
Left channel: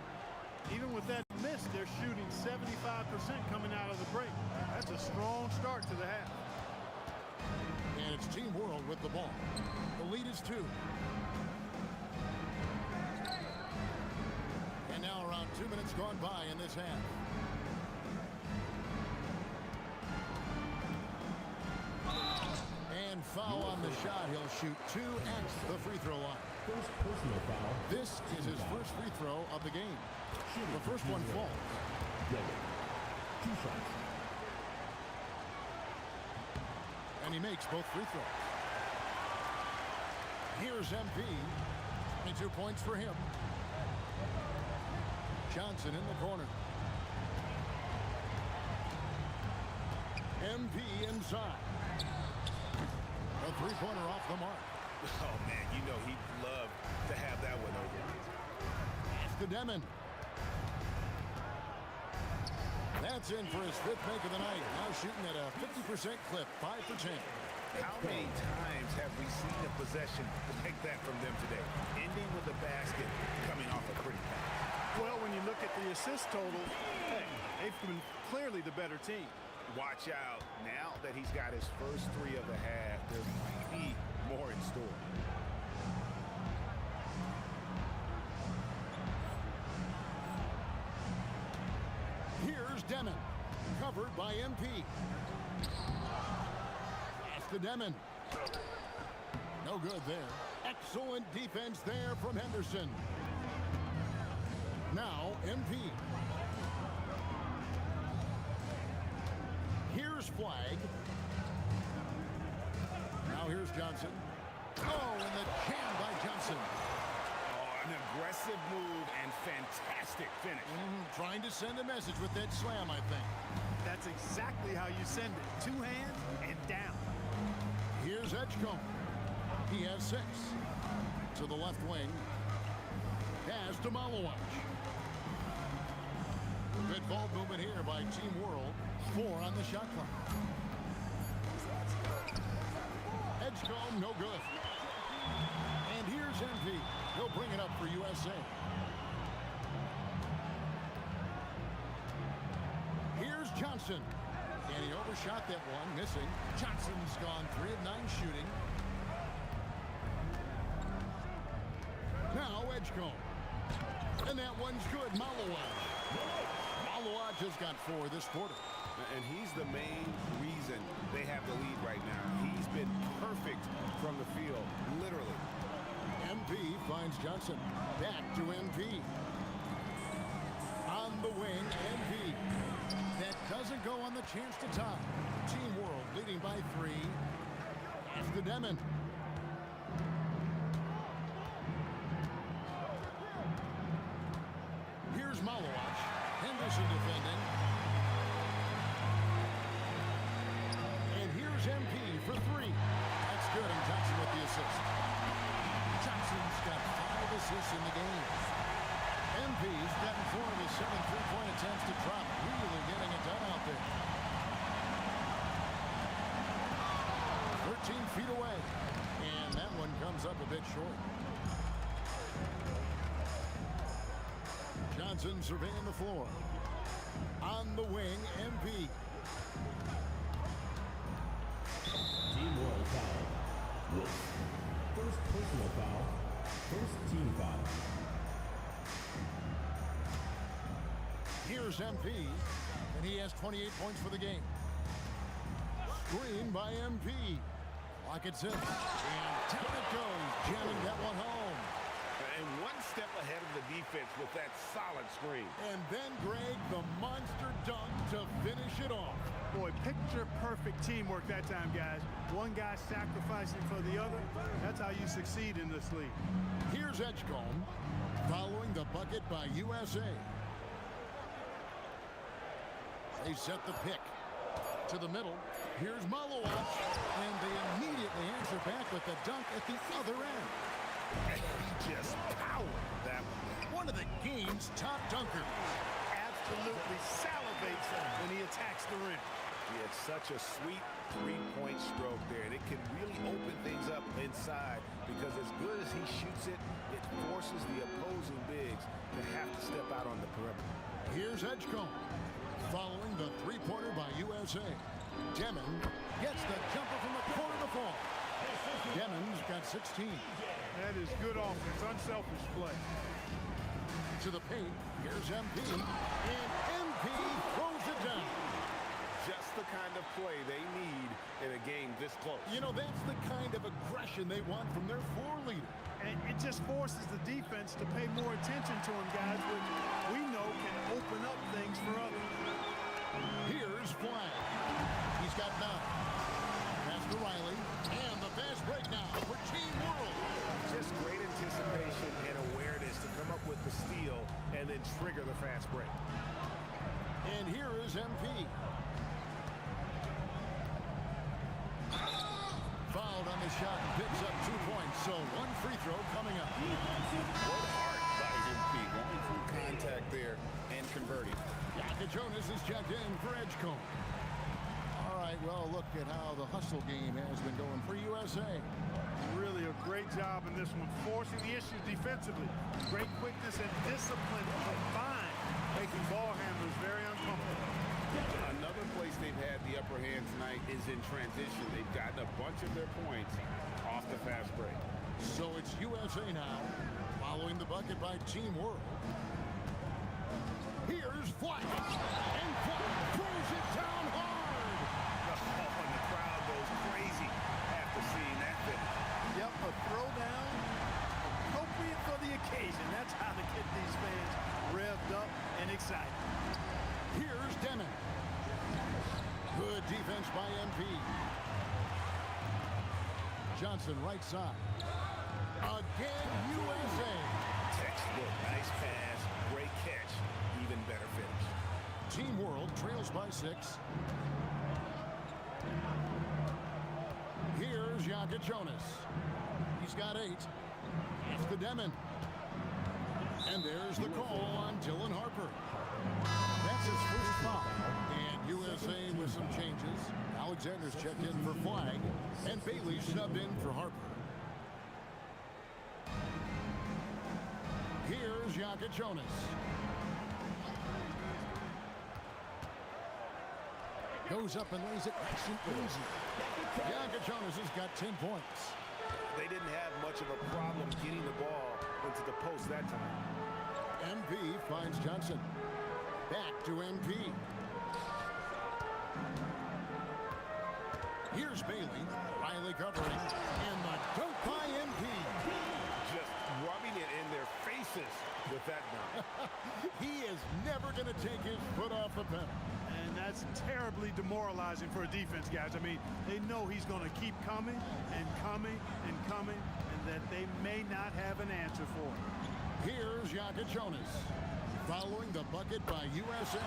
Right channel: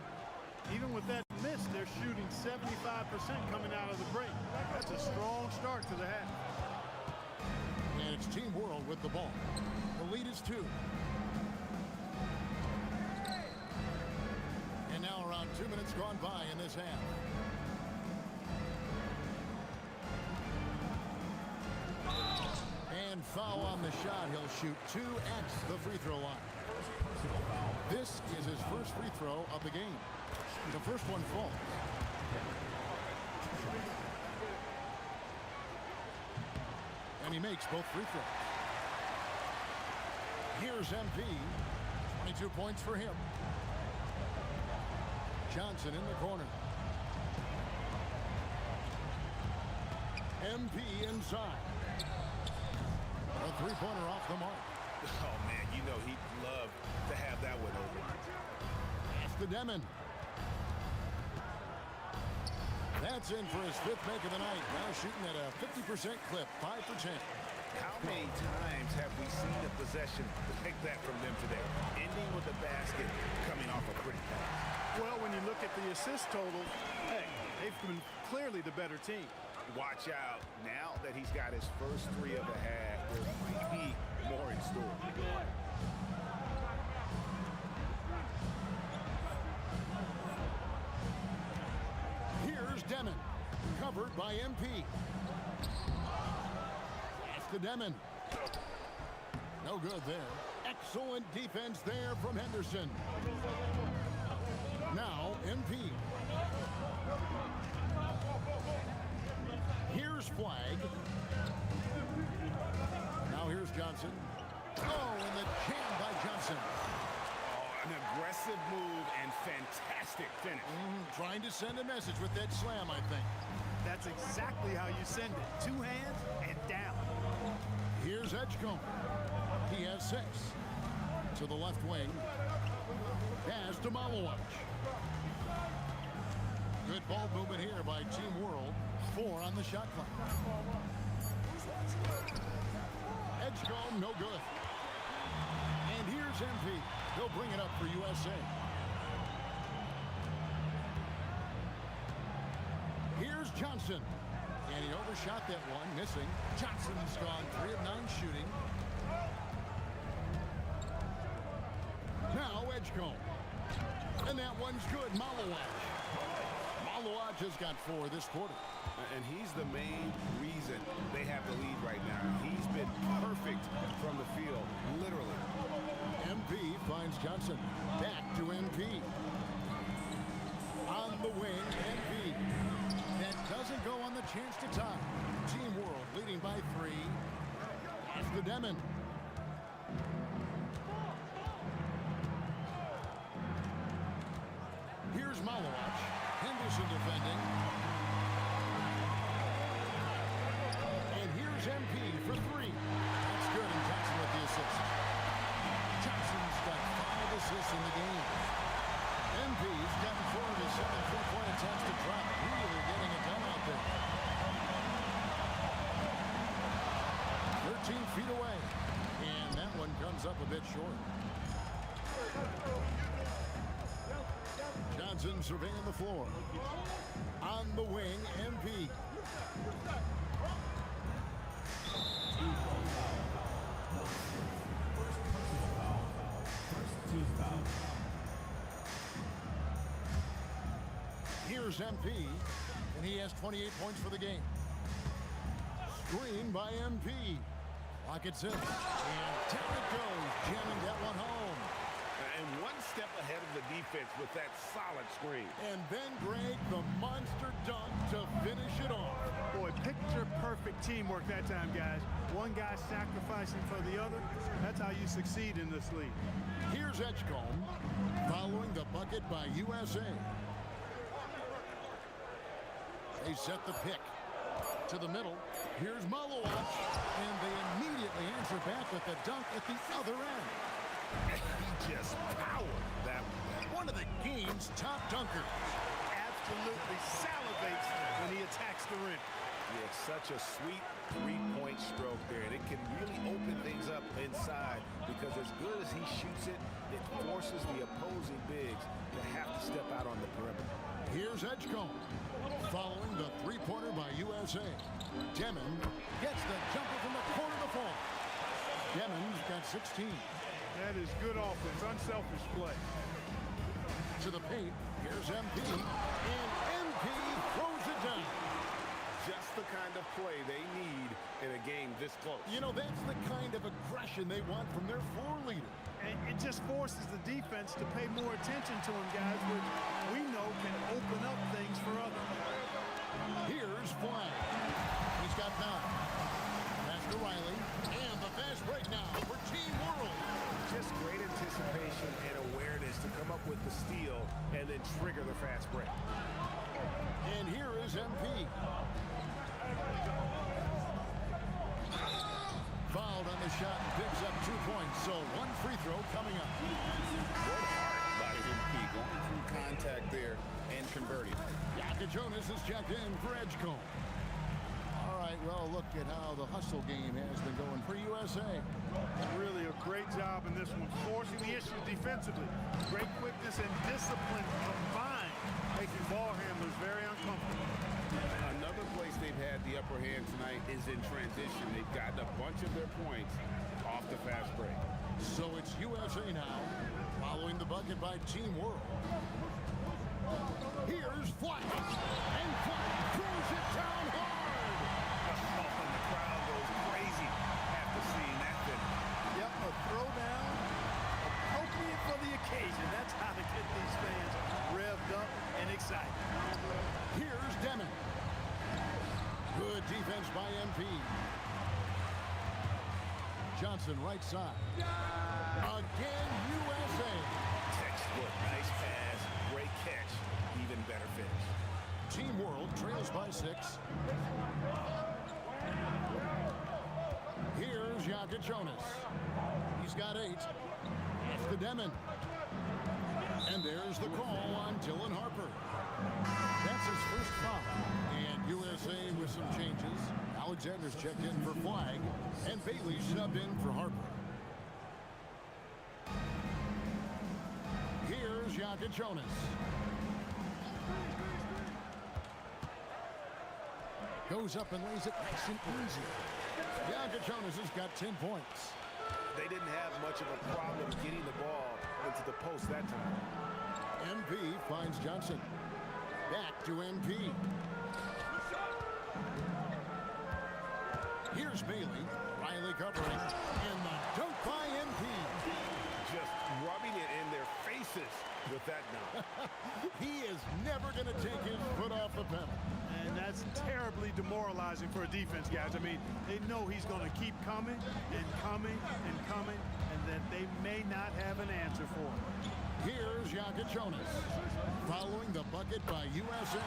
Even with that miss, they're shooting 75% coming out of the break. That's a strong start to the half. And it's Team World with the ball. The lead is 2. And now around 2 minutes gone by in this half. And foul on the shot. He'll shoot 2 at the free throw line. First personal foul. This is his first free throw of the game. The first one falls. 2 shots. And he makes both free throws. Here's MP. 22 points for him. Johnson in the corner. MP inside. A three-pointer off the mark. Oh, man, you know he'd love to have that one over. Pass to Demon. That's in for his 5th make of the night. Now shooting at a 50% clip, 5 for 10. How many times have we seen a possession like that from them today? Ending with a basket, coming off a pretty pass. Well, when you look at the assist totals, hey, they've been clearly the better team. Watch out. Now that he's got his first 3 of the half, there might be more in store. Here's Demon, covered by MP. Pass to Demon. No good there. Excellent defense there from Henderson. Now MP. Here's Flag. Now here's Johnson. Oh, and the jam by Johnson. Oh, an aggressive move and fantastic finish. Trying to send a message with that slam, I think. That's exactly how you send it. 2 hands and down. Here's Edgecombe. He has 6. To the left wing. Pass to Malowicz. Good ball movement here by Team World. 4 on the shot clock. Edgecombe, no good. And here's MP. He'll bring it up for USA. Here's Johnson. And he overshot that one, missing. Johnson's gone 3 of 9 shooting. Now Edgecombe. And that one's good. Malawaj. Malawaj has got 4 this quarter. And he's the main reason they have the lead right now. He's been perfect from the field, literally. MP finds Johnson. Back to MP. On the wing, MP. That doesn't go on the chance to tie. Team World leading by 3. After Demon. Here's Malawaj. Henderson defending. And here's MP for 3. That's good, and Johnson with the assist. Johnson's got 5 assists in the game. MP's gotten 4 of his 7 3-point attempts to drop. Really getting it done out there. 13 feet away. And that one comes up a bit short. Johnson surveying the floor. On the wing, MP. Team World foul. Wolf. First personal foul. First team foul. Here's MP, and he has 28 points for the game. Screen by MP. Clock at 6, and down it goes, jamming that one home. And one step ahead of the defense with that solid screen. And then, Greg, the monster dunk to finish it off. Boy, picture-perfect teamwork that time, guys. One guy sacrificing for the other. That's how you succeed in this league. Here's Edgecombe, following the bucket by USA. They set the pick to the middle. Here's Malawaj, and they immediately answer back with the dunk at the other end. He just powered that one. One of the game's top dunkers. Absolutely salivates when he attacks the rim. He had such a sweet 3-point stroke there, and it can really open things up inside because as good as he shoots it, it forces the opposing bigs to have to step out on the perimeter. Here's Edgecombe, following the 3-pointer by USA. Demon gets the jumper from the corner to fall. Demon's got 16. That is good offense, unselfish play. To the paint, here's MP, and MP throws it down. Just the kind of play they need in a game this close. You know, that's the kind of aggression they want from their floor leader. And it just forces the defense to pay more attention to him, guys, which we know can open up things for others. Here's Flag. He's got 9. Pass to Riley, and the fast break now for Team World. Just great anticipation and awareness to come up with the steal and then trigger the fast break. And here is MP. Fouled on the shot and picks up 2 points, so 1 free throw coming up. What heart by MP, going through contact there and converting. Jonas is checked in for Edgecombe. All right, well, look at how the hustle game has been going for USA. Really a great job in this one, forcing the issue defensively. Great quickness and discipline combined, making ball handlers very uncomfortable. Another place they've had the upper hand tonight is in transition. They've gotten a bunch of their points off the fast break. So it's USA now, following the bucket by Team World. Here's Flag, and Flag throws it down hard. Oh, and the crowd goes crazy after seeing that finish. Yep, a throwdown appropriate for the occasion. That's how to get these fans revved up and excited. Here's Demon. Good defense by MP. Johnson right side. Again, USA. Textbook, nice pass, great catch, even better finish. Team World trails by 6. Here's Jonas. He's got 8. That's the Demon. And there's the call on Dylan Harper. That's his first foul. And USA with some changes. Alexander's checked in for Flag, and Bailey subbed in for Harper. Here's Jonas. Goes up and lays it nice and easy. Jonas has got 10 points. They didn't have much of a problem getting the ball into the post that time. MP finds Johnson. Back to MP. Here's Bailey. Riley covering. And the dunk by MP. Just rubbing it in their faces with that dunk. He is never going to take his foot off the pedal. And that's terribly demoralizing for a defense, guys. I mean, they know he's going to keep coming and coming and coming, and that they may not have an answer for it. Here's Jonas. Following the bucket by USA.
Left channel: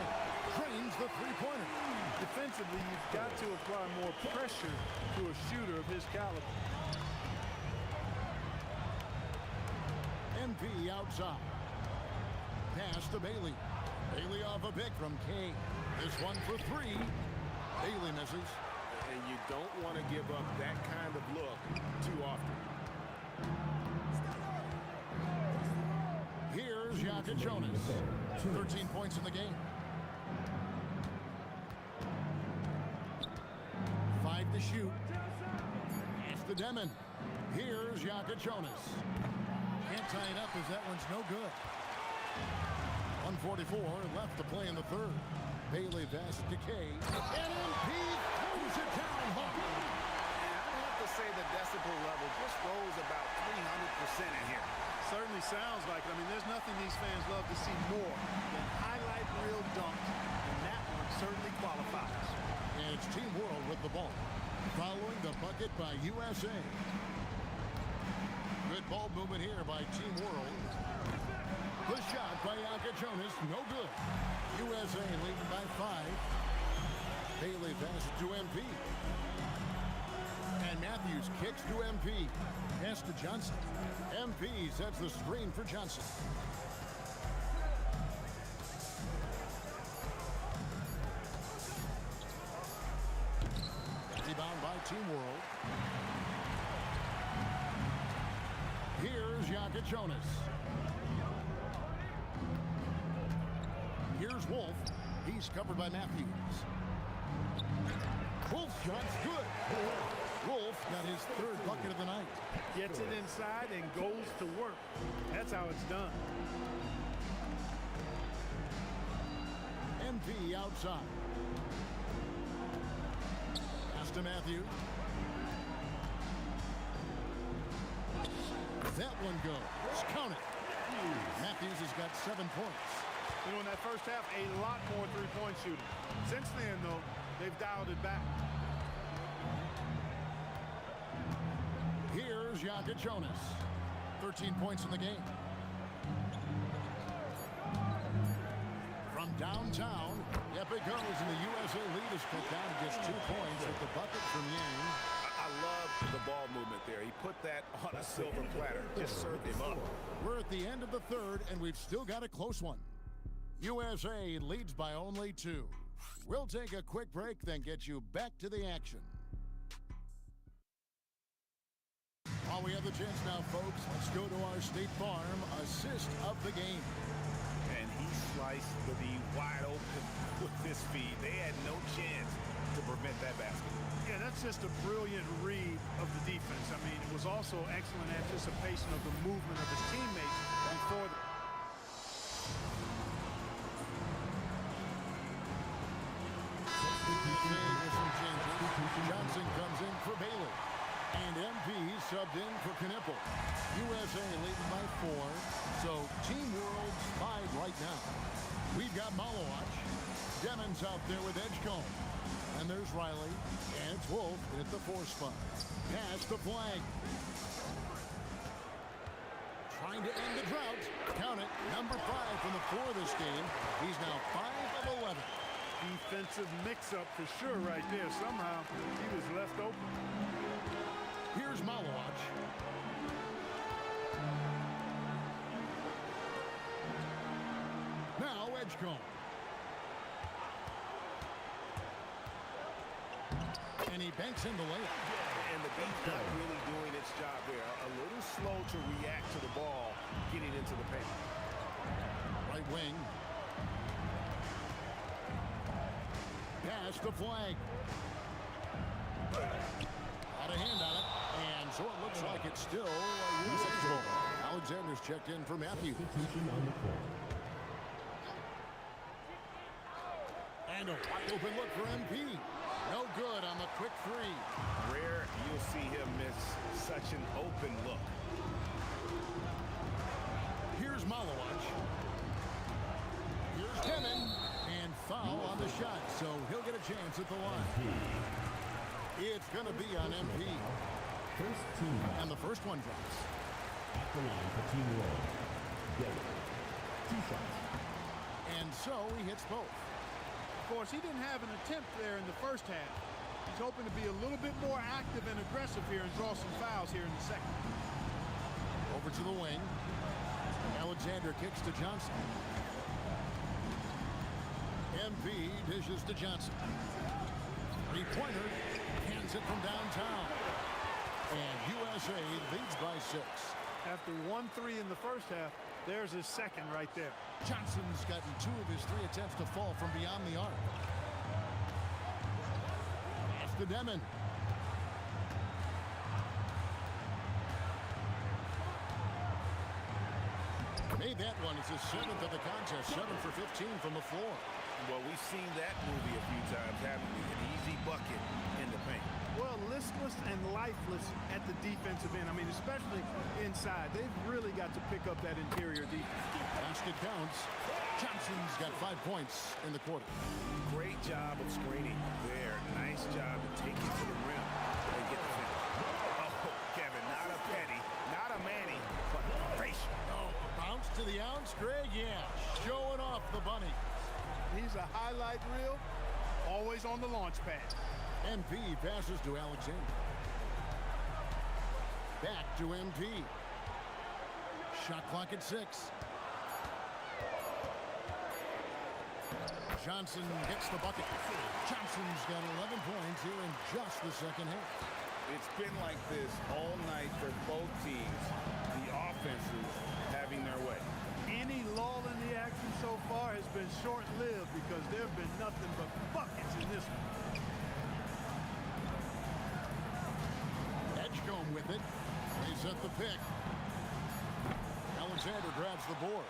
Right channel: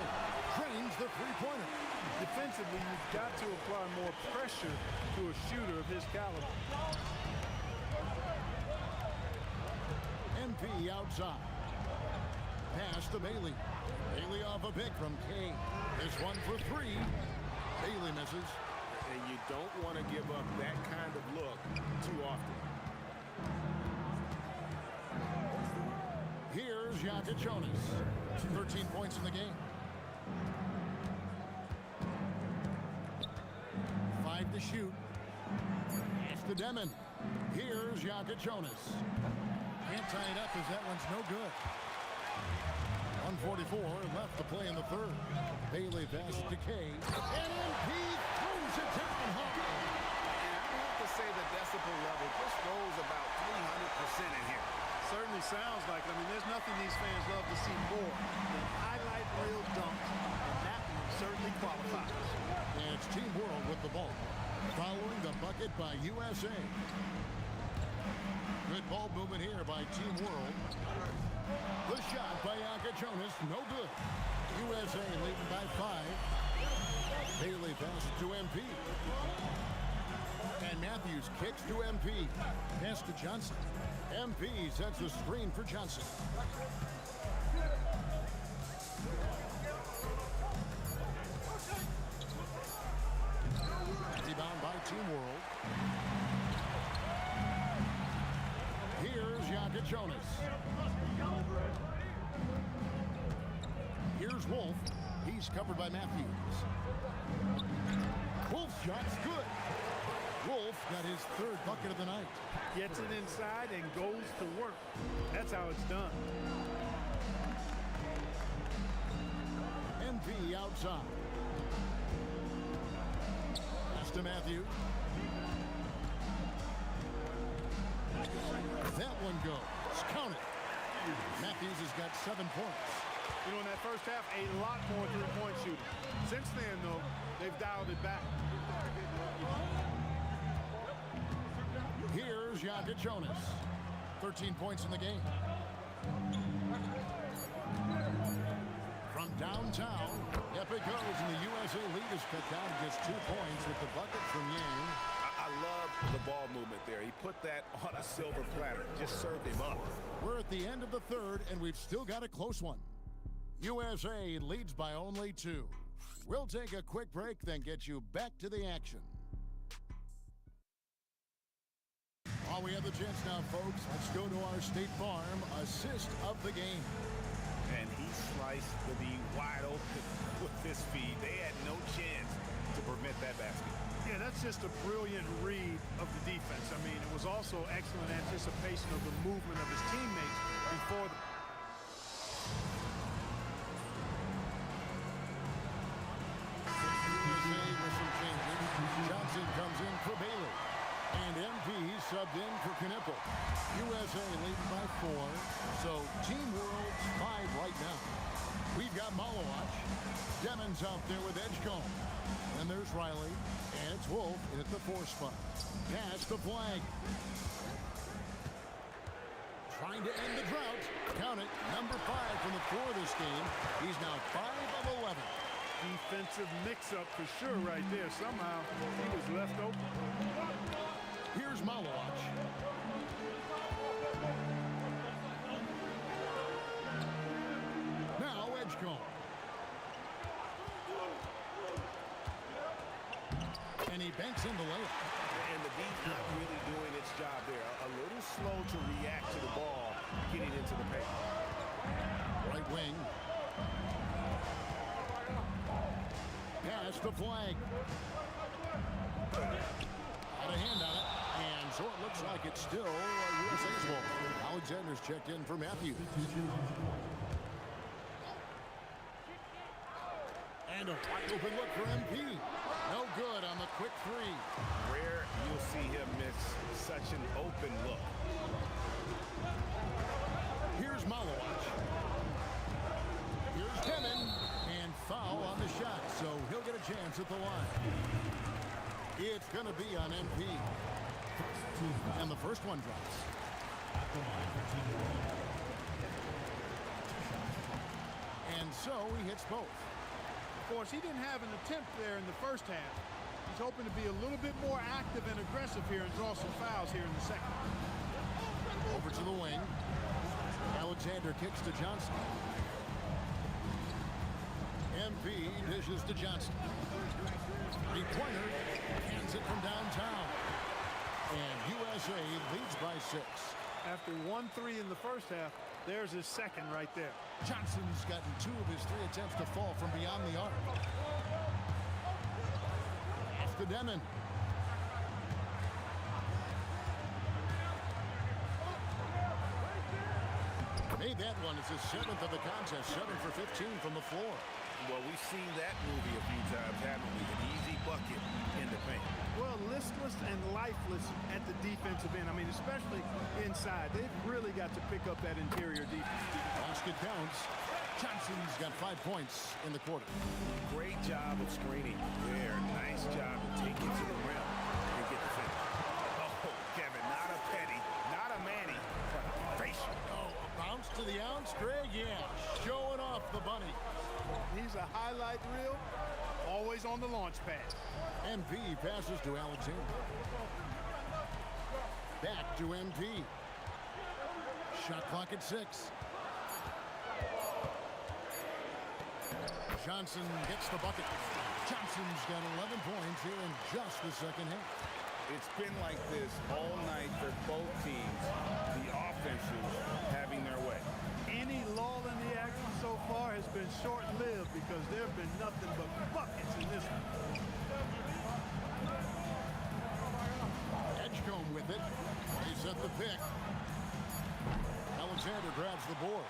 Drains the three-pointer. Defensively, you've got to apply more pressure to a shooter of his caliber. MP outside. Pass to Bailey. Bailey off a pick from Kay. This one for three. Bailey misses. And you don't want to give up that kind of look too often. Here's Jonas. 13 points in the game. 5 to shoot. Pass to Demon. Here's Jonas. Can't tie it up as that one's no good. 1:44 left to play in the third. Bailey passes to Kay. And MP throws it down hard. And I'd have to say the decibel level just rose about 300% in here. Certainly sounds like it. I mean, there's nothing these fans love to see more than highlight reel dunks, and that one certainly qualifies. And it's Team World with the ball. Following the bucket by USA. Good ball movement here by Team World. The shot by Jonas, no good. USA leading by 5. Bailey passes to MP. And Matthews kicks to MP. Pass to Johnson. MP sets the screen for Johnson. Rebound by Team World. Here's Jonas. Here's Wolf. He's covered by Matthews. Wolf's shot's good. Wolf got his third bucket of the night. Gets it inside and goes to work. That's how it's done. MP outside. Pass to Matthews. That one goes. Count it. Matthews has got 7 points. You know, in that first half, a lot more three-point shooting. Since then, though, they've dialed it back. Here's Jonas. 13 points in the game. From downtown, yep it goes, and the USA lead is cut down to just 2 points with the bucket from Yang. I love the ball movement there. He put that on a silver platter. Just served him up. We're at the end of the third, and we've still got a close one. USA leads by only 2. We'll take a quick break, then get you back to the action. While we have the chance now, folks, let's go to our State Farm assist of the game. And he sliced the D wide open with his feet. They had no chance to prevent that basket. Yeah, that's just a brilliant read of the defense. I mean, it was also excellent anticipation of the movement of his teammates before the... With some changes, Johnson comes in for Bailey. And MP subbed in for Knipple. USA leading by 4. So Team World's 5 right now. We've got Malowatch. Demon's out there with Edgecombe. And there's Riley. And it's Wolf in at the 4 spot. Pass the Flag. Trying to end the drought. Count it. Number 5 from the floor this game. He's now 5 of 11. Defensive mix-up for sure right there. Somehow he was left open. Here's Malowatch. Now Edgecombe. And he banks in the layup. And the D's not really doing its job there. A little slow to react to the ball getting into the paint. Right wing. Pass the flag. Got a hand on it. And so it looks like it's still USA's ball. Alexander's checked in for Matthews. And a wide open look for MP. No good on the quick three. Rare you'll see him miss such an open look. Here's Malowacz. Here's Demon. And foul on the shot, so he'll get a chance at the line. It's going to be on MP. And the first one drops. At the line for Team World. 2 shots. And so he hits both. Of course, he didn't have an attempt there in the first half. He's hoping to be a little bit more active and aggressive here and draw some fouls here in the second. Over to the wing. Alexander kicks to Johnson. MP dishes to Johnson. Three-pointer, cans it from downtown. And USA leads by 6. After 1-3 in the first half, there's his second right there. Johnson's gotten 2 of his 3 attempts to fall from beyond the arc. Pass to Demon. Made that one. It's his 7th of the contest. 7 for 15 from the floor. Well, we've seen that movie a few times, haven't we? An easy bucket in the paint. Well, listless and lifeless at the defensive end. I mean, especially inside. They've really got to pick up that interior defense. Basket counts. Johnson's got 5 points in the quarter. Great job of screening there. Nice job to take it to the rim and get the finish. Oh, Kevin, not a petty, not a Manny, but a facial. Oh, a bounce to the ounce, Greg? Yeah, showing off the bunny. He's a highlight reel, always on the launch pad. MP passes to Alexander. Back to MP. Shot clock at 6. Johnson gets the bucket. Johnson's got 11 points here in just the second half. It's been like this all night for both teams. The offenses having their way. Any lull in the action so far has been short-lived because there have been nothing but buckets in this one. Edgecombe with it. They set the pick. Alexander grabs the board.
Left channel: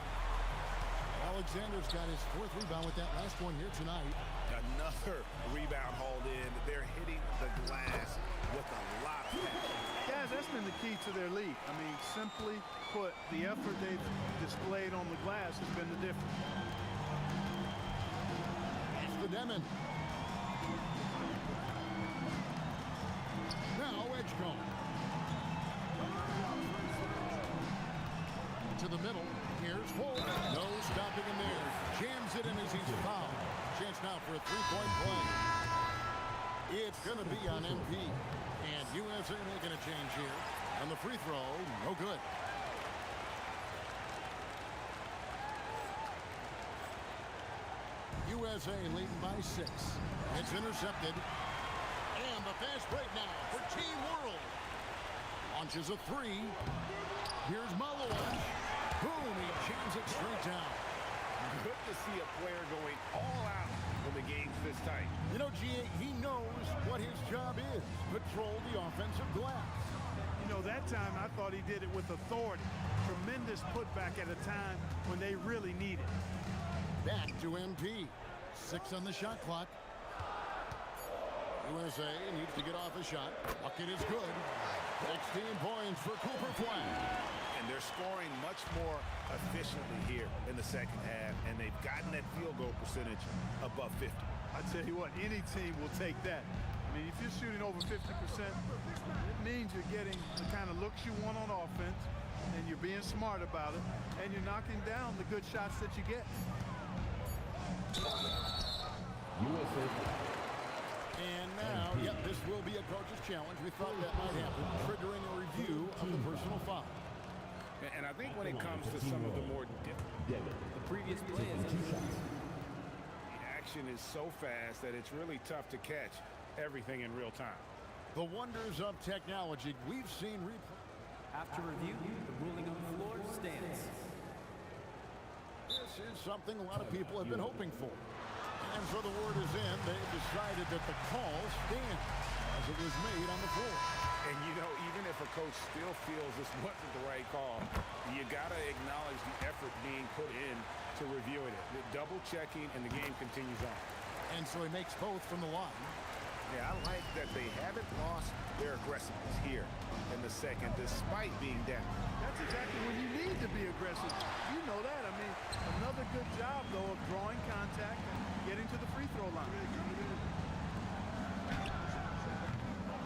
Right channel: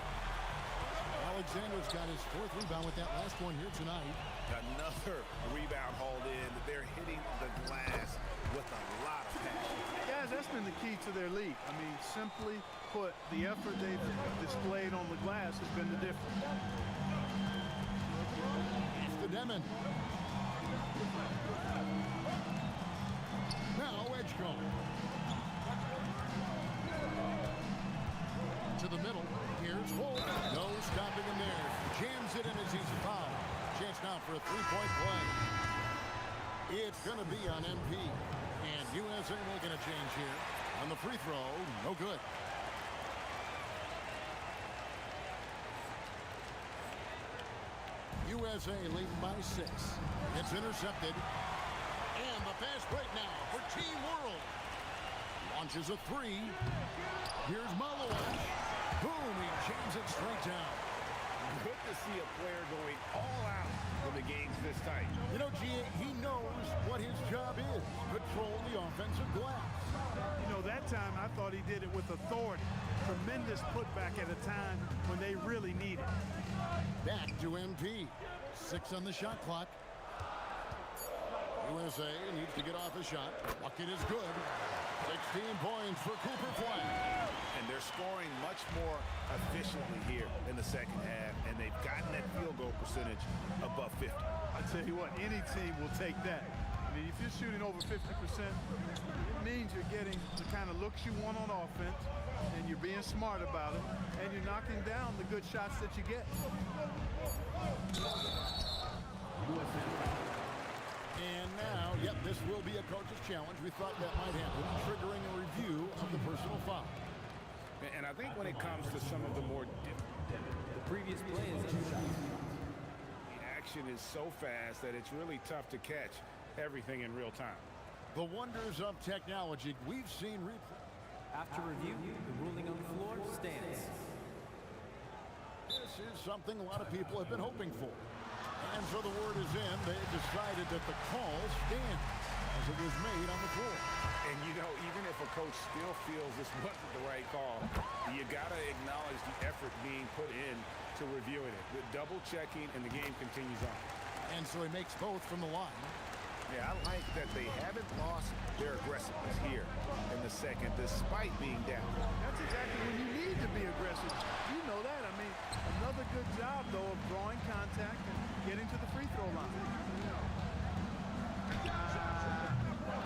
Alexander's got his 4th rebound with that last one here tonight. Another rebound hauled in. They're hitting the glass with a lot of passion. Guys, that's been the key to their lead. I mean, simply put, the effort they've displayed on the glass has been the difference. Pass to Demon. Now Edgecombe. To the middle. Here's Wolf. No stopping him there. Jams it in as he's fouled. Chance now for a 3-point play. It's going to be on MP. And USA making a change here. On the free throw, no good. USA leading by 6. It's intercepted. And the fast break now for Team World. Launches a 3. Here's Malowacz. Boom, he jams it straight down. Good to see a player going all out when the game's this tight. You know, G.A., he knows what his job is. Control the offensive glass. You know, that time I thought he did it with authority. Tremendous putback at a time when they really need it. Back to MP. 6 on the shot clock. USA needs to get off a shot. Bucket is good. 16 points for Cooper Flag. And they're scoring much more efficiently here in the second half, and they've gotten that field goal percentage above 50. I tell you what, any team will take that. I mean, if you're shooting over 50%, it means you're getting the kind of looks you want on offense, and you're being smart about it, and you're knocking down the good shots that you get. USA. And now, yep, this will be a coach's challenge. We thought that might happen, triggering a review of the personal foul. And I think when it comes to some of the more The previous play is under review. the action is so fast that it's really tough to catch everything in real time. The wonders of technology. We've seen replay. After review, the ruling on the floor stands. This is something a lot of people have been hoping for. And so the word is in. They've decided that the call stands as it was made on the floor. And, you know, even if a coach still feels this wasn't the right call, you got to acknowledge the effort being put in to reviewing it. The double checking, and the game continues on. And so he makes both from the line. Yeah, I like that they haven't lost their aggressiveness here in the second, despite being down. That's exactly when you need to be aggressive. You know that. I mean, another good job, though, of drawing contact and getting to the free throw line.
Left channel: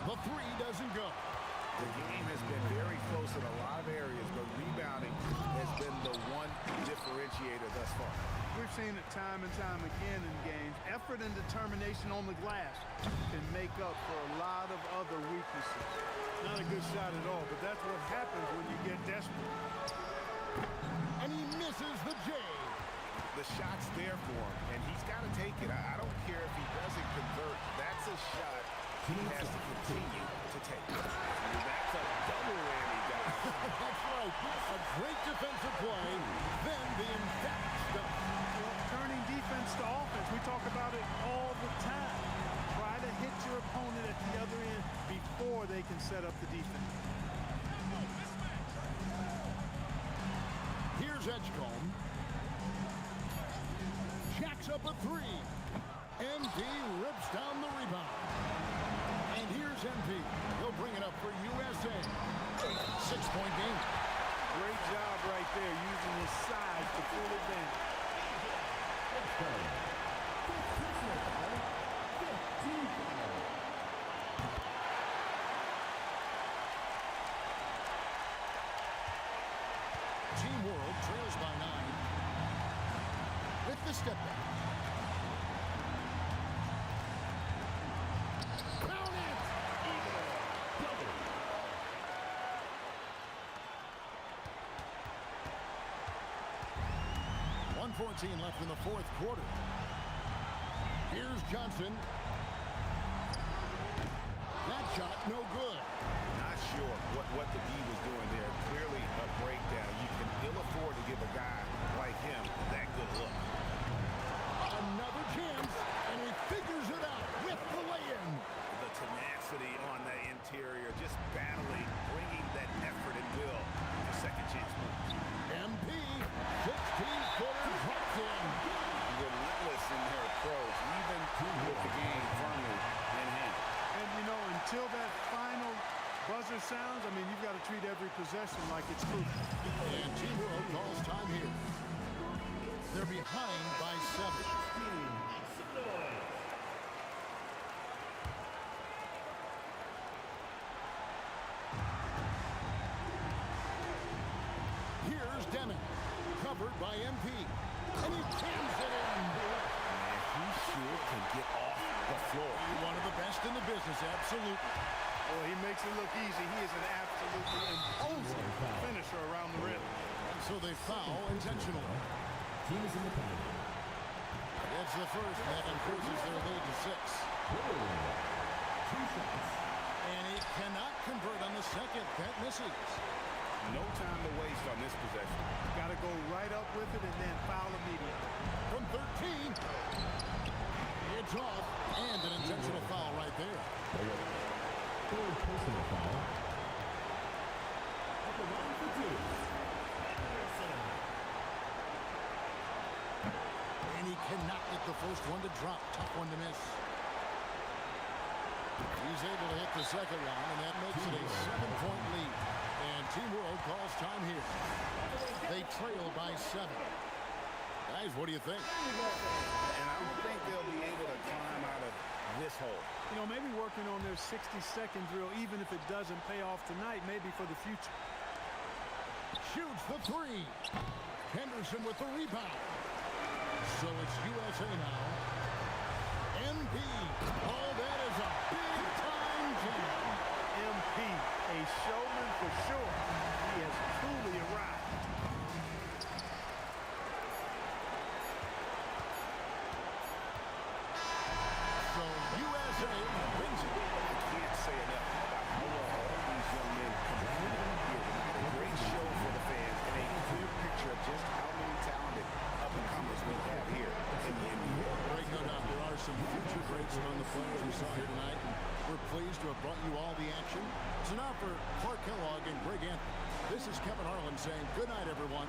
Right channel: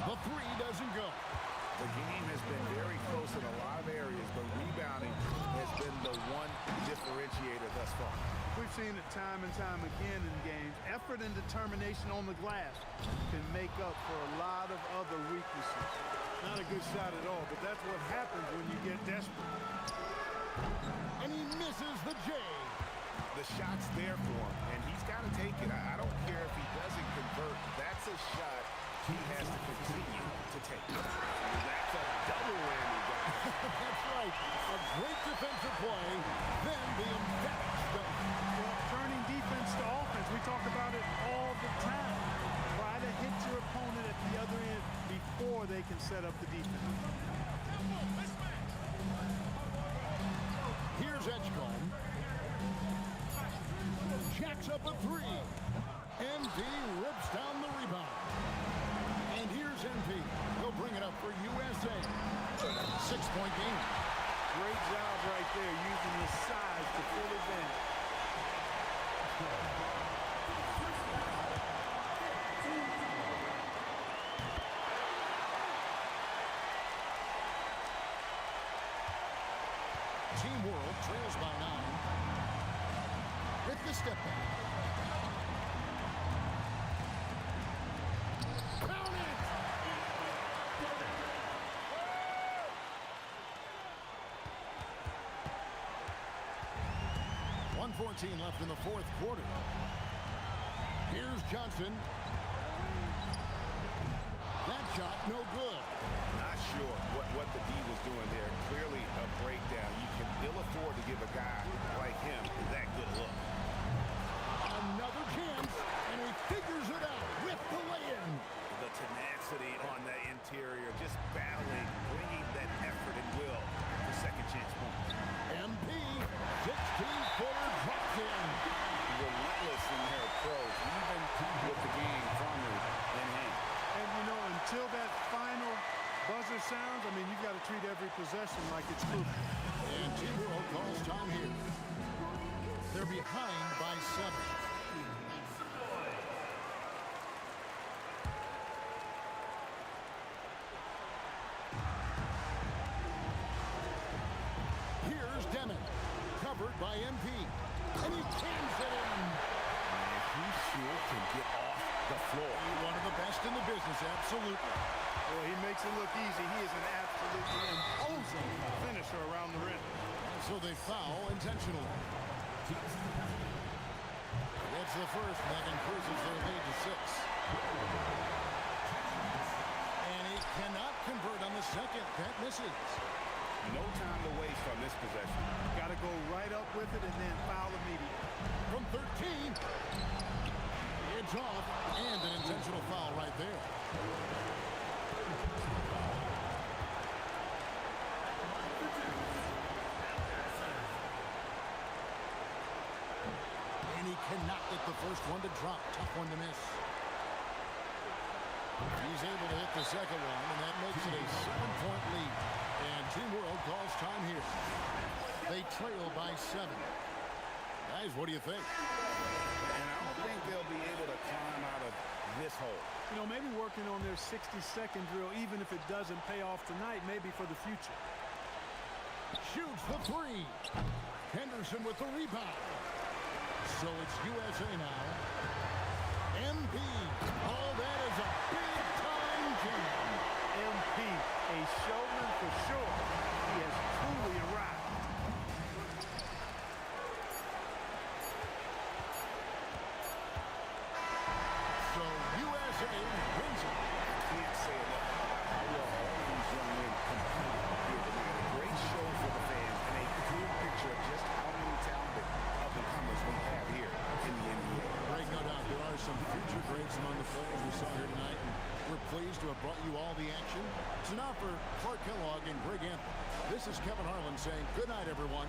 The three doesn't go. The game has been very close in a lot of areas, but rebounding has been the one differentiator thus far. We've seen it time and time again in games. Effort and determination on the glass can make up for a lot of other weaknesses. Not a good shot at all, but that's what happens when you get desperate. And he misses the J. The shot's there for him, and he's got to take it. I don't care if he doesn't convert. That's a shot he has to continue to take. That's a double whammy, guys. That's right. A great defensive play, then the emphatic stuff. Well, turning defense to offense, we talk about it all the time. Try to hit your opponent at the other end before they can set up the defense. Here's Edgecombe. Jacks up a three. MP rips down the rebound. And here's MP. He'll bring it up for USA. 6-point game. Great job right there, using his size to full advantage. Team World trails by 9 with the step back. Count it! 1:14 left in the fourth quarter. Here's Johnson. That shot no good. Not sure what the D was doing there. Clearly a breakdown. You can ill afford to give a guy like him that good a look. Another chance, and he figures it out with the lay-in. The tenacity on that interior, just battling, bringing that effort and will for second chance points. MP, 16-footer dropped in. Relentless in their approach, even with the game firmly in hand. And, you know, until that final buzzer sounds, I mean, you've got to treat every possession like it's crucial. And Team World calls time here. They're behind by 7. Here's Demon, covered by MP, and he jams it in. Man, he sure can get off the floor. One of the best in the business, absolutely. Boy, he makes it look easy. He is an absolutely imposing finisher around the rim. And so they foul intentionally. Teams in the penalty. Gets the first, and that increases their lead to 6. And he cannot convert on the second. That misses. No time to waste on this possession. Got to go right up with it and then foul immediately. From 13. It's off, and an intentional foul right there. Third personal foul. At the line for 2. And he cannot get the first one to drop. Tough one to miss. He's able to hit the second one, and that makes it a 7-point lead. And Team World calls time here. They trail by 7. Guys, what do you think? And I don't think they'll be able to climb out of this hole. You know, maybe working on their 60-second drill, even if it doesn't pay off tonight, maybe for the future. Shoots the 3. Henderson with the rebound. So it's USA now. MP. Oh, that is a big-time jam. MP, a showman for sure. He has truly arrived. So USA wins it. I can't say enough about how well all these young men competed here tonight. A great show for the fans and a clear picture of just how many talented up-and-comers we have here in the NBA. Greg, no doubt there are some future greats among the players we saw here tonight, and we're pleased to have brought you all the action. So now for Clark Kellogg and Greg Anthony, this is Kevin Harlan saying good night, everyone.